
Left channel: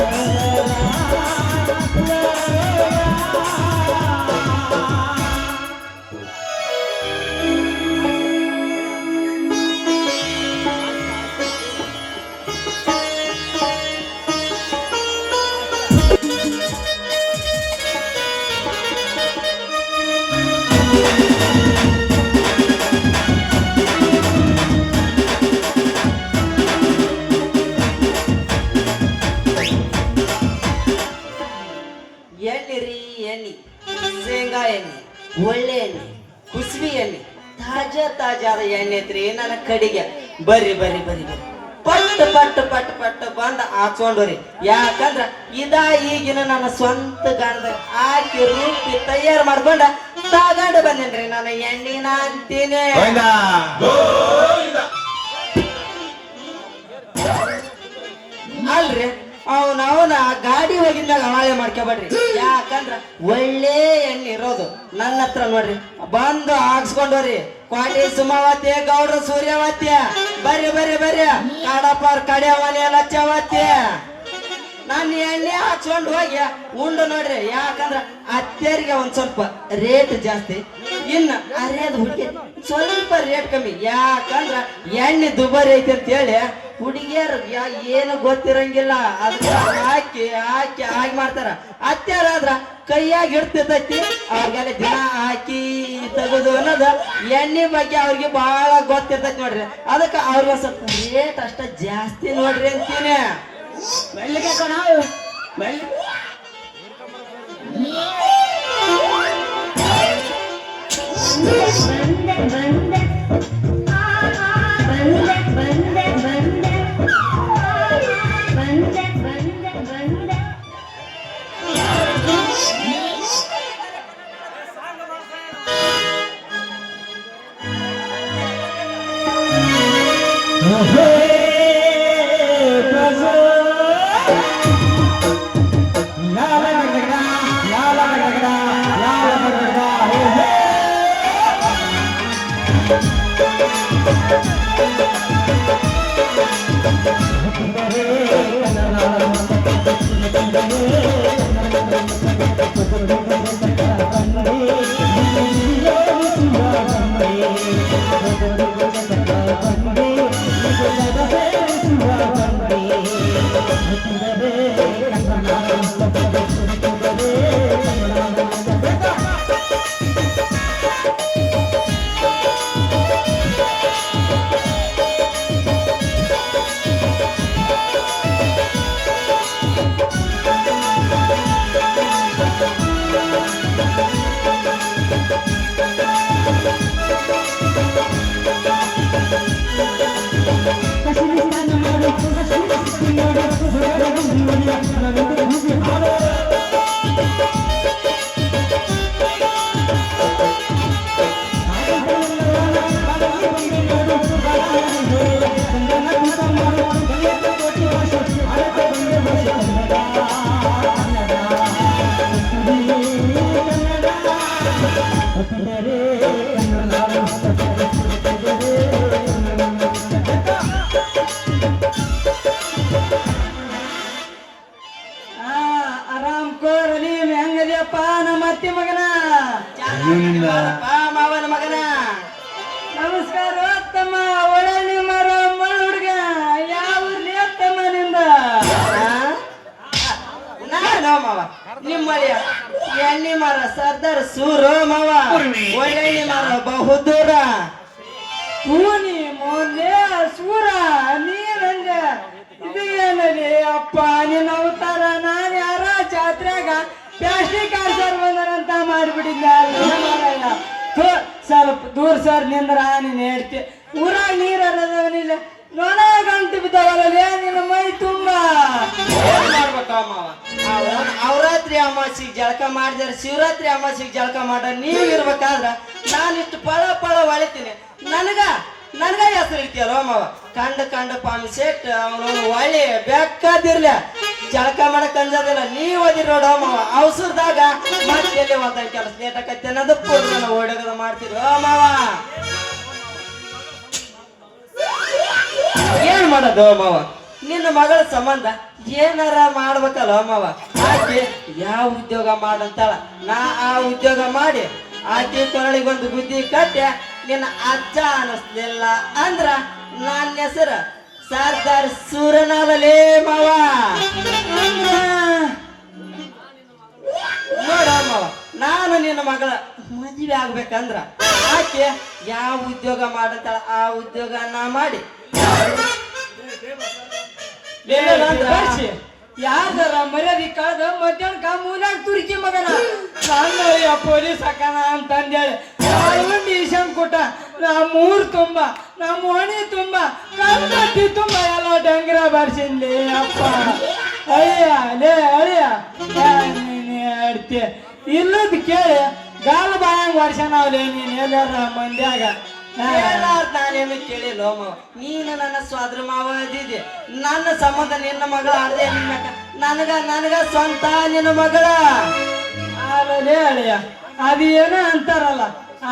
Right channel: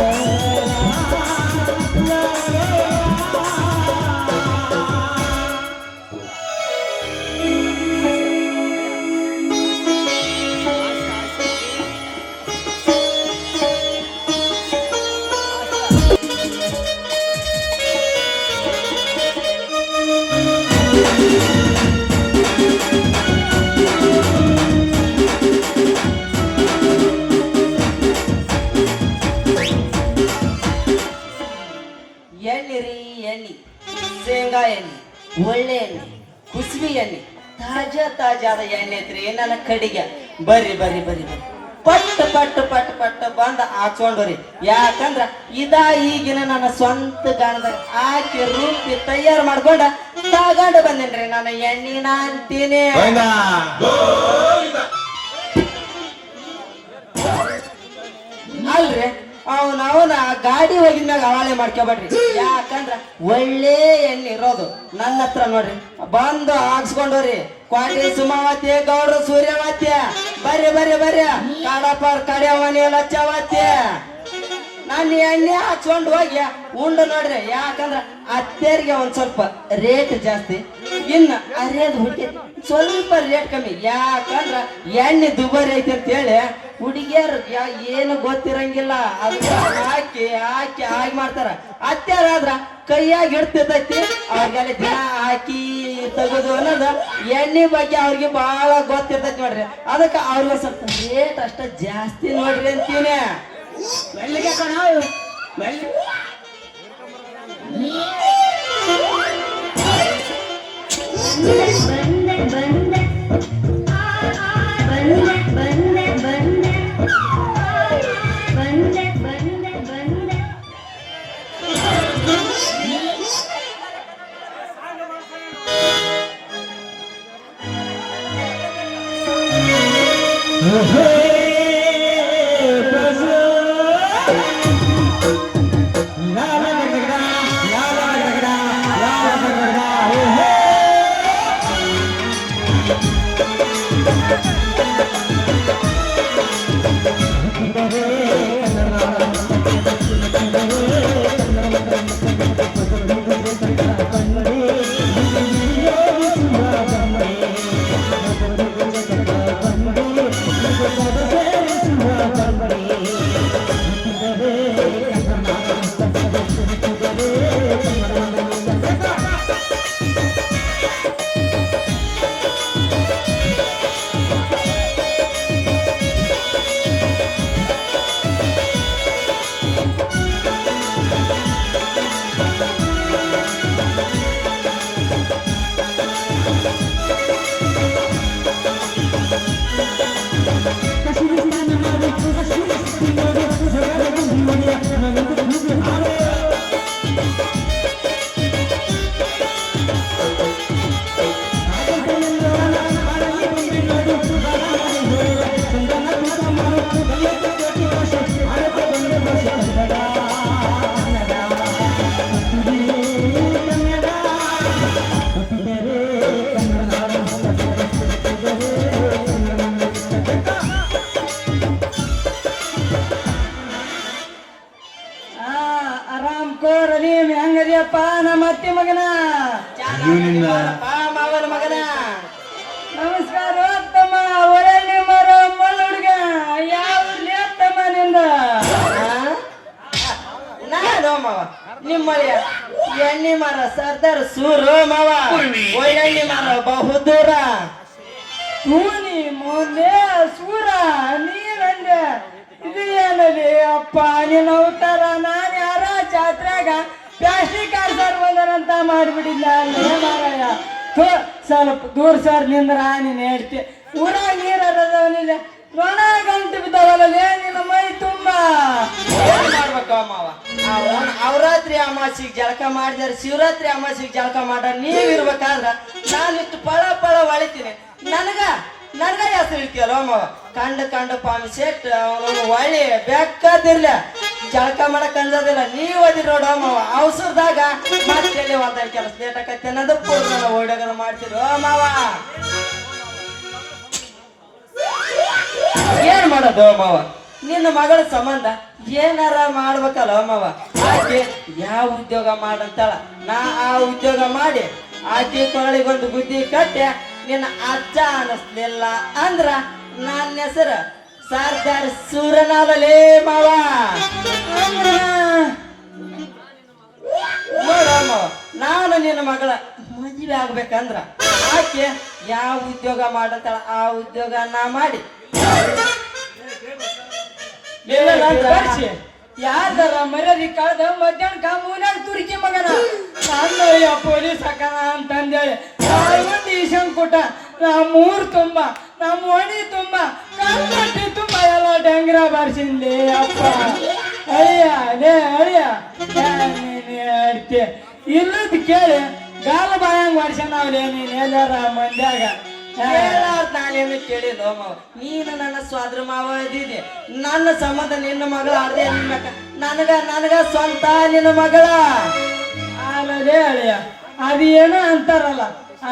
Hey ಎಣ್ಣೆ, ಶೇಂಗಾ ಎಣ್ಣೆ, ಒಳ್ಳೆ ಎಣ್ಣೆ, ಕುಸುಬಿ ಎಣ್ಣೆ, ತಾಜಾದ ಎಣ್ಣೆ ಐತ್ರಿ ನನ್ನ ಕಡೆಗೆ. ಬರ್ರಿ ಬರ್ರಿ ಬರ್ರಿ ಬರ್ರಿ ಪಟ್ಟು ಪಟ್ಟು ಪಟ್ಟು ಪಟ್ಟು ಬಂದ ಹಾಕೊಂಡ್ರಿ. ಯಾಕಂದ್ರ ಈಗಿನ ನನ್ನ ಸ್ವಂತ ಗಣದ ಹಾಕಿ ರುಬ್ಬಿ ತಯಾರು ಮಾಡ್ಕೊಂಡ ತಗೊಂಡು ಬಂದೇನ್ರಿ ನನ್ನ ಎಣ್ಣಿನ ಅಂತೀನಿ. ಅಲ್ರಿ ಅವನ ಗಾಡಿ ಹೋಗಿದ್ದಾಗ ಹವಾಳೆ ಮಾಡ್ಕೊಬೇಡ್ರಿ. ಯಾಕಂದ್ರ ಒಳ್ಳೆ ಎಣ್ಣೆ ಇರೋದು ನನ್ನ ಹತ್ರ ನೋಡ್ರಿ. ಬಂದು ಹಾಕ್ಸ್ಕೊಂಡ್ರಿ ಕ್ವಾಟಿ ಸುಮಾವತಿ, ಗೌಡ್ರ ಸೂರ್ಯವತಿ, ಬರ್ರಿ ಬರ್ರಿ ಬರ್ರಿ ಕಾಡಪ್ಪಾರ್ ಕಡೆ ಮನೆ ಲಚ್ಚವತಿ. ನಾನು ಎಣ್ಣೆ ಹಾಕ್ಸ್ಕೊಂಡು ಹೋಗಿ ಉಂಡು ನೋಡ್ರಿ. ಯಾಕಂದ್ರ ಅತ್ತೆರಿಗೆ ಒಂದ್ ಸ್ವಲ್ಪ ರೇಟ್ ಜಾಸ್ತಿ, ಇನ್ನ ಅರಿಯದು ಹುಟ್ಟಿ ಸ್ವಲ್ಪ ರೇಟ್ ಕಮ್ಮಿ. ಯಾಕಂದ್ರ ಎಣ್ಣೆ ದುಬಾರಿ ಐತಿ ಅಂತ ಹೇಳಿ ಹುಡುಗಿಯರು ಏನು ಗೊತ್ತಿರಂಗಿಲ್ಲ, ಅದಕ್ಕೆ ಹಾಕಿ ಹಾಕಿ ಹಾಕಿ ಮಾಡ್ತಾರ. ಅತ್ತೆರಾದ್ರ ಕೈಯಾಗಿ ಹಿಡ್ತಿರ್ತೈತಿ, ಅವ್ರಿಗೆಲ್ಲ ದಿನ ಹಾಕಿ ತೆಗೆದು ಅನ್ನೋದು ಎಣ್ಣೆ ಬಗ್ಗೆ ಅವ್ರಿಗೆ ಬಹಳ ಗೊತ್ತಿರ್ತೈತಿ ನೋಡ್ರಿ. ಅದಕ್ಕೆ ಅವ್ರಿಗೆ ಸ್ವಲ್ಪ ರೇಟ್ ಅಷ್ಟ ಜಾಸ್ತಿ ನೋಡ್ರಿ ಅಂತೀನಿ. ಮೆಲ್ಲಿಗೆ ಕಣ ಮೆಲ್ಲಿಗೆ. ಆರಾಮ್ ಕೋರಲಿ ಹೆಂಗದಿಯಪ್ಪ ನಮ್ಮ ಅತ್ತಿ ಮಗನ? ಮಾವನ ಮಗನ ನಮಸ್ಕಾರ ತಮ್ಮ. ಒಳ್ಳೆ ನಿಮ್ಮರ ಮಳ ಹುಡುಗ ಯಾವ ತಮ್ಮ ನಿಂದ? ನಾನು ಮಾವ ನಿಮ್ಮಳಿಯ ಎಣ್ಣೆ ಮರ ಸರ್ದಾರ್ ಸೂರು ಮಾವ. ಒಳ್ಳೆ ಮರ ಬಹುದೂರ ಕೂನಿ ಮುಂದೆ ಸೂರ ನೀರಂದೆ. ಇದು ಏನಲ್ಲಿ ಅಪ್ಪ ನಿನ್ನ ಅವತಾರ? ನಾನು ಯಾರ ಜಾತ್ರೆಗ ಪ್ಲಾಸ್ಟಿಕ್ ಆನ್ಸರ್ ಬಂದರಂತ ಮಾಡಿಬಿಟ್ಟಿದ್ದ. ಸ್ವಲ್ಪ ದೂರ ಸರ್ ನಿಂದ್ರ ನೀನು ಹೇಳ್ತಿ. ಊರಾಗ ನೀರಲ್ಲವನಿಲ್ಲ ನೊಣ ಗಂಟು ಬಿದ್ದವಲ್ಲ ನಿನ್ನ ಮೈ ತುಂಬ. ಅವರಾತ್ರಿ ಅಮಾಸಿಗೆ ಜಳಕ ಮಾಡಿದಾರೆ, ಶಿವರಾತ್ರಿ ಅಮಾಸಿಗೆ ಜಳಕ ಮಾಡ ನೀವಿರ್ಬೇಕಾದ್ರ ನಾನಿಷ್ಟು ಪಳ ಪಳ ಹೊಳಿತೀನಿ. ನನಗ ಹೆಸರು ಇಡ್ತೀಯ ಮಾವ. ಕಂಡ ಪಾಮಿ ಸೆಟ್ ಅವನು ಒಳ್ಳೆ ಬೇಕಾದಿರ್ಲ ಜಳಕ ಮಾಡಕ್ ಅಂಜದಿಲ್ಲ. ನೀವ್ ಓದಿರ್ ನೋಡ ಮಾವ. ಅವಸರದಾಗ ಮತ್ತೆ ಹೋದ ಕೆಲಸ ಲೇಟ್ ಆಕೈತೆ ಅನ್ನೋದು ಒಡೆಗರ ಮಾಡ್ತೀರಿ ಮಾವ. ಏನ್ ಮಾಡೋದು ಮಾವ? ನಿನ್ನ ಮಗಳ ಸಂಬಂಧ ಏನಾರ ಮಾಡ್ಬೇಕಲ್ಲ ಮಾವ. ಆಕೆ ಯಾವ ಉದ್ಯೋಗ ಮಾಡಂತಾಳ, ನಾ ಆ ಉದ್ಯೋಗ ಮಾಡಿ ಆಕೆ ಕೊರಳಿಗೊಂದು ಬುದ್ಧಿ ಕಟ್ಟಿ ನಿನ್ನ ಅಜ್ಜ ಅನ್ನಿಸ್ಲಿಲ್ಲ ಅಂದ್ರ ನನ್ನ ಹೆಸರು ಸರ್ದಾರ್ ಸೂರನಾಲೇ ಮಾವ. ನೋಡ ಮಾವ, ನಾನು ನಿನ್ನ ಮಗಳ ಮದುವೆ ಆಗ್ಬೇಕಂದ್ರ ಆಕೆ ಯಾವ ಉದ್ಯೋಗ ಮಾಡಂತಾಳ ಆ ಉದ್ಯೋಗ ನಾ ಮಾಡಿ ಯಾವ್ದಾರ ಮರ್ಯಾದಿ ಕಾದ ಮಧ್ಯಾಹ್ನ ಮೂರ್ಯಾಗ ತುರ್ಕಿ ಮಗನ ಪೊಲೀಸ್ ಹಾಕಣ ಅಂತಂದೇಳಿ ಒಂದು ಈಶನ್ ಕೊಟ್ಟ ನಮ್ಮ ಊರು ತುಂಬ ನಮ್ಮ ಓಣಿ ತುಂಬ ಕಲ್ಪಟ್ಟಿ ತುಂಬ ಎಲ್ಲ ಡಂಗ್ರ ಬರ್ಸಿನ್ಲಿ ಅಪ್ಪ ಅಳಿಯ ಅಡ್ತಿ ಇಲ್ಲದ ಕೇಳಿ ಗಾಲ ಬಾಯಂಗ್ ಮಾಡ್ಸಣವ್ಲೆ ನೀನ್ ಎಲ್ಲಾರ ಮಂದ್ಯಾಗ ನಾನೇನು ಕೇಳಿಲ್ಲ ನೀನು ನನ್ನ ಸ್ವಾದ್ರ ಮಾವ ಇದ್ದಿದ್ದೆ ನನ್ನ ಸಂಬಂಧ ನಿನ್ನ ಮಗಳ ಅದೇ ನನಗ ಸ್ವಂತ ನಿನ್ನ ಮಗಳ ಅಲ್ಲೇ ಅಳಿಯ ಅದು ಏನೋ ಅಂತಾರಲ್ಲ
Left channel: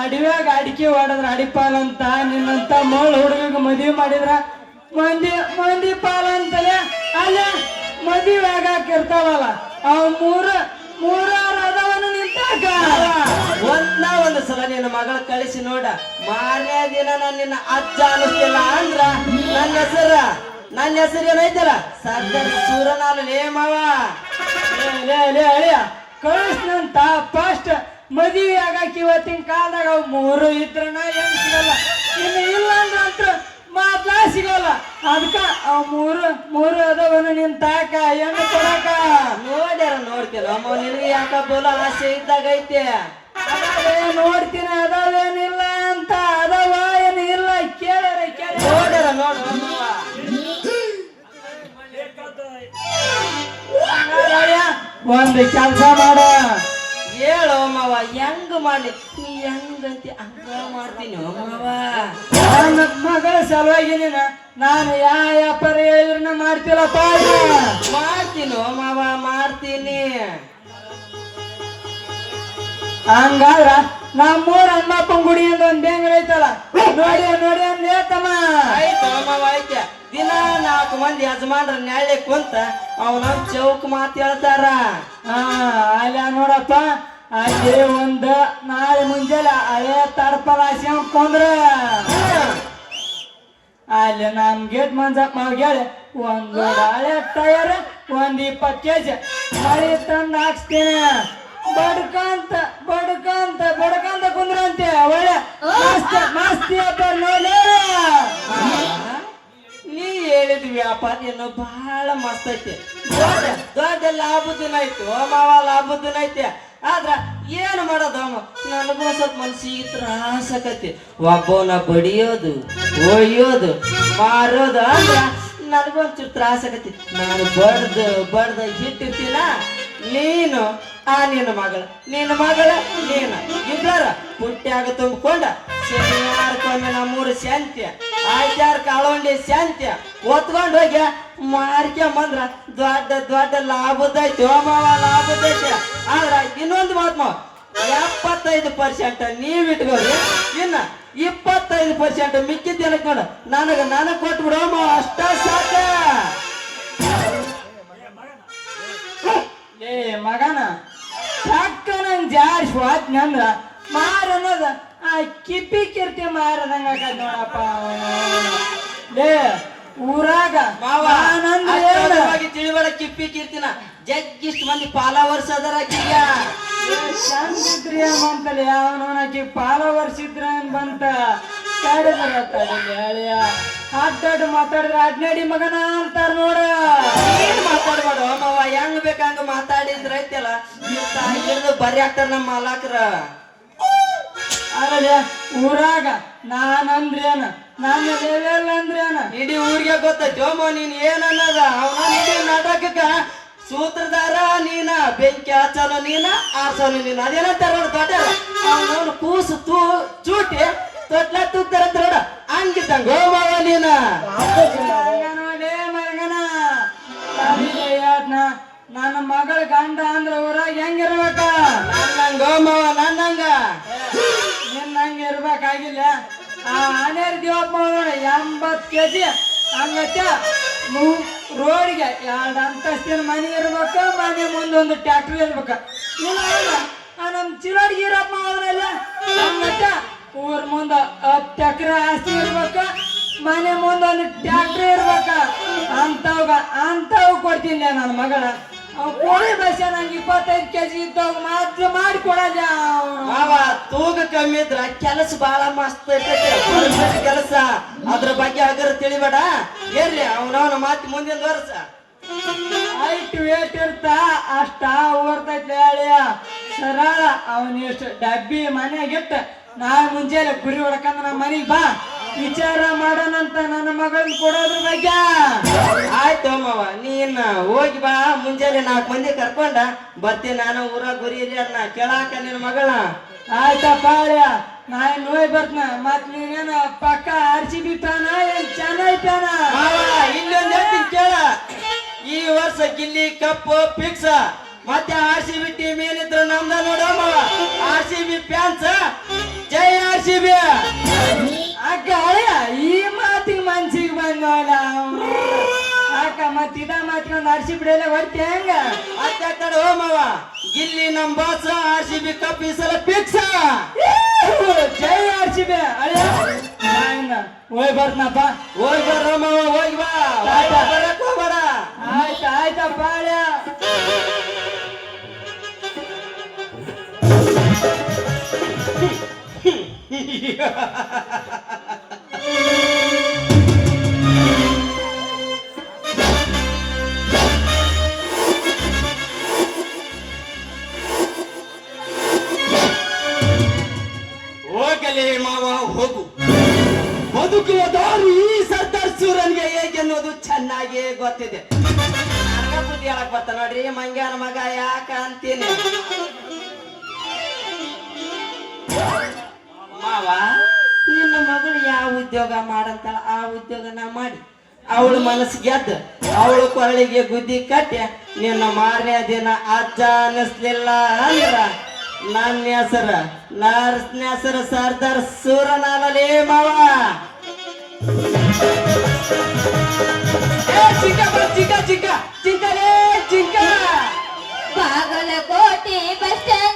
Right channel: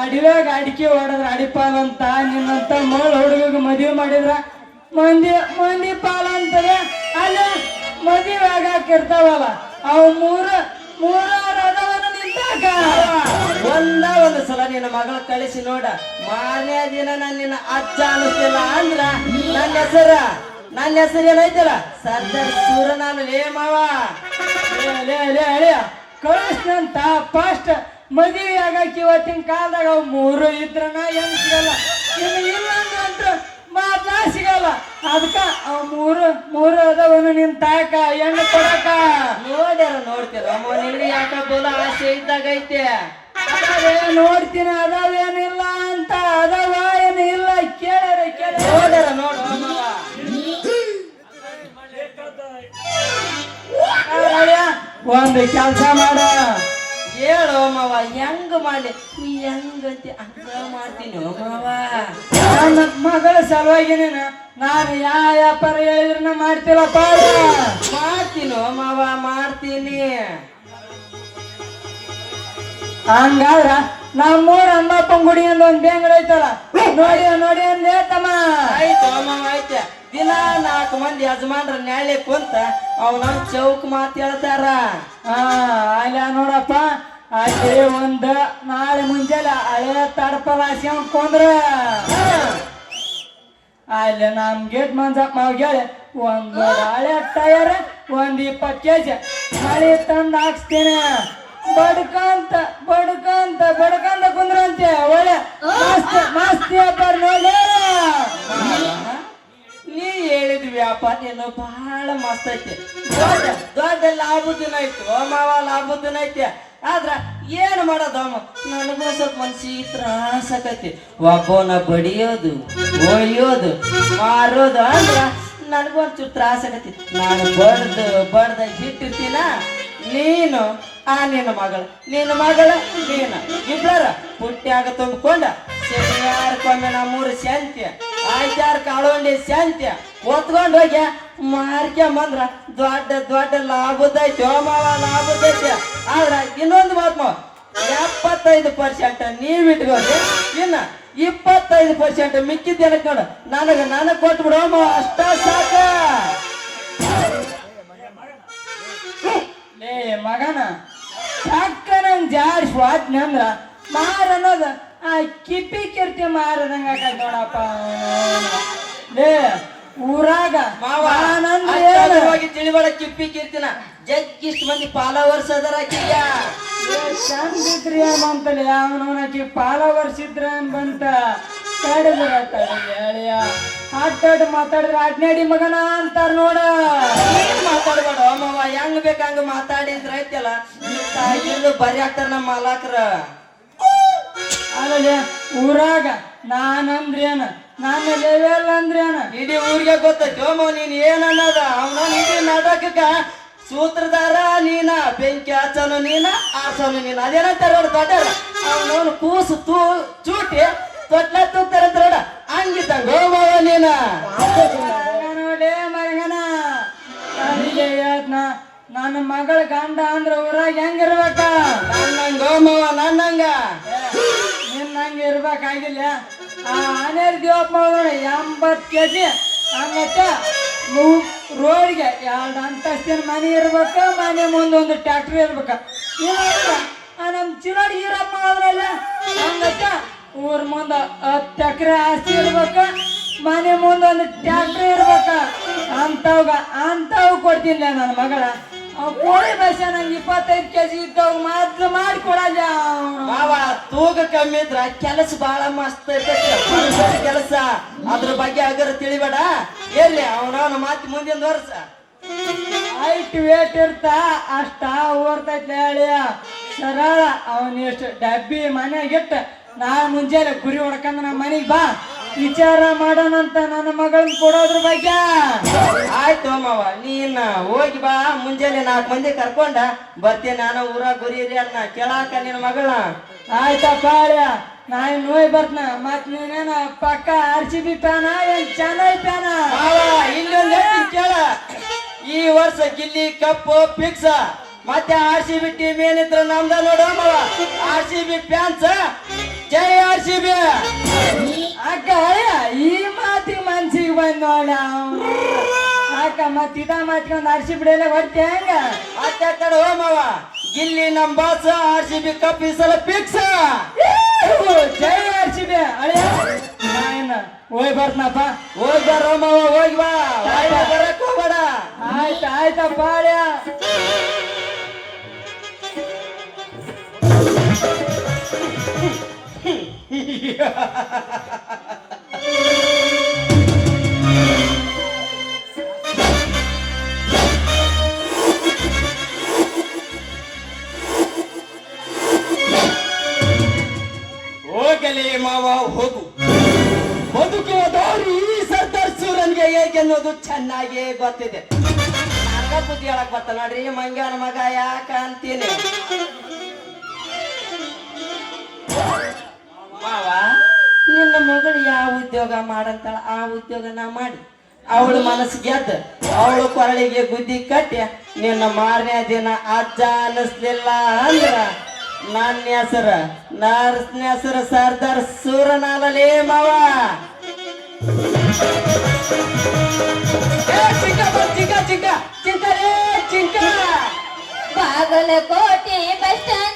ಅಡಿವ್ಯಾಗ ಅಡಿಕೆ ಹೊಡೆದ್ರ ಅಡಿಪಾಲಂತ ನಿನ್ನಂತ ಮೋಳ ಹುಡುಗ ಮದುವೆ ಮಾಡಿದ್ರ ಮಂದಿ ಪಾಲ ಅಂತಲೇ ಅಲ್ಲಿ ಮದುವೆ ಆಗಾಕ ಇರ್ತಾವಲ್ಲ ಅವು ಮೂರದವನು ನಿಂತಾಕ ಒಂದು ಸಲ ನಿನ್ನ ಮಗಳ ಕಳಿಸಿ ನೋಡ ಮಾರನೇ ದಿನ ನಾನು ನಿನ್ನ ಅಜ್ಜ ಅನ್ನಿಸ್ತಿಲ್ಲ ಅಂದ್ರ ನನ್ನ ಹೆಸರು ಏನೈತಿಲ್ಲ ಸರ್ದಾರ್ ಸೂರನಾಲು ಲೇ ಮಾವ ಅಳಿಯ ಕಳಿಸ್ನಂತ ಫಾಸ್ಟ್ ಮದುವೆ ಆಗಾಕ ಇವತ್ತಿನ ಕಾಲದಾಗ ಅವು ಮೂರು ಇದ್ರನ ಏನ್ ಸಿಗಲ್ಲ ಇದು ಇಲ್ಲ ಅಂದ್ರೆ ಮಾತಾ ಸಿಗಲ್ಲ ಅದಕ್ಕ ಅವು ಮೂರು ಅದವನು ನಿಂತಾಕ ಹೆಣ್ಣು ಕೊಡಕ ನೋಡ್ತೀರ ನಿನಗೆ ಯಾಕ ಬೋಲ ಆಸೆ ಇದ್ದಾಗೈತೆ ನೋಡ್ತೀನಿ ಅದಾವೇನಿಲ್ಲ ಅಂತ ಅದವ ಏನು ಇಲ್ಲ ಕೇಳರಿ ನೋಡ್ಯಾರ ಒಂದು ಕೆಲಸ ಮಾಡ ಹೇಳು ಮಾವ ಹೆಂಗ ಮಾಡ್ಲಿ ನೀ ಹೆಂಗಂತಿ ಹಂಗ ಮಾಡ್ತೀನಿ ಮಾವ ನನ್ನ ಮಗಳ ಸಲುವಾಗಿ ನಾನು ಯಾವ ವ್ಯಾಪಾರ ಹೇಳಿದ್ರು ಮಾಡ್ತಿಲ್ಲಪ್ಪ ಮಾಡ್ತೀನೋ ಮಾವ ಮಾಡ್ತೀನಿ ಹಂಗಾದ್ರ ನಮ್ಮೂರ ಅಣ್ಣಪ್ಪನ ಗುಡಿ ಅಂತ ಒಂದ್ ಬೇಂಗಡ ಐತಲ್ಲ ನೋಡಿ ನೇತಮ್ಮ ಆಯ್ತು ಮಾವ ಆಯ್ತ ದಿನ 4 ಮಂದಿ ಯಜಮಾನ್ರ ನ್ಯಾಳೆ ಕುಂತ ಅವನ ಚೌಕ್ ಮಾತು ಹೇಳ್ತಾರ ಅಲ್ಲ ನೋಡಪ್ಪ ಅಲ್ಲಿ ಒಂದು ನಾಳೆ ಮುಂಜಾನೆ ಹಳೆಯ ತಡಪದ ಹಾಸ್ಕೊಂಡ್ರ ಅಲ್ಲಿ ನಮ್ ಗೇಟ್ ಮಂಜಪ್ಪ ಹೇಳಿ ಒಂದು ಹಳೆ ಟಯರ್ 20 kg ಮಳಿ ತಂದು ಹಾಕ್ಸ್ತೀನಿ ಬಡ್ಕಂತ ಕುಂದ್ರಂತೆ ಒಳ್ಳೆ ಮಸ್ತಿ ವ್ಯಾಪಾರ ನೋಡಿ ನೀ ಹೇಳಿದ ವ್ಯಾಪಾರ ಏನು ಬಹಳ ಮಸ್ತ್ ಐತಿ ದೊಡ್ಡ ಲಾಭದಿನ ಐತಿ ಮಾವ ಲಾಭದಿನ ಐತಿ ಆದ್ರ ಏನ್ ಮಾಡೋದು ನನಗೂ ಸ್ವಲ್ಪ ಮನ್ಸಿಗೆ ತ್ರಾಸಕತಿ ಒಬ್ಬನ ಬಡಿಯೋದು ಒಯ್ಯೋದು ಮಾರೋದು ಅಂದ್ರ ನನಗೊಂಚೂರು ತ್ರಾಸಕತಿ ನಾನು ಬಡ್ದ ಇಟ್ಟಿರ್ತೀನ ನೀನು ನಿನ್ನ ಮಗಳು ನೀನು ಇಬ್ಬರ ಪುಟ್ಟ್ಯಾಗ ತುಂಬಿಕೊಂಡ ಶನಿವಾರಕ್ಕೊಮ್ಮೆ ನಮ್ಮೂರು ಶಾಂತಿ ಆಯ್ತಾರಕ್ಕೆ ಅಳವಂಡಿ ಶಾಂತಿ ಒತ್ಕೊಂಡು ಹೋಗಿ ಮಾರ್ಕೊಂಬಂದ್ರ ದೊಡ್ಡ ಲಾಭದೈತಿ ಮಾವ ಲಾಭದೈತಿ ಆದ್ರ ಇನ್ನೊಂದು ಮಾತು 75% ನೀವ್ ಇಟ್ಕೋರಿ ಇನ್ನ 25% ಮಿಕ್ಕಿದ್ದೇನೆ ನೋಡು ನನಗ್ ಕೊಟ್ಬಿಡು ಮಾವ ಅಷ್ಟ ಸಾಕ ಲೇ ಮಗನ ಸಾಕ ನಂಗೆ ಜಾರ್ ಸ್ವಾದ್ನ ಅಂದ್ರ ಮಾರ ಅನ್ನೋದು ಆ ಕಿಪಿ ಕಿರ್ತಿ ಮಾರದಂಗ ನೋಡಪ್ಪ ಲೇ ಊರಾಗ ಮಾವಾಗಿ ತಿಳಿವಳ ಕಿಪ್ಪಿ ಕಿರ್ತಿನ ಜಗ್ಗಿಷ್ಟು ಮಂದಿ ಫಾಲೋವರ್ಸ್ ಅದರ ಚಂದ್ರಿಯ ಬಂತಲ್ಲ ಯಾವನೋನಕಿ ಫಾಲೋವರ್ಸ್ ಇದ್ರ ಬಂತ ಹೇಳಿಯ ಮಾತಾಡ್ರ ಅಡ್ನಾಡಿ ಮಗನ ಅಂತಾರ ನೋಡ ಮಾತಾಡ್ಬೇಡ ಮಾವ ಹೆಂಗ್ ಬೇಕಂಗ ಮಾತಾಡಿದ್ರ ಐತಲ್ಲ ಬರಿ ಆಗ್ತಾರ ನಮ್ಮ ಮಾಲಕ್ರ ಅಲ್ಲೇ ಊರಾಗ ನಾನಂದ್ರೇನ ನಾನು ಲೆವೆಲ್ ಅಂದ್ರೇನ ಇಡೀ ಊರಿಗೆ ಗೊತ್ತೈತಿ ಮಾವ ನೀನ್ ಏನನ್ನದ ಅವನ ಇಡೀ ನಾಟಕಕ್ಕ ಸೂತ್ರಧಾರ ನೀನ ಬೆಂಕಿ ಹಚ್ಚನು ನೀನ ಆಸನು ನೀನ ಅದೇನಂತಾರ ದೊಡ್ಡ ಅವನು ಕೂಸು ಚೂಟಿ ತೊಟ್ಲ ತೂಗ್ತಾರ ಹಂಗಿದ್ದಂಗ ಮಾವ ನೀನ ಮಗನ ನನ್ನ ಮಗಳ ಗಂಡ ಅಂದ್ರ ಊರಾಗ ಹೆಂಗಿರ್ಬೇಕ ನನ್ನಂಗ ಮಾವ ನನ್ನಂಗ ನಿನ್ನಂಗ ಇರ್ಬೇಕಾಗಿಲ್ಲ ಆನೇರ್ ದೇವಪ್ಪ 80 kg ಹಂಗತ್ತ ರೋಡ್ಗೆ 2 ಅಂತಸ್ತಿನ ಮನೆ ಇರ್ಬೇಕು ಮನೆ ಮುಂದೊಂದು ಟ್ಯಾಕ್ಟ್ರಿ ಇರ್ಬೇಕ ಇಲ್ಲ ನಮ್ ಚಿರಾಡಿ ಇರಪ್ಪ ಅವರಲ್ಲ ಹಂಗತ್ತ ಊರ್ ಮುಂದ 10 ಎಕರೆ ಆಸ್ತಿ ಇರ್ಬೇಕ ಮನೆ ಮುಂದೊಂದು ಟ್ಯಾಕ್ಟ್ರಿ ಇರ್ಬೇಕ ಅಂತವ್ ಕೊಡ್ತೀನಿ ನನ್ನ ಮಗಳ ಕೋಳಿ ಬಸ್ ನಂಗೆ 25 kg ಇದ್ದವ್ ಮಾತ್ರ ಮಾಡಿಕೊಡಲ್ಲ ಮಾವ ತೂಕ ಕಮ್ಮಿ ಇದ್ರ ಕೆಲಸ ಬಹಳ ಮಸ್ತ್ ಕೆಲಸ ಅದ್ರ ಬಗ್ಗೆ ಅಗರ ತಿಳಿಬೇಡ ಎಲ್ಲಿ ಅವನವನ ಮಾತಿ ಮುಂದಿನ ವರ್ಷ ಹೈಟ್ ವೇಟ್ ಇರ್ತಾ ಅಷ್ಟ ಓಡ್ತೈತೆ ಹೇಳಿಯ ಸರಳ ಅವನ್ ಎಷ್ಟು ಡಬ್ಬಿ ಮನೆಯಾಗಿಟ್ಟ ನಾ ಮುಂಜಾನೆ ಗುರಿ ಹೊಡ್ಕಂದ ನಮ್ಮ ಮನೆಗ್ ಬಾ ವಿಚಾರ ಮಾಡೋಣಂತ ನನ್ನ ಮಗಳನ್ನ ಕೊಡೋದ್ರ ಬಗ್ಗೆ. ಆಯ್ತು ಮಾವ, ನೀನ್ ಹೋಗಿ ಬಾ. ಮುಂಜಾನೆ 4 ಮಂದಿ ಕರ್ಕೊಂಡ ಬರ್ತೀನಿ ನಾನು. ಊರ ಗುರಿ ಇದೆ ಅನ್ನ ಕೇಳಾಕ ನಿನ್ನ ಮಗಳ. ಆಯ್ತಪ್ಪ ನಾನ್ ನೋಯ್ ಬರ್ತನ. ಮತ್ ನೀನೇನ ಪಕ್ಕ RCB ಫ್ಯಾನ ಏನ್ ಚೆನ್ನೈ ಫ್ಯಾನ? ಮಾವ ಇನ್ನೊಂದ್ ಹೇಳ್ತೀನಿ ಕೇಳ. ಈ ವರ್ಷ ಗಿಲ್ಲಿ ಕಪ್ಪು ಫಿಕ್ಸ್. ಮತ್ತೆ RCB ಟೀಮ್ ಏನಿದ್ರು ನಮ್ದ ನೋಡೋಣ. RCB ಫ್ಯಾನ್ಸ್ ಜೈ RCB. ಅಕ್ಕ ಈ ಮಾತಿಗೆ ಮನ್ಸಿಗೆ ಬಂದೋಣ ಅಕ್ಕ. ಮತ್ ಇದ ಮಾತ್ಕೊಂಡ್ RCB ಎಲ್ಲ ಹೊಡ್ತಿ ಹೆಂಗ? ಮತ್ತೆ ಓ ಮಾವ, ಗಿಲ್ಲಿ ನಮ್ ಬಾಸ್. RCB ಕಪ್ ಈ ಸಲ ಫಿಕ್ಸ್. ಜೈ RCB. ಹೋಯ್ ಬರ್ತನಪ್ಪ. ಹೋಗಿ ಬರೋ ಮಾವ, ಹೋಗಿ ಬಾ. ಬರಕ್ ಹೋಗ್ಬೇಡ. ಆಯ್ತಪ್ಪ ಹೋಗಲೇ ಮಾವ ಹೋಗು. ಬದುಕುವ ದಾರಿ ಈ ಸರ್ದಾರ್ ಸೂರನ್ಗೆ ಹೇಗೆ ಅನ್ನೋದು ಚೆನ್ನಾಗಿ ಗೊತ್ತಿದೆ. ನನಗ ಬುದ್ಧಿ ಹೇಳಕ್ ಬರ್ತ ನೋಡ್ರಿ ಮಂಗ್ಯಾನ ಮಗ ಯಾಕ ಅಂತೀನಿ. ಮಾವ, ನಿನ್ನ ಮಗಳು ಯಾವ ಉದ್ಯೋಗ ಮಾಡಂತಾಳ ಆ ಉದ್ಯೋಗ ನಾ ಮಾಡಿ ಅವಳ ಮನಸ್ಸು ಗೆದ್ದ ಅವಳ ಕೊರಳಿಗೆ ಗುದ್ದಿ ಕಟ್ಟಿ ನಿನ್ನ ಮಾರನೇ ದಿನ ಅಜ್ಜ ಅನ್ನಿಸ್ಲಿಲ್ಲ ಅಂದ್ರ ನನ್ನ ಹೆಸರು ಸರ್ದಾರ್ ಸೂರನಾಲೇ ಮಾವ. ಚಿಕ್ಕ ಬಾಗಲಕೋಟೆ ಬಸ್ ಸ್ಟ್ಯಾಂಡ್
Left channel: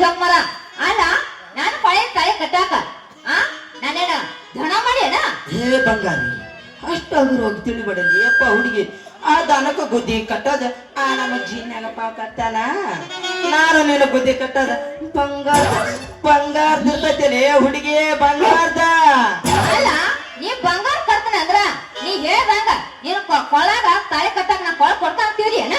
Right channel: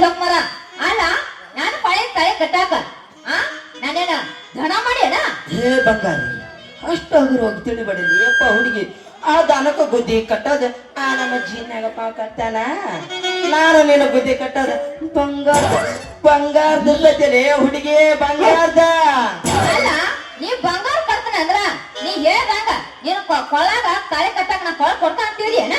ಜೋಕ್ ಮರ ಅಲ್ಲ ನಾನು ಪಳೆ ತಲೆ ಕಟ್ಟಾಕ ನಾನೇನ ಧನ ಮಾಡ್ಯಾನ? ಹೇ ಬಂಗಾರಿ, ಅಷ್ಟಾದ್ರೂ ಹೋಗಿ ತಿಳಿಬೇಡಲಿ ಅಪ್ಪ ಹುಡುಗಿ. ಆ ದನಕ್ಕ ಗುದ್ದಿ ಕಟ್ಟೋದ ನಮ್ಮ ಜೀನ್ಯಾಗಪ್ಪ ಕಟ್ಟಾನ. ನಾನು ನಿನ್ನ ಗುದ್ದಿ ಕಟ್ಟೋದ ಬಂಗಾರದ ಇರ್ತೈತಲೇ ಹುಡುಗಿ, ಬಂಗಾರದ. ಅಲ್ಲ ನೀ ಬಂಗಾರ ಕಟ್ತಾನ ಅಂದ್ರ ನೀ ಹೇಳ್ದಂಗ ನೀನು ಕೊಳಗ ತಲೆ ಕಟ್ಟಾಕ ನಾ ಕೊಳ ಕೊಡ್ತಾ ಅಂತೀರಿ ಅಣ್ಣ.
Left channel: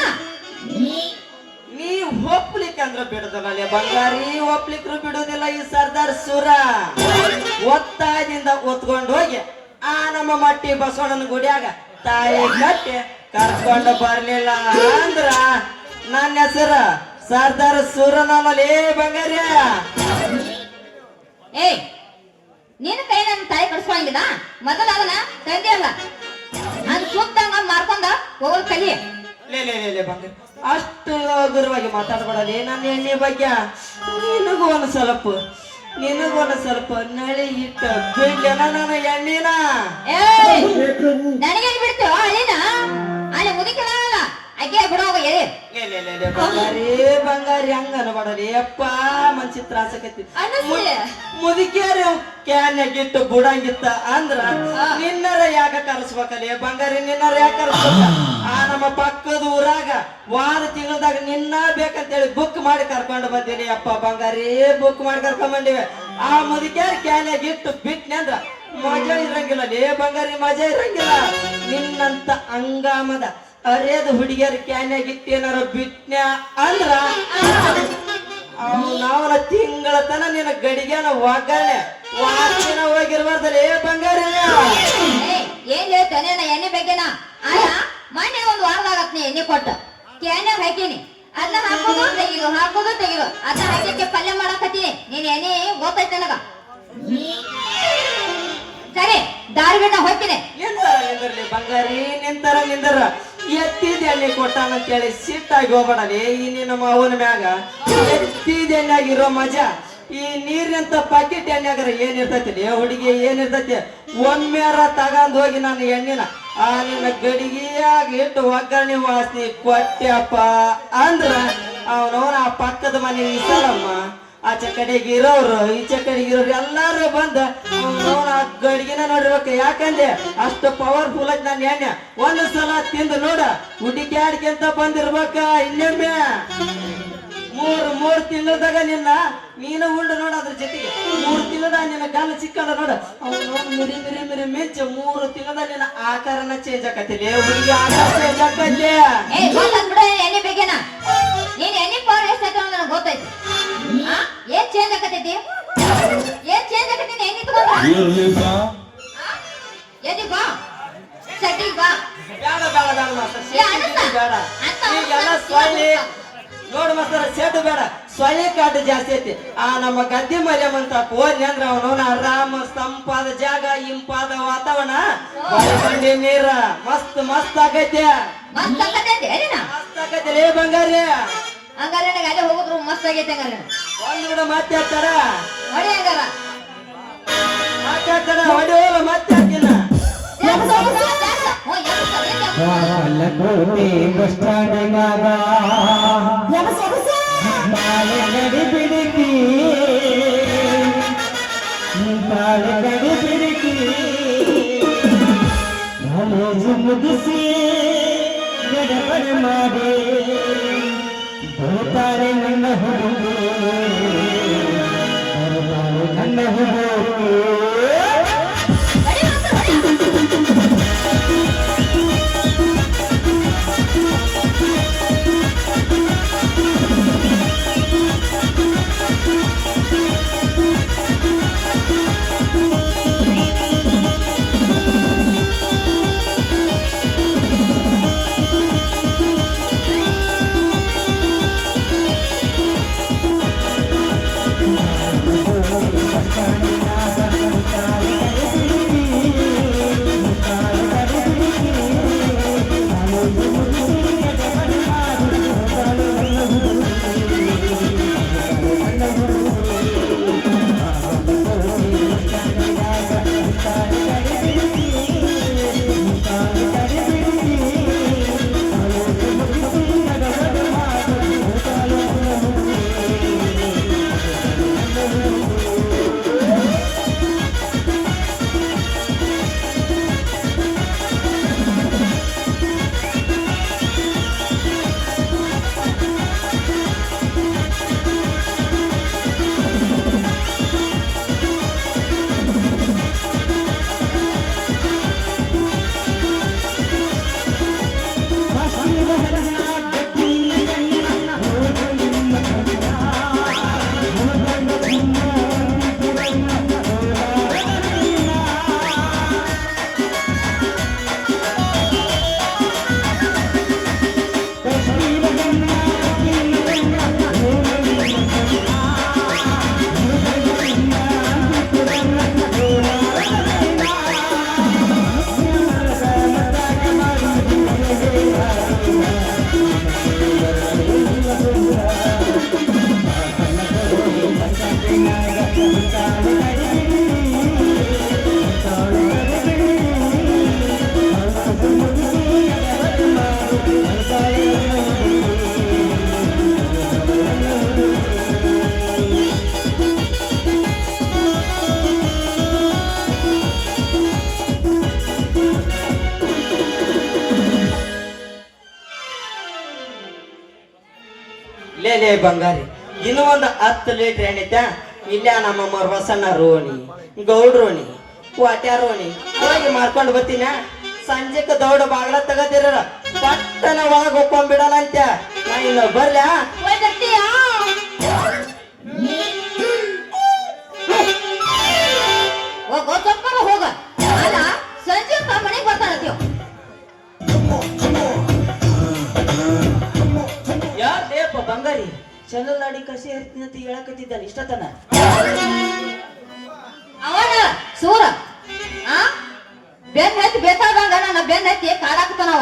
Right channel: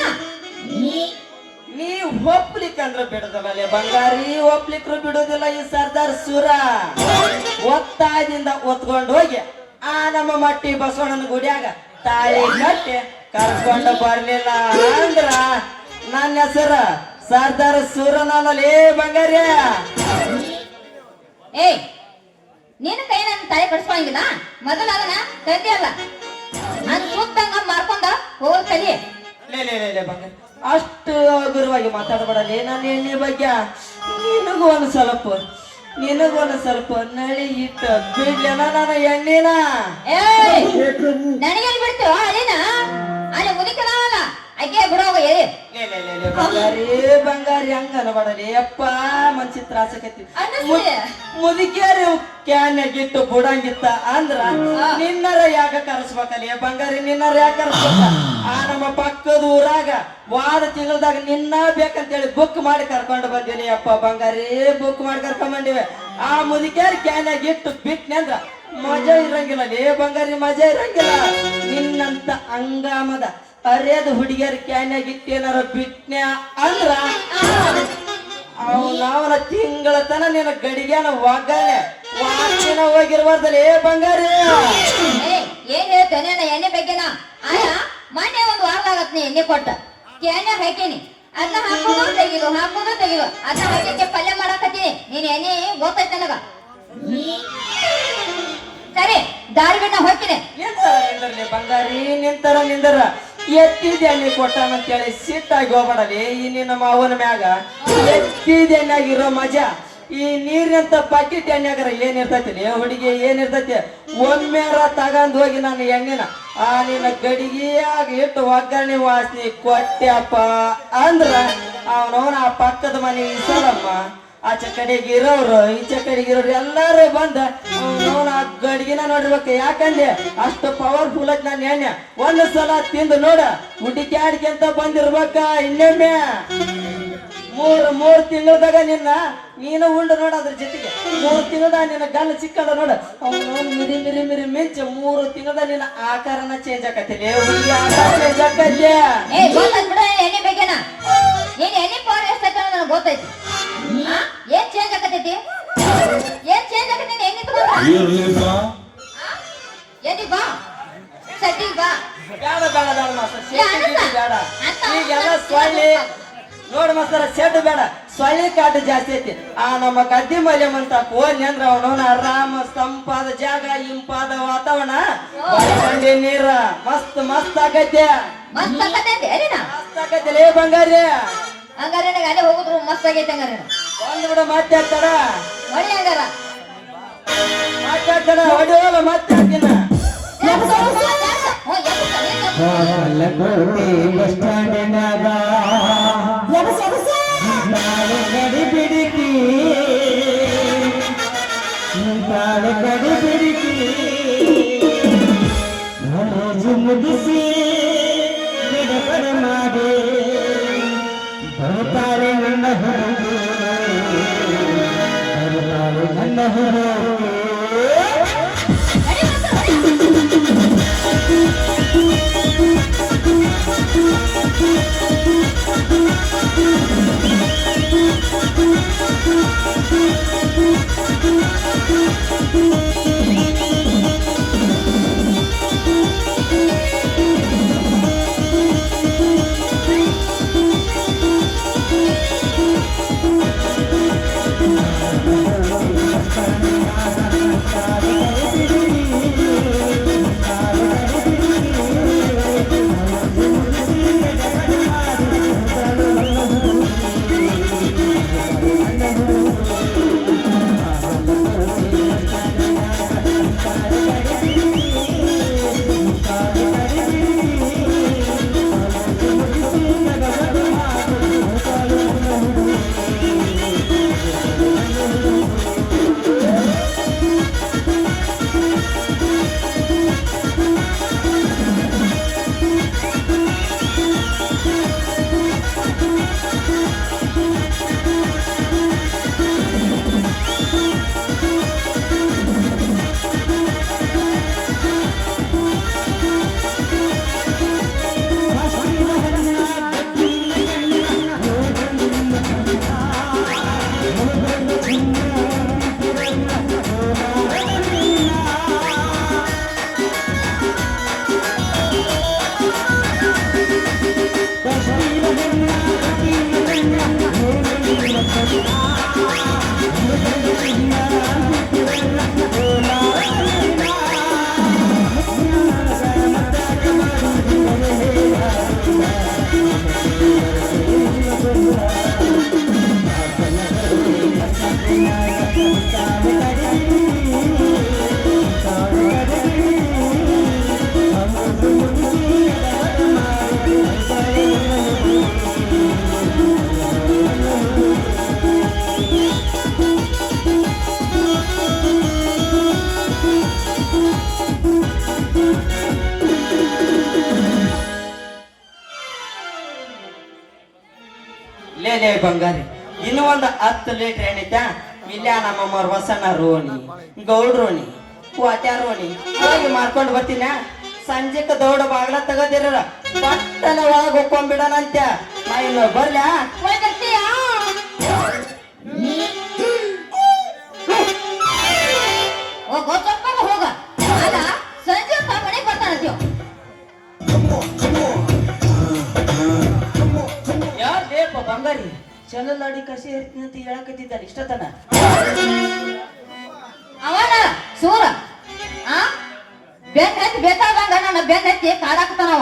ನೀ ಒಪ್ಲಿಕ್ಕಂದ್ರ ಬಿಡುದಿಲ್ಲ ಬಂಗಾರಿ, ಒಪ್ಲಿಕ್ರು ಬಿಡುದಿಲ್ಲ ಈ ಸರ್ದಾರ್ ಸುರ. ಒತ್ತಾಯದಿಂದ ಒತ್ಕೊಂಡು ಹೋಗಿ ಆ ನಮ್ಮ ಮಟ್ಟಿ ಬಸವಣ್ಣನ ಗುಡಿಯಾಗ ತಾಳಿ ಕಟ್ಟಿ ಕರ್ಕೊಂಡು ಬರ್ಲಿಲ್ಲ ಅಂದ್ರ ನನ್ನ ಹೆಸರ ಸರ್ದಾರ್ ಸುರನಲ್ಲೇ ಬಂಗಾರಿ. ಏ ನೀನು ಕೈ ನನ್ನ ತಲೆ ಕಟ್ಸ್ಕೊಂಗಿಲ್ಲ, ಮೊದಲ ಅದನ್ನ ತಂದೆ ಅಲ್ಲ ನನ್ ಸುತ್ತಂಗ ಮಾರ್ಕೊಂಡ ಹೋಗ ಕಲಿ. ಲೇ ಬಂಗಾರಿ, ಅಷ್ಟು ಗುರುವಾಗಿ ಮಾತಾಡಬೇಡಲಿ ನನ್ನ ಎಣ್ಣೆ ಬಗ್ಗೆ. ನಿನಗೊಂದು ಸ್ವಲ್ಪ ನಳಿ ಇಟ್ಟ ಬಿಡ್ಲೇನ ನನ್ನ ಎಣ್ಣಿನ. ನನಗೇನ್ ಬಿಡ್ತೀವ ಅಲ್ಲಿನ ಅಲ್ಲಿ ಮುದಿಕಲ್ಲ ಅಗ್ಗೆ ಬಿಡೋಗ ಬಂಗಾರಿ ಹಂಗ ಅನ್ಬೇಡಲಿ ಅಪ್ಪ, ಮನ್ಸಿ ತ್ರಾಸಕೈತಿ. ಅನ್ನಿಸ್ಲಿ. ಮುದುಕಿಯಾರ ಕ್ಯಾನ್ಯಾಗಿಟ್ಟು ಬುಡಂಗಿತ್ತ ಅಂದ್ರ ನಿನ್ನರ ಯಾಕ ಕರೆಸ್ಬೇಕಲ್ಲಿ ಬಂಗಾರಿ, ನಿನ್ನರ ಯಾಕ ಕರೆಸ್ಬೇಕ? ಆ ನಮ್ಮ ಪಕ್ಕದ ಊರಾಗ ವಾದ ತಿಂಗಳದಾಗ ನಿನ್ನ ಬೇಕಂತೇಳಿ ಬುಕ್ ಮಾಡಿ ಕರ್ಕೊಂಡು ಬಂದೀನಿ ಅಪ್ಪ ಬಂಗಾರಿ, ಬುಕ್ ಮಾಡಿ ಕರ್ಕೊಂಡ್ ಬಂದಿವೆ. ಆ ಮುದುಕಿಯಾರ ಕ್ಯಾನ್ಯಾಗಿಟ್ಟು ಬಿಟ್ನಿ ಅಂದ್ರ ಮಜಾ ಇರಂಗಿಲ್ಲ ಲೇ ಬಂಗಾರಿ, ಮಜಾ ಇರಂಗಿಲ್ಲ. ನಿನ್ನಂತ ಅಂಗಾಮದ ಅರೇದ ಹುಡುಗಿಯರ ಕ್ಯಾನ್ಯಾಗಿಟ್ಟು ಏನಾರ ಬಿಟ್ನ್ಯಾ ಅಂದ್ರ ನಾವನ ತಿಂಗಳ ತನ ನಿನ್ನ ಗಡಿಗೆನ ಒಗ್ಗರಣೆ ವಾಚಿನ ಹೋಗಿರ್ಬಾರ್ದಲ್ಲಿ ಬಂಗಾರಿ. ಏನ್ ಹೇಳ್ತಾನೆ ಎಣ್ಣೆ ಬೇಕೇನ ಅಲ್ಲ ಮೊನ್ನೆ ಒಂದು ವಾರದಾಗತ್ನಿ ಎಣ್ಣೆ ಕೊಟ್ಟ ಎಣ್ಣೆ ಹಾಕೀನಿ ಅದನ್ನ ಹಾಕೋದು ತೆಗಿದು ಅದನ್ನ ಹಾಕಿ ಪಲ್ಯ ಮಾಡಕತ್ತೀನಿ ನೀನ್ ಎಣ್ಣೆ ಗೊತ್ತೈತೆ ನನಗ. ಸರಿ ದಾರಿಬಿನ ಹೋಗ್ತೀನಿ. ನಿಂತರ ನಿಂದರ್ಲಿ ಬಂಗಾರಿ ನಿಂದರ ಎತ್ತಿದ ಎಣ್ಣೆ ಕೊಟ್ಟಾನಂತೇಳಿ ಸಿಟ್ಟಾಗಿ ಹೋಗ್ಬೇಡಲಿ. ಈ ನಿನ್ನ ಮಾವನ ಮ್ಯಾಗ ಎತ್ತಿದ ಎಣ್ಣೆಗಿರೋ ಮಜಾ ಈ ನೀರಿನಂತ ಪಾಕಿಟ್ ಎಣ್ಣೆಗಾರ ಏನಿರ್ತೈತಿ ಹುಡುಗಿ ಏನಿರ್ತೈತಿ. ಒಮ್ಮೆರ ತಗೊಂಡ್ ಹೋಗಿ ನಾನು ಎಣ್ಣಿನ ಆ ನಿನ್ನ ಗಡಿಗೆಯಾಗ ಇಟ್ಟು ಒಗ್ಗರಣೆ ವಾಸನೆ ಕೊಟ್ಟೆಪ್ಪ ಅಂದ್ರ ಅವನವನ ಆ ಪಕ್ಕದ ಮನೆ ಇಸರಮ್ಮ ಆಚೆ ಕಡೆಗೆ ಇರೋರು ಈಚೆ ಕಡೆಗೆ ಇರೋರು ಎಲ್ಲಾರು ಬಂದ ಅವನವನ ಆ ಗಡಿಗೆನ ನೋಡಿರ್ಬೇಕು. ಯಾಕಂದ್ರೆ ಅಷ್ಟು ಪವರ್ಫುಲ್ ಐತಿ ನನ್ನ ಎಣ್ಣೆ. ಒಂದು ಸಲ ತಿಂದು ನೋಡ ಹುಡುಕ್ಯಾಡಿಕೆ ಅಂತ ಬಂದಿರ್ಬೇಕ. ಇನ್ನೊಮ್ಮೆ ಮೂರ್ ತಿಂಗಳದಾಗ ನೀನು ಉಂಡು ನೋಡ. ಅದ್ರ ಜೊತೆಗೆ 3 ತಿಂಗಳದಾಗ ನಿನ್ನ ಗಲ್ಲ ಚಿಕ್ಕದ ನೋಡ ಮಿರಿ ಮಿಂಚು 3 ತಿಂಗಳದಾಗ ನಿನ್ನ ಆಕಾರನ ಚೇಂಜ್ ಆಕತಿಲ್ಲ. ಹುಡುಗಿ ಆಕಾರ ಚೇಂಜ್ ಆಕತ್ಲೆ. ಎಣ್ಣೆ ಬೇಕೇನ ನೀನ್ ಎಣ್ಣೆ ಪವರ್ ಎಷ್ಟೈತೆ ನನಗೆ ಗೊತ್ತೈತಿ. ಏನ್ ಚೇಂಜ್ ಆಕತೈತಿ ಎಣ್ಣೆ ತಗೊಂಡ ಎಣ್ಣೆ ಬಾ ಸೆಟ್ಟಿಗೆ ಬಾ. ಬೇಡ ಈಗೆಲ್ಲ ಸೊಳ್ಳೆ ನೋಡ್ ಮಾಸ್ತರ ಸೆಟ್ ಬೇಡ ಸೊಳ್ಳೆ ಕಾಟ ಜಾಸ್ತಿ ಐತಿ. ಆ ನಮ್ಮ ಗದ್ದೆ ಮರ್ಯಮ್ ಅಂತ ಹೋದ್ನಿ ಅಂದ್ರ ಅವನವನ ಆರಾಮ ತಂಪಾದ ಜಾಗ ಇಂಪಾದ ವಾತಾವರಣ ಬಂಡಿ ನೀರ ಮಸ್ತ್ ಆಗೈತೆ. ಮಸ್ತ್ ಆಕತೈತಿ ಮಸ್ತ್ ಆಗೈತಿ ಲೇ ಬಂಗಾರಿ. ಹಂಗಾರೆ ನನಗೆ ಅಲ್ಲೇ ಹೋಗಿದ್ರು ಮಸ್ತ್ ಆಗೈತೆ. ಹಂಗಾರೆ ಒಂದು ಕೂಡ ಮಾತಾಡ್ತಾರ ಹೊಡಿ ಹಂಗಾರ ಹೊಡೆಯೋಲ್ಲ ಮತ್ತೆ ಹೇಳ್ತೀನ. ಬಾಗಲಕೋಟೆ ಬಸ್ ಸ್ಟ್ಯಾಂಡ್ನಾಗ ನಾಳೆ ಗಡಿ ಬಿಡಿಕಿ ಕಾಲೇಜು ಮುಗಿಸಿ ಗಡಬಡ ಮಾಡಿ ಬರ್ತಾರೆ ನನ್ನ ಹುಡುಗಿ ನನ್ನ ಹುಡುಗಿ. ಲೇ ಬಂಗಾರಿ ಇನ್ನು ಒಂದು 10 ಲೀಟರ್ ಎಣ್ಣೈತೆ. ಇಲ್ಲೇ ನಮ್ಮಮ್ಮವ್ರ ಬಸಣ್ಣ ರೋಣಿ ಗೌಡ್ರೋಣಿ ವಾಟ್ಯಾರೋಣಿ ಹೋಗಿ ಮಾಡ್ಕೊಂಡು ಬರ್ತೀನ. ಸಂಜೆಕ ದೌಡ ಬಾಗ್ಲ ತಗದಿರ ಪಟ್ಟನ ಒಳಗ್ ಹೋಗ್ಕೊಂಡ್ಬಿಡೋಣಂತೆ. ನಾ ಇನ್ನು ಬರ್ಲ್ಯಾ ಹೋಗ್ಬರ್ತೀಯಾ? ಹೋಗ ಹೋಗ ಅಲ್ಲ ಸಂಜೆ ಮನೆಗೆ ಬರ್ತಾನತ್ತೀವ ಯಾರ್ ಲೇಪ ಬಂಗಾರಿ ಚಲಲಾಡಿ ಕಸಿ ಇರ್ತೀನಿ ಅಂತ ಹೇಳಕತ್ತಿದ್ದಾನೆ ಇಷ್ಟತನ ಅವನ ಸೂರ ಆ ಬೆನ್ ಹತ್ತಿ ಬೇಕಾದಾಗ ನನ್ನ ಬೆನ್ ಹತ್ತಿ ಕಾಡಾಕ್ತಾನವ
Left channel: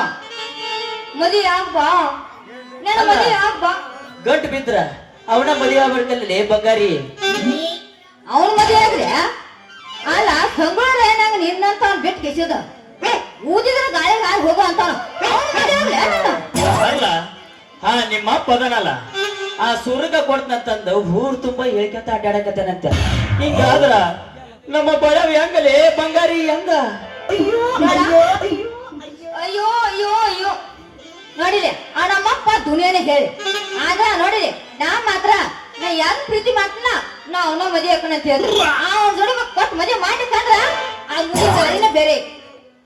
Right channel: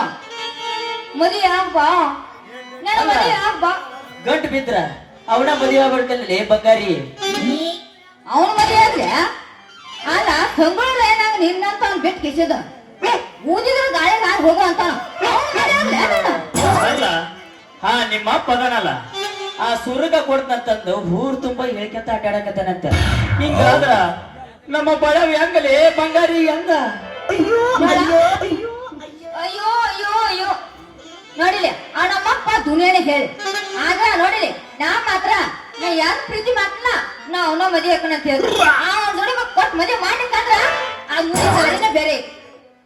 ಮದುವೆ ಆಗ್ಬಾ ನನ್ನ ಮದುವೆ ಆಗ್ಬಾ ಗಂಟು ಬಿದ್ರ ಅವನ ಮದುವೆ ಆಗ್ಬಿಡ್ತಲ್ಲ ಬಂಗಾರಿ ಅವನ ಮದುವೆ ಆಗ್ರೆ ಅಲ್ಲ ಸಂಬಳ ಏನಾಗ ನಿನ್ನಂತ ಅವ್ನು ಬಿಟ್ಟು ಕಿಸಿದ ಊದಿದ್ರೆ ಗಾಳಿ ಗಾಳಿ ಹೋಗು ಅಂತಾನ ಅಲ್ಲ ಹಾ ನಿಮ್ಮ ಅಪ್ಪ ಅದನಲ್ಲ ಆ ಸುರುಗ ಕೊಡ್ತಂತಂದು ಊರ್ ತುಂಬಾ ಹೇಳ್ಕೊಂತ ಅಡ್ಡಾಡಕತ್ತಾನಂತ ಹಿಂಗಾದ್ರ ನಮ್ಮ ಬಳವ ಹೆಂಗಲೇ ಬಂಗಾರಿ ಹೆಂಗ ಅಯ್ಯೋ ಅಯ್ಯೋ ಅಯ್ಯೋ ನೋಡಿಲಿ ಆ ನಮ್ಮಪ್ಪ ದುನಿಯಾನೆ ಹೇಳಿ ಆದ್ರ ನೋಡಿಲಿ ನಾ ಮಾತ್ರ ನಾ ಯಾರ ಪ್ರೀತಿ ಮಾತ್ರ ನಾ ಅವನ ಮದುವೆ ಹಾಕೋಣ ಅಂತ ಹೇಳಿ ಅವನ ಜೋಡಿ ಕೊಟ್ಟು ಮದುವೆ ಮಾಡಿಕಾದ್ರ ಆ ಮುಂದೆ ಬೇರೆ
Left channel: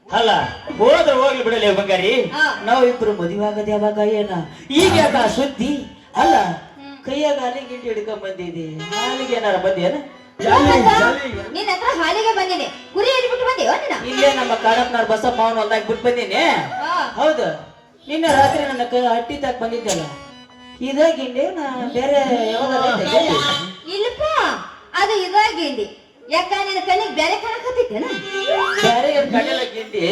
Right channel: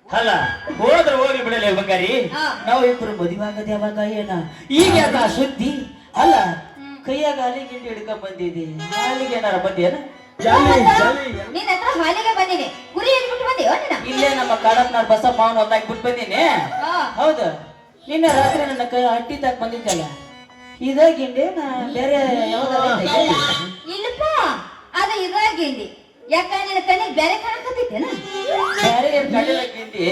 ಅಲ್ಲ ಹೋದ್ರ ಹೋಗ್ಲಿ ಬಿಡಲೇ ಬಂಗಾರಿ ಹಾ. ನಾವಿಬ್ರು ಮದುವೆ ಆಗದೆ ಯಾವಾಗ ಏನ ಈಗ ಯಾಕ ಸುದ್ದಿ ಅಲ್ಲ ಕೈಯಾಗ ಹಾಲಿಗೆ ಹಿಂಡಿ ಹಿಡ್ಕೊಂಡ್ ಬಂದಿದಿ ಹಾಲಿಗೆ ಏನಾರ ಬಂದೇನ ನಿನ್ನ ಹತ್ರ ಹಾಲಿಗೆ ಬಂದಿನಿ ಗುರಿ ಬಿಟ್ಟು ಬಂದೇವ ನೀನ ಇಲ್ಲೇ ನಮ್ಮ ಕಾಡಪ್ನಾರ್ ಬಸಪ್ಪ ಅವನು ಒಂದಾಗಿ ಬಿಟ್ಟು ಬಂದೀನಿ ಹಾ. ಹೌದು ನಿನ್ನ ರಾತ್ರಿ ನನ್ನ ಕೈ ಹಟ್ಟಿ ತಾಕ ಬಂದಿದ್ದಲ್ಲ ಇದಾಗಿಂಡೆ ನಾ ಬೇರೆ ಯಾವ್ದಾರ ಇಲ್ಲಪ್ಪ ಅದು ಇದಾಗಿಂಡಿ ಯಾಕ ನಿನ್ನ ಕಣ್ಣಿಗೆ ಬೇರೆ ಕಾಣಕತ್ತಿದ್ದೇನ ಬೇರೆ ಏನ್ ಕಡಿಲ ಗಿಂಡಿ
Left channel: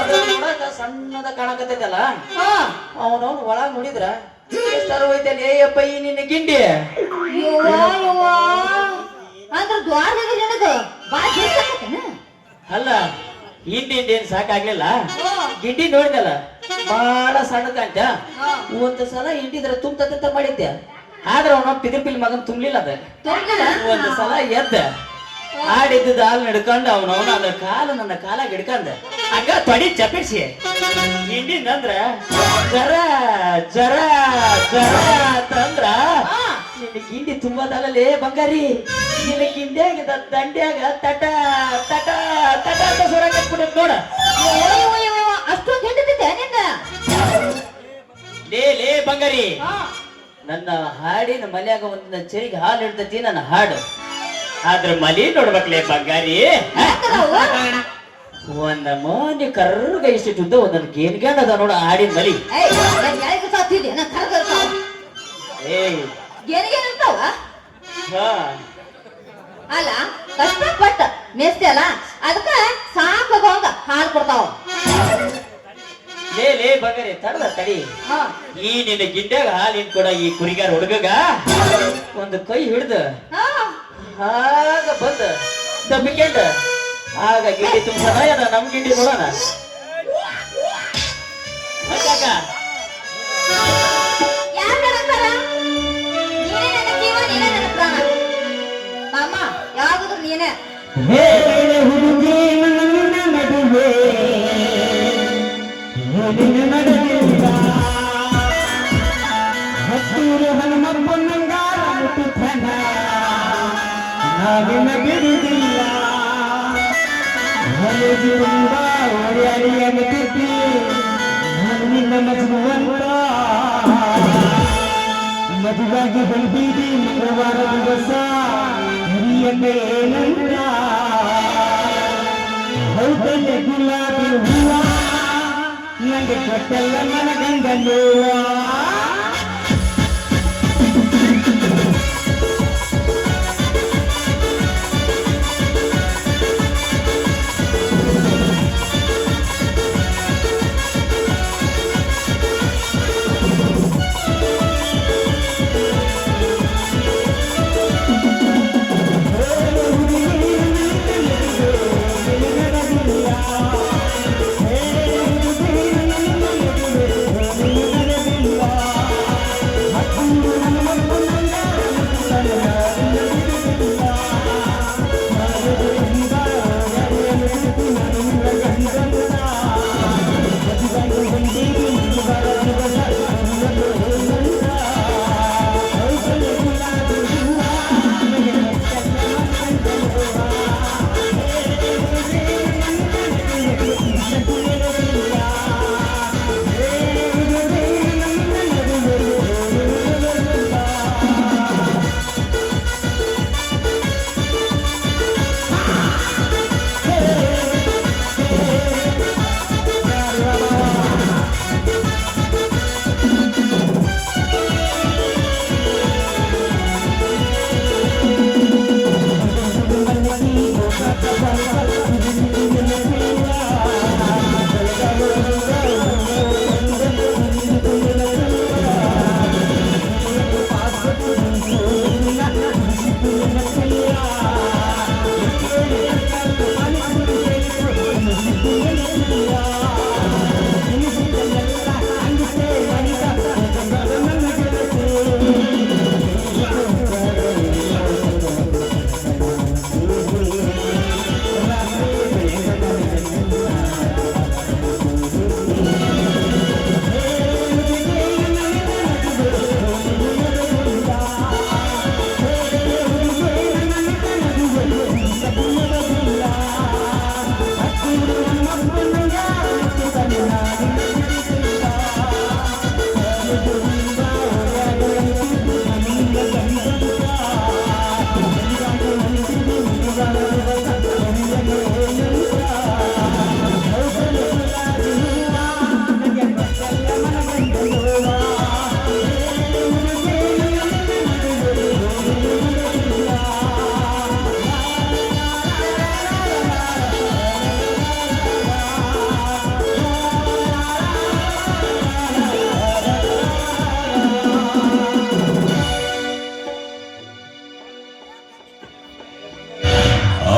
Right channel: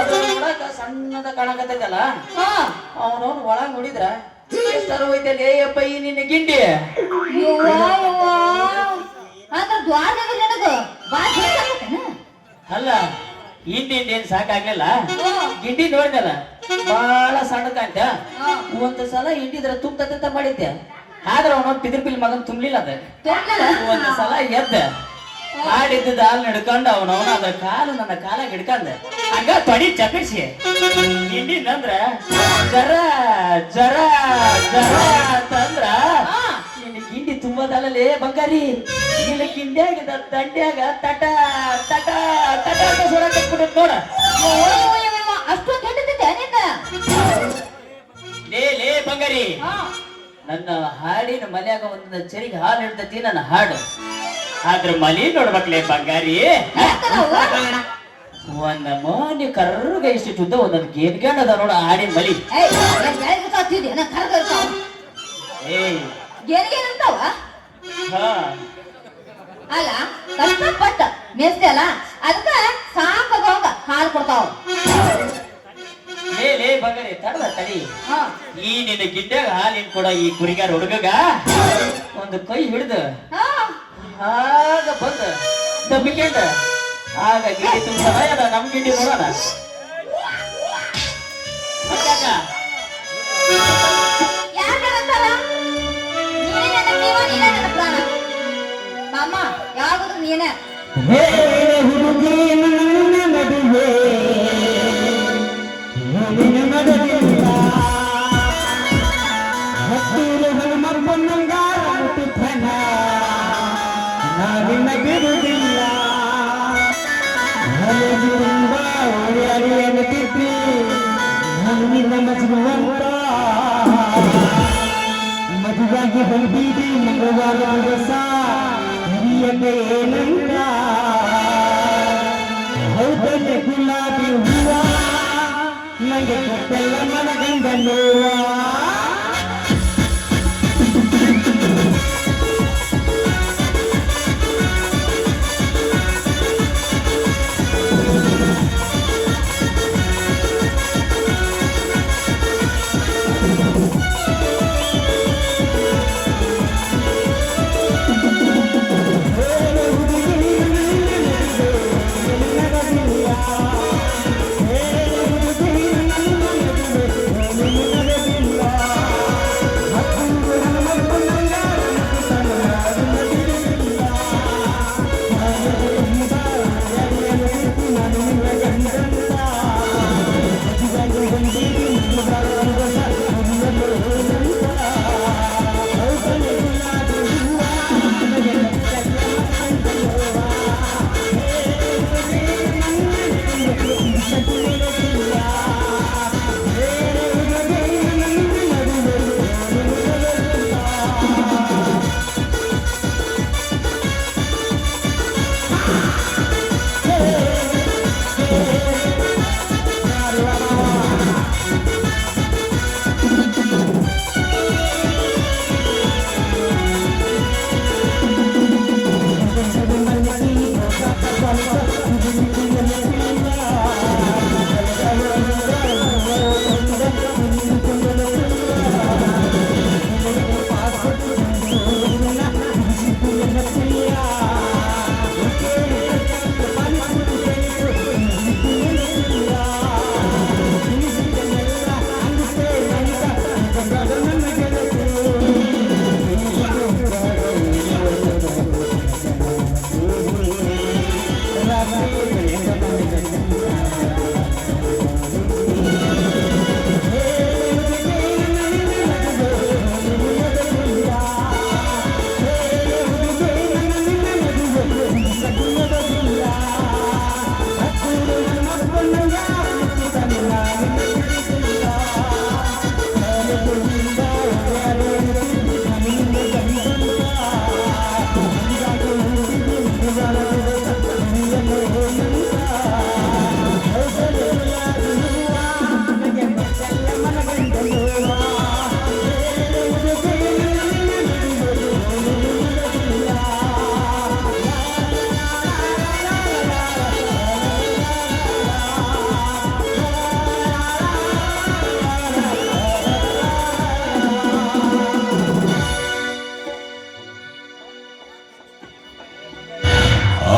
ಅದು ನೋಡಾಕ ಸಣ್ಣದ ಕಾಣಕತ್ತೈತಲ್ಲ ಅವನವನು ಒಳಗ್ ನೋಡಿದ್ರ ಎಷ್ಟರ ಹೋಯ್ತೇನೆ ಅಪ್ಪ ಈ ನಿನ್ನ ಗಿಂಡಿ ಅದ್ರ ದ್ವಾರದಾಗ ನನಗ ಬಾಳ ಅಲ್ಲ ಹಿಂಡಿ ಏನ್ ಸಾಕಾಗ್ಲಿಲ್ಲ ಗಿಂಡಿ ನೋಡಿದಲ್ಲ ಬಹಳ ಸಣ್ಣ ಕಾಂತ ಒಂದ್ ಸಲ ಹಿಂಡಿದ್ರ ತುಂಬ ಮಾಡಿದ್ದೆ ಆದ್ರೆ ಅವನ ಪಿಲ್ ಮಗನ್ ತುಂಬ್ಲಿಲ್ಲ ಅದ ಒಂದ್ ಸಲ ಎದ್ದ ಆಡಿದ್ದ ಹಾಲ್ ನಡ್ಕೊಂಡು ಅವನವನ ಅದ್ರ ಕಾಲು ನನ್ನ ಕಾಲಾಗ ಹಿಡ್ಕೊಂಡ ಹಂಗ ತೊಡಿ ಚಪಿಸಿ ಹಿಂಡಿನಂದ್ರ ಜರ ಜರ ಜರ ಅಂತಂದ್ರ ನಿನ್ನ ಗಿಂಡಿ ತುಂಬದಲ್ಲೇ ಬಂಗಾರಿ ನಿನ್ನ ಗಿಂಡ್ಯಾಗ ದಂಡ್ಯಾಗ ತಟ ತಟ ತಟ ನೋಡ ಅಷ್ಟೊಂದು ಕೆಟ್ಟದಿದ್ದೆ ನಿಂದ ಲೇ ಬಂಗಾರಿ ನನ್ನ ಹಾಡಿನ ಮಲ್ಯಾಗ ಒಂದ ಚೆರಿಗೆ ಹಾಲು ಹಿಡ್ದೈತಿ ನನ್ನ ಹಾಡು ಆದ್ರ ಮಲಿ ನೋಡ್ಬೇಕ್ಲೇ ಬಂಗಾರಿ ಒಂದ ಮೋನಿ ಕರ್ರಗ ಇಷ್ಟು ಉದ್ದ ಒಂದೊಂದು ಗೇನ್ಗೇನ್ ಅದ ನೋಡ ಹಾಡಿನ ಮಲಿ ಏಯ್ ಗೆರಿಗೆನಿರ್ತಾವ ಹಾ ಅಲ್ಲ ಕಷ್ಟಪಟ್ಟ ಮೇಸ್ತಿ ಅಲ್ಲ ಅದಕ್ಕ ಸಾಕೋದಂಗ ಹಾಲು ಕೊಡ್ತಾವ ಲೇ ಬಂಗಾರಿ ತಡ ತಡಿ ಈ ನಿನ್ನ ಗಿಡ್ಡಾಗ ಹಾಲಿನ ಕೊಡ ಈ ಕುರಿಗಾರ ಹುಡುಗಗ ಒಂದು ಕೈ ಹಿಡ್ದು ಆಗ ಬಂದ ದಬ್ಬಿಕೊಂಡ ಆಗ ಗಿಡ್ಡಿ ತುಂಬ ಅದ ನಮ್ ಗಿಡ್ಡಿ ನೋಡೋಣ ಮತ್ತ್ಯಾಕ? ಯಾರ್ ಹೇಳಕ್ಕಲ್ಲ? ನೀನೇ ನನ್ನ ಜೀವ, ನೀನೇ ನನ್ನ ಪ್ರಾಣ. ಮಾಮ ಯಾವಾಗಲೂ ನೀನೇ ಹುಡುಗಿ ನನ್ನ ನಡುವೆ ಏನಿನ ನಡುವಿಲ್ಲ ಹತ್ತೂರು ಹನುಮಪ್ಪನಂಗಾರ ಮುಟ್ಟುತ್ತನ ನಾವಿನ ಬಿಡುವುದಿಲ್ಲ ಹೊಲದಿಂದ ಅರಿಯನಿದ್ದಿ ನಾನು ನಿನ್ನ ಮಜುವಂತ ಮದುವಾಗಿ ಹೊಂದಿದಿ ಮಂಗಳವಾರ ದಿವಸ ಹಿರಿಯನ್ನೇ ಏನಂತ ಹೌದಲ್ಲೇ ಗುಲಾಬಿ ಹೂವ ನಂಗೆ ಕೊಟ್ಟೆಲ್ಲ ಮನಗಂಡಲು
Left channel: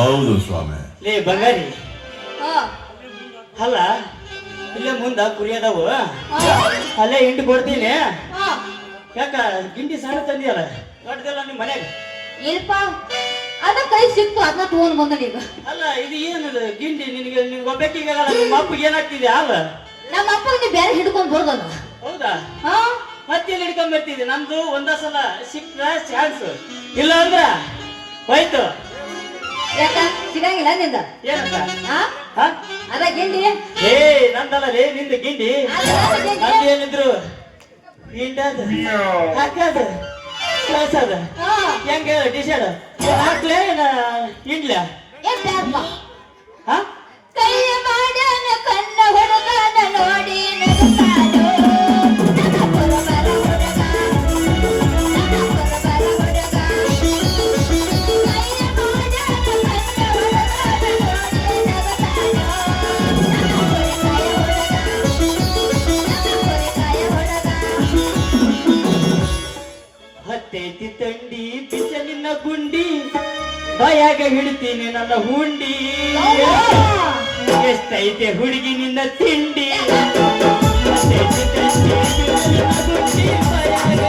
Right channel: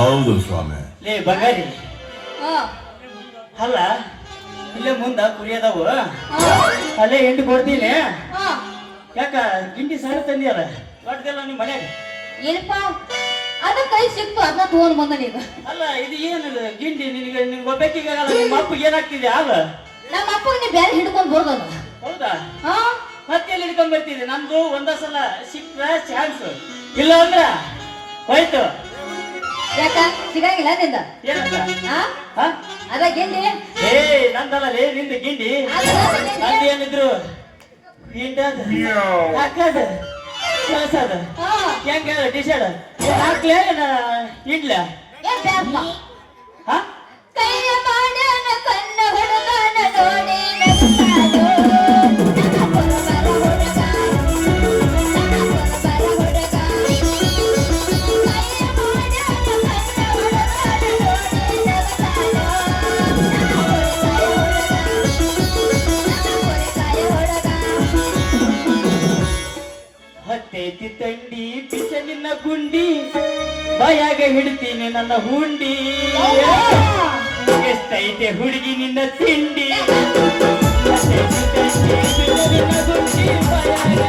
ಹೌದು ಸ್ವಾಮಿ. ಲೇ ಬಂಗಾರಿ, ಹಾ ಅಲ್ಲ ಇಲ್ಲೇ ಮುಂದ ಕುರಿಯದವು, ಅಲ್ಲೇ ಹಿಂಡಿ ಕೊಡ್ತೀನಿ. ಹಾ ಯಾಕ ಗಿಂಡಿ ಸಾರು ತಂದಿಯಲ್ಲ, ದೊಡ್ಡದಿಲ್ಲ ನಿಮ್ಮ ಮನೆಗೆ? ಇಲ್ಪ ಅದ ಕೈ ಸಿಕ್ತು ಅದನ್ನ ತಗೊಂಡ್ ಬಂದ ನೀವು. ಅಲ್ಲ ಇದು ಏನು ಗಿಂಡಿ ನಿನಗೆ, ನಿಮ್ಗೆ ಒಬ್ಬಾಕಿಗೆ ನಿಮ್ಮ ಅಪ್ಪಗೆ ಏನಾಗ್ತಿದೆ ಅಲ್ಲ? ನಮ್ಮ ಅಪ್ಪ ನೀ ಬೇರೆ ಹಿಡ್ಕೊಂಡ್ ಬರ್ದದ. ಹೌದಾ? ಹಾ ಮತ್ತೆ ಹಿಡ್ಕೊಂಡ್ ಬರ್ತಿದ್ದೆ. ನಮ್ದು ಒಂದ ಸಲ ಸಿಕ್ಕ್ರ ಚಾನ್ಸ್, ಇಲ್ಲ ಅಂದ್ರ ಹೋಯ್ತು. ಯಾಕ ಸಿಗಂಗಿಲ್ಲ ನಿಂದ? ಏನಂತ? ಹಾ ಹಾ? ಅದ ಗಿಂಡಿ ಏ ನಂದಲ್ಲ ಲೇ, ನಿಂದ ಗಿಂಡಿ. ನಂದೇನಿದ್ರು ಗಿಂಡದ ಹಾಕದ ಕಳ್ಸದ ಹಾ ಹೆಂಗ ಡಿಸೈಡ್ ಹಾಕ್ಲೇ ಇಡ್ಲ? ಏ ಬ್ಯಾಪ್ಪ. ಹಾ? ಕೈಯ ಮಾಡ್ಯಾನ ಕಣ್ಣ ಹೊಡೆದಾನ ನೋಡಿ ಹತ್ತೈತಿ ತಂಡಿ ಪಿಚ್ಚ ನಿನ್ನ ಗುಂಡಿ, ಬಾಯಾಗ ಹಿಡ್ತೀನಿ ನನ್ನ ಹುಂಡಿ. ಎಷ್ಟೈತೆ ಹುಡುಗಿ ನಿನ್ನ ತಿಂಡಿ, ಹತ್ತೈತಿ ತಂಡಿ ಪಿಚ್ಚ ನಿನ್ನ ಗುಂಡಿ, ಬಾಯಾಗ